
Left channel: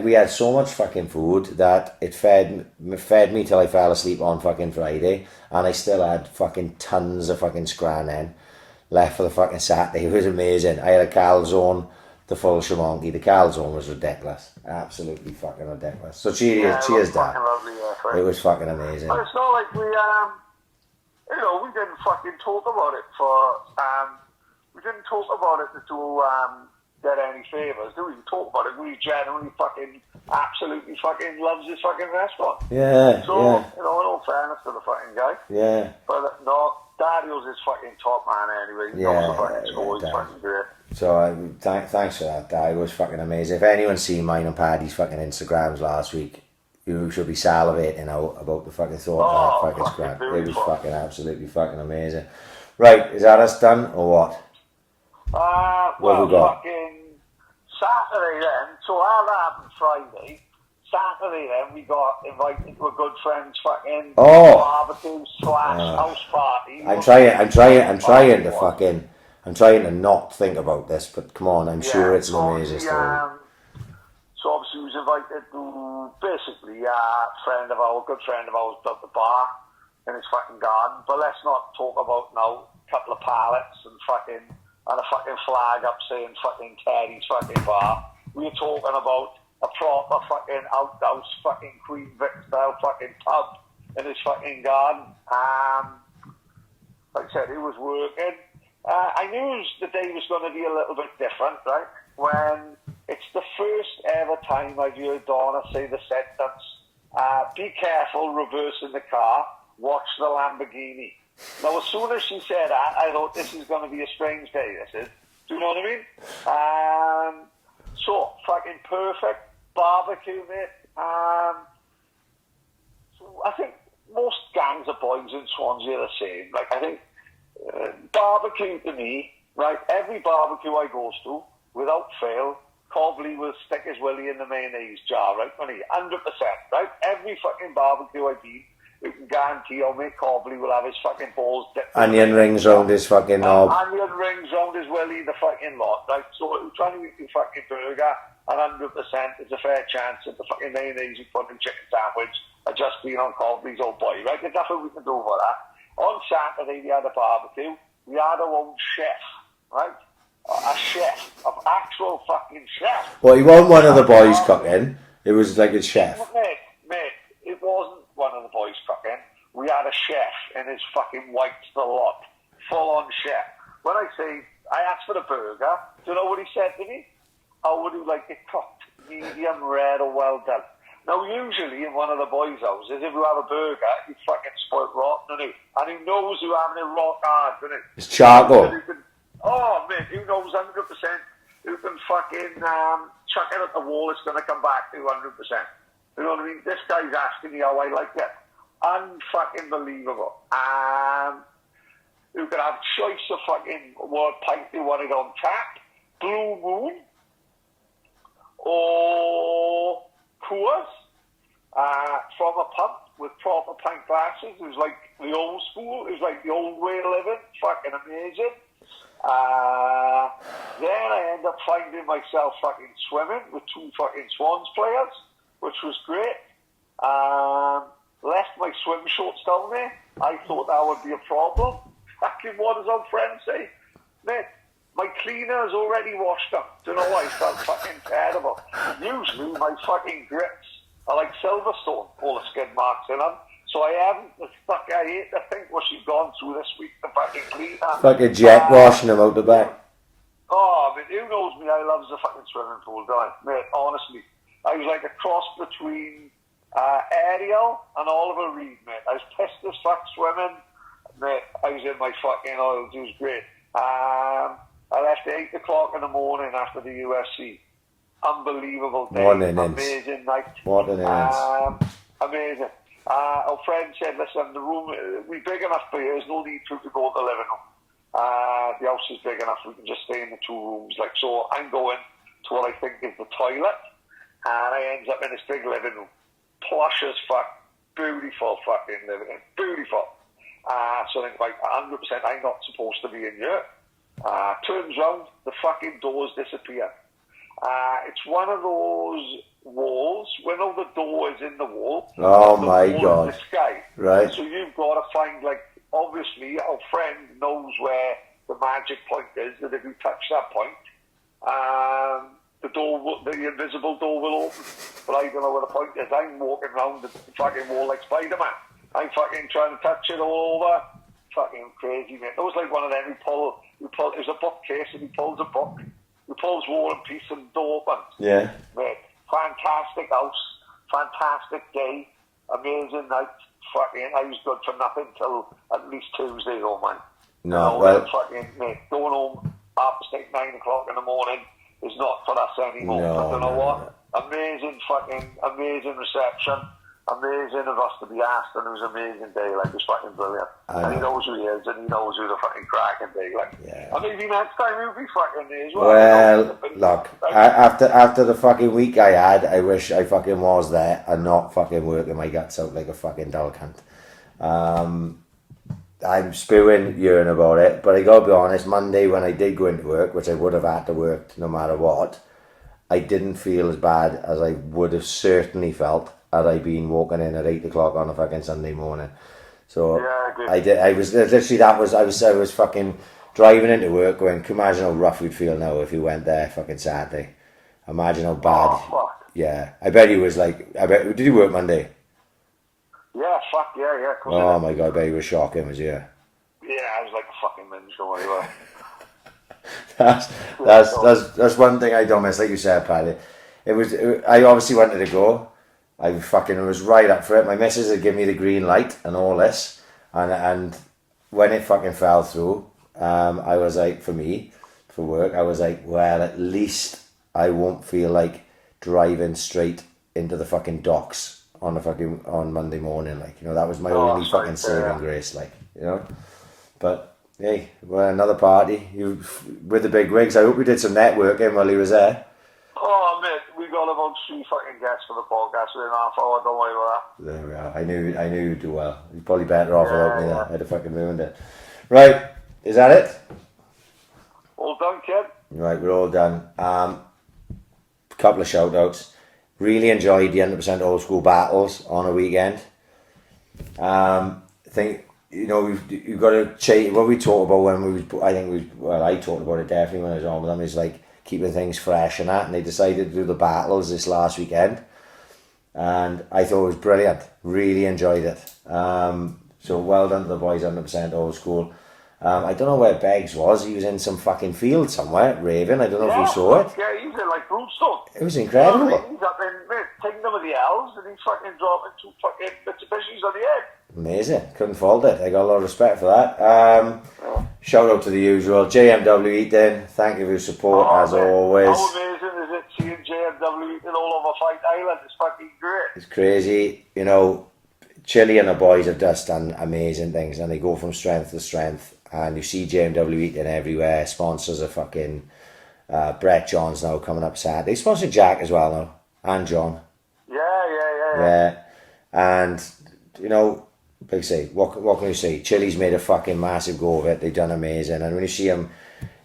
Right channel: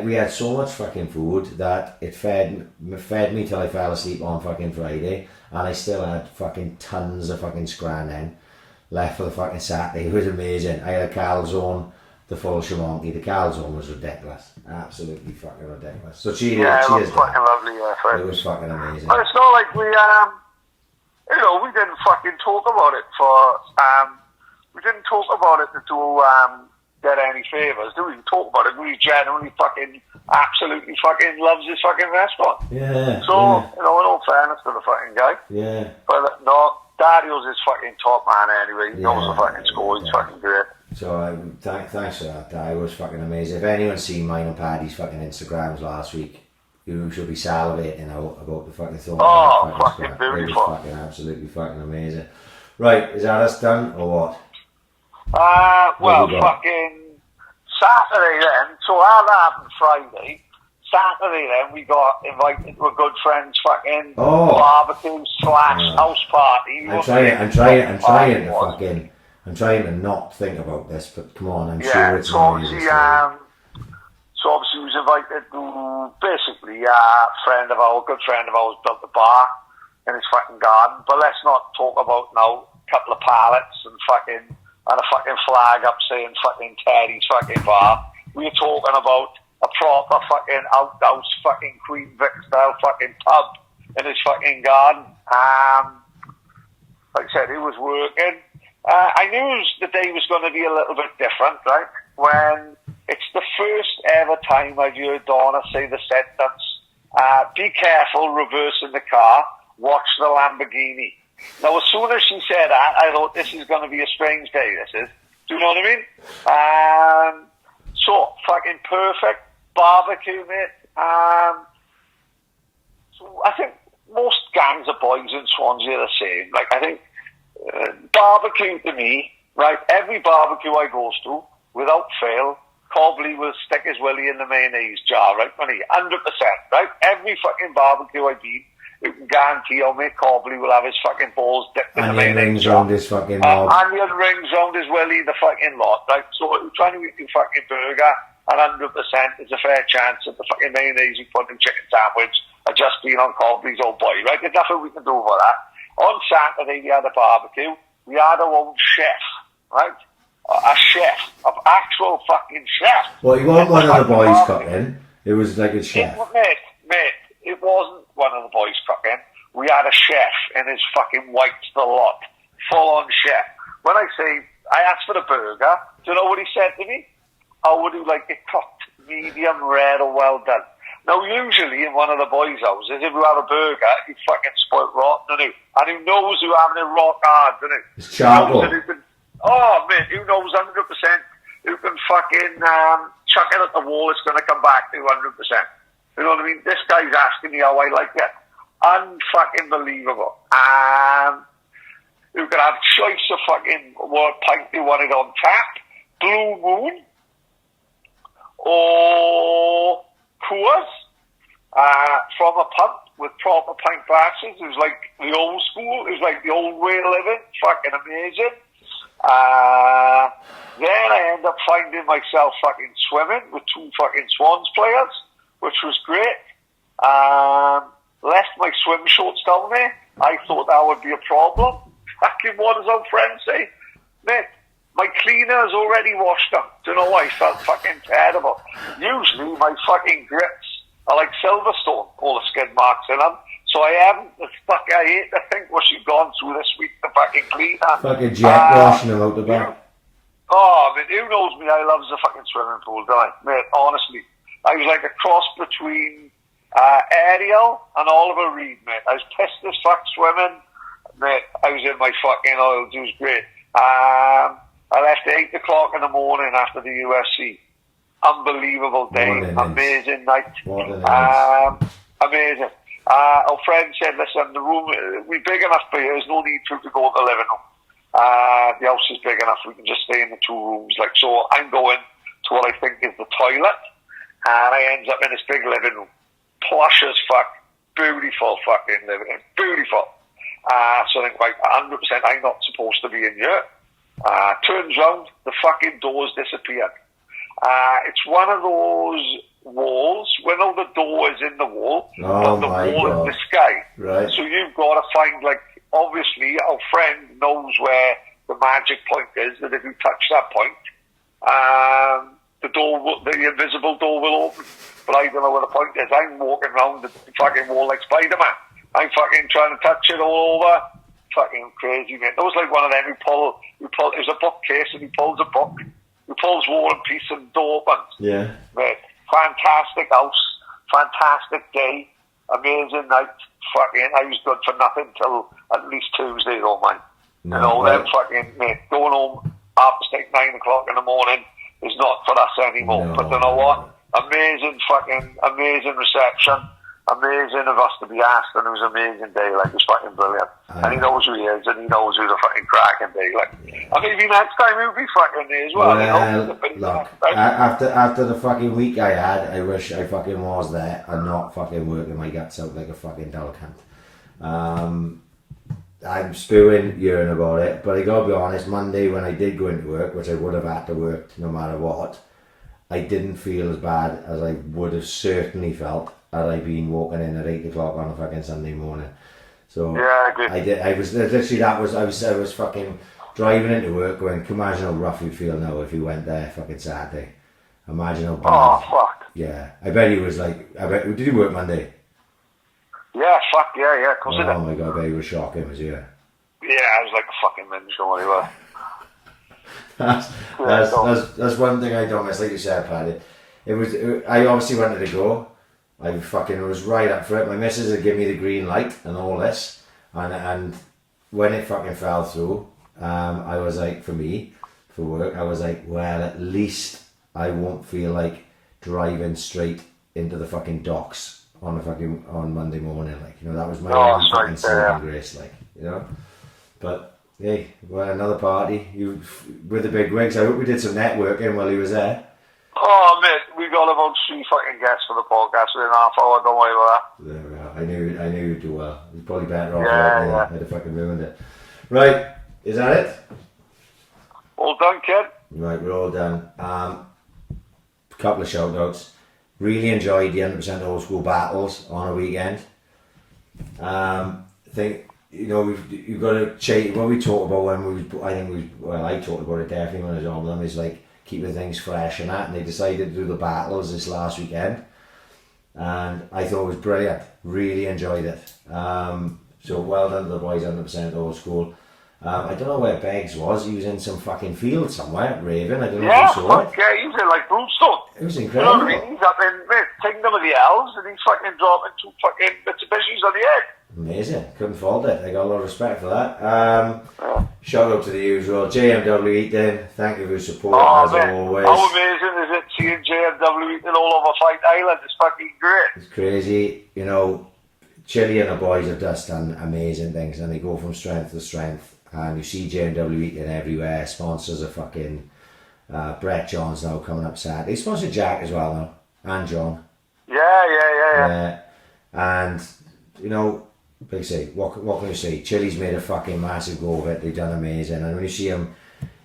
we had so much fucking food that it fed me till I fell asleep on fucking Friday, and I still had fucking tons of fucking scran then left for the fucking Saturday. It was amazing. I had a calzone, the full shamonki. The calzone was ridiculous, absolutely fucking ridiculous. So cheers, fucking Dad. lovely, It was fucking amazing. But it's not like we didn't fucking talk about it we didn't talk about it to get any favours. We didn't talk about it. We genuinely fucking absolutely fucking loves this fucking restaurant. Yeah. So, in all fairness to the fucking guy. Yeah. But no, Dario's his fucking top man anyway. He knows the fucking score. He's fucking great. So thanks for that, Dario. It was fucking amazing. If anyone's seen mine and Paddy's fucking Instagrams last week, you should be salivating about the fucking thought of that fucking scrap. It was fucking absolutely fucking amazing. Right, is that us done or what? Well, fucking Saturday then. So how that happened Friday. Saturday then we got invited to a good friend's fucking barbecue / house party. I'm trying to not think about this, but come on, I'm sure it's an amazing story. So obviously he was invited to basically a good friend of ours built a bar in his fucking garden. But let's not talk about now a couple of pallets and a fucking flag up saying fucking Teddy's fucking bar. We're talking about a proper fucking outhouse fucking Queen Vic style fucking pub in his fucking garden. Like I said, it was working. I knew the day was going to be a little bit different, right? When it's the first ever time I've heard Donna say the sentence, be careful reversing the car, watch the Lamborghini. Now, as soon as she said that, I thought this is going to be a strange day, this is. Do you know what I mean? So, fucking perfect. Barbecue, mate. So I think most gangs of boys in Swansea are the same. Like, I think barbecue to me, right, every barbecue I goes to, without fail, Cobley will stick his willy in the mayonnaise jar, right? 100%, right? Every fucking barbecue I eat, you can guarantee I'll make Cobley will have his fucking balls dipped in the onion rings round his fucking knob. Onion rings round his willy, the fucking lot, right? So if you're trying to eat your fucking burger, and 100% there's a fair chance that the fucking mayonnaise you put in chicken sandwich are just being on Cobley's old boy, right? There's nothing we can do about that. On Saturday we had a barbecue. We had our own chef, right? A chef, an actual fucking chef. Well, he wasn't one of the boys cooking. It was like a chef. Mate, it wasn't one of the boys cooking. We had a chef in his fucking whites the lot. Full-on chef. When I say, I asked for the burger, do you know what he said to me? How would you like it cooked? Medium rare or well done. Now, usually in one of the boys' houses, if you have a burger, it's fucking spoiled rotten, isn't it? And who knows who having it rock hard, isn't it? It's charcoal. Man, who knows 100% who can fucking chuck it at the wall, it's going to come back to 100%. You know what I mean? This guy's asking me how I like it. Unfucking believable. You can have choice of fucking what pint you want it on tap, Blue Moon, or Coors, from a pub with proper pint glasses. It was like the old school. It was like the old way of living. Fucking amazing. Then I end up finding myself fucking swimming with 2 fucking Swans players, which was great. Left my swim shorts down there. I thought that would be a problem. Fucking what does our friend say? Mate, my cleaner's already washed up. Do you know why? I felt fucking terrible. Usually my fucking grips are like Silverstone, all the skid marks in them. So I haven't, I hate to think what she's gone through this week, the fucking cleaner. Fucking jet washing them out the back. Oh, I mean, who knows me? I love the fucking swimming pool, don't I? Mate, honestly. I was like a cross between Ariel and Oliver Reed, mate. I was pissed as fuck swimming. Mate, I was in my fucking oils. It was great. I left at 8 o'clock in the morning after the UFC. Unbelievable day. Amazing night. What an innings. Amazing. Our friend said, listen, the room, we're big enough for you. There's no need for you to go to the living room. The house is big enough. We can just stay in the 2 rooms. Like, so I'm going to what I think is the toilet. And I end up in this big living room. Plush as fuck. Beautiful fucking living room. Beautiful. So I think, like, 100% I'm not supposed to be in here. Turns round, the fucking doors disappear. It's one of those walls where all the door is in the wall. Oh the my wall God. in the sky. Right. So you've got to find, like, obviously our friend knows where the magic point is, that if you touch that point, the door, the invisible door will open. But I don't know where the point is. I'm walking around the fucking wall like Spider-Man. I'm fucking trying to touch it all over. Fucking crazy, man. That was like one of them who pull, it was a bookcase and he pulls a book. He pulls War and Peace and the door opens. Yeah. Mate, fantastic house, fantastic day, amazing night. Fucking, I was good for nothing till at least Tuesday, though, man. No, well, fucking, mate, going home after 9 o'clock in the morning is not for us anymore. No, but you know what? Amazing reception. Amazing of us to be asked, and it was an amazing day. Like, it was fucking brilliant. And he knows who he is, and he knows who's a fucking cracking day. Like, yeah. and maybe next time he'll be fucking there as well. Well, look, after the fucking week I had, I wish I fucking was there and not fucking working my guts out like a fucking dull cunt. I'm spewing, hearing about it, but I gotta be honest, Monday when I did go into work, which I would have had to work no matter what, I didn't feel as bad as I would have certainly felt had I been walking in at 8 o'clock on a fucking Sunday morning. So yeah, I was literally, I was fucking driving into work going, can you imagine how rough we'd feel now if we went there fucking Saturday? Imagine how bad. Oh, fuck. Yeah, I bet he was like, did you work Monday? Yeah, fuck, yeah. Oh my God, I bet he was shocking, was he? Yeah, I was like a fucking minstrel anyway. That's one thing I don't miss, like you said, Paddy. I obviously wanted to go. I fucking was right up for it. My missus had given me the green light and all this, and when it fucking fell through, I was like, for work, I was like, well, at least I won't feel like driving straight into the fucking docks on Monday morning, like, you know, that was my only fucking saving grace, like, you know. But hey, well, another party with the big wigs. I hope we did some networking while he was there. Oh, mate, we got about 3 fucking guests for the podcast within half hour, don't worry about that. There we are. I knew you'd do well. You're probably better off without me that. I'd have fucking ruined it. Right, is that it? All done, kid? Right, we're all done. Couple of shout outs. Really enjoyed the 100% old school battles on a weekend. Think, you know, you've got to change what we talked about when I talked about it definitely when I was on with them, is like keeping things fresh and that, and they decided to do the battles this last weekend, and I thought it was brilliant. Really enjoyed it. So well done to the boys, 100% old school. I don't know where Beggs was. He was in some fucking field somewhere, raving. I don't know if you saw it. Yeah, he's in like Broomstone. It was incredible. He's up in Kingdom of the Elves, and he's fucking dropping 2 fucking Mitsubishis on the head. Amazing. Couldn't fault it. I got a lot of respect for that. Shout out to the usual. JMW Eating. Thank you for your support as always. How amazing is it seeing JMW Eating all over Fight Island? It's fucking great. It's crazy. You know, Chili and the boys have just done amazing things, and they go from strength to strength. And you see JMW Eating everywhere. Sponsors are fucking Brett John's now coming up Saturday. They sponsor Jack as well now. And John. Yeah. And, you know, like I say, what can you say? Chili's made a fucking massive go of it. They've done amazing. And when you see them,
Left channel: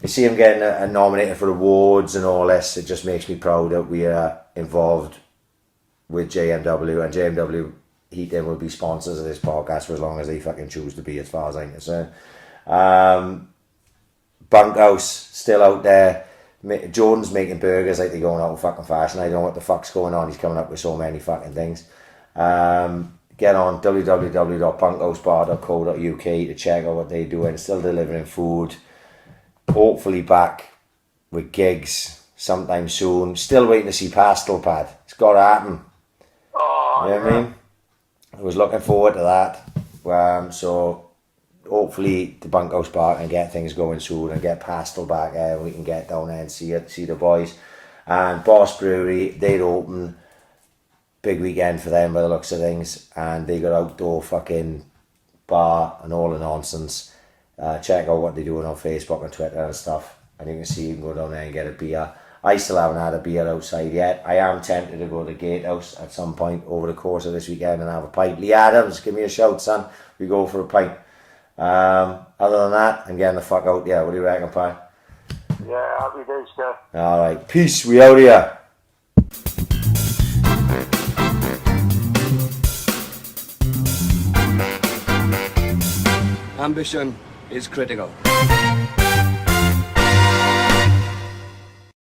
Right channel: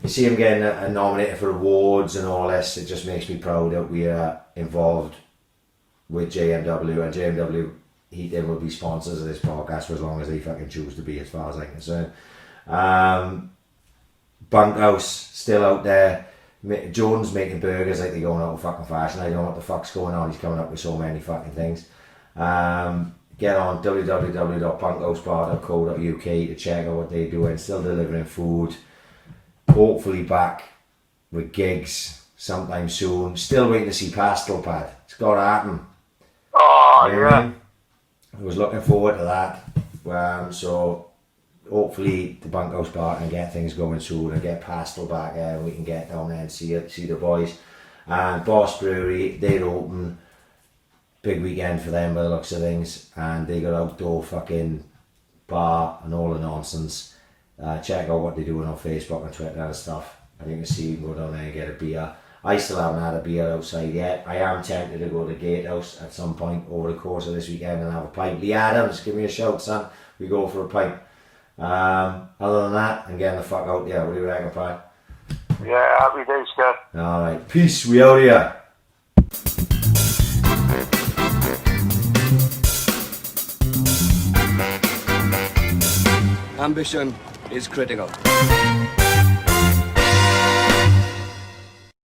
I see him getting nominated for awards and all this. It just makes me proud that we are involved with JMW, and JMW Heating will be sponsors of this podcast for as long as they fucking choose to be, as far as I'm concerned. Bunkhouse still out there. Jordan's making burgers like they're going out of fucking fashion. I don't know what the fuck's going on. He's coming up with so many fucking things. Get on www.bunkhousepar.co.uk to check out what they're doing. Still delivering food. Hopefully back with gigs sometime soon. Still waiting to see Pastel Pad. It's got to happen. Oh, you know what I mean? I was looking forward to that. So hopefully the Bunkhouse Bar can get things going soon and get Pastel back there, and we can get down there and see the boys. And Boss Brewery, they're open. Big weekend for them by the looks of things, and they got outdoor fucking bar and all the nonsense. Check out what they're doing on Facebook and Twitter and stuff, and you can see you can go down there and get a beer. I still haven't had a beer outside yet. I am tempted to go to the Gatehouse at some point over the course of this weekend and have a pint. Lee Adams, give me a shout, son. We go for a pint. Other than that, I'm getting the fuck out. Yeah, what do you reckon, Pat? Yeah, happy days, Scott. Alright, peace, we out here. Ambition is critical.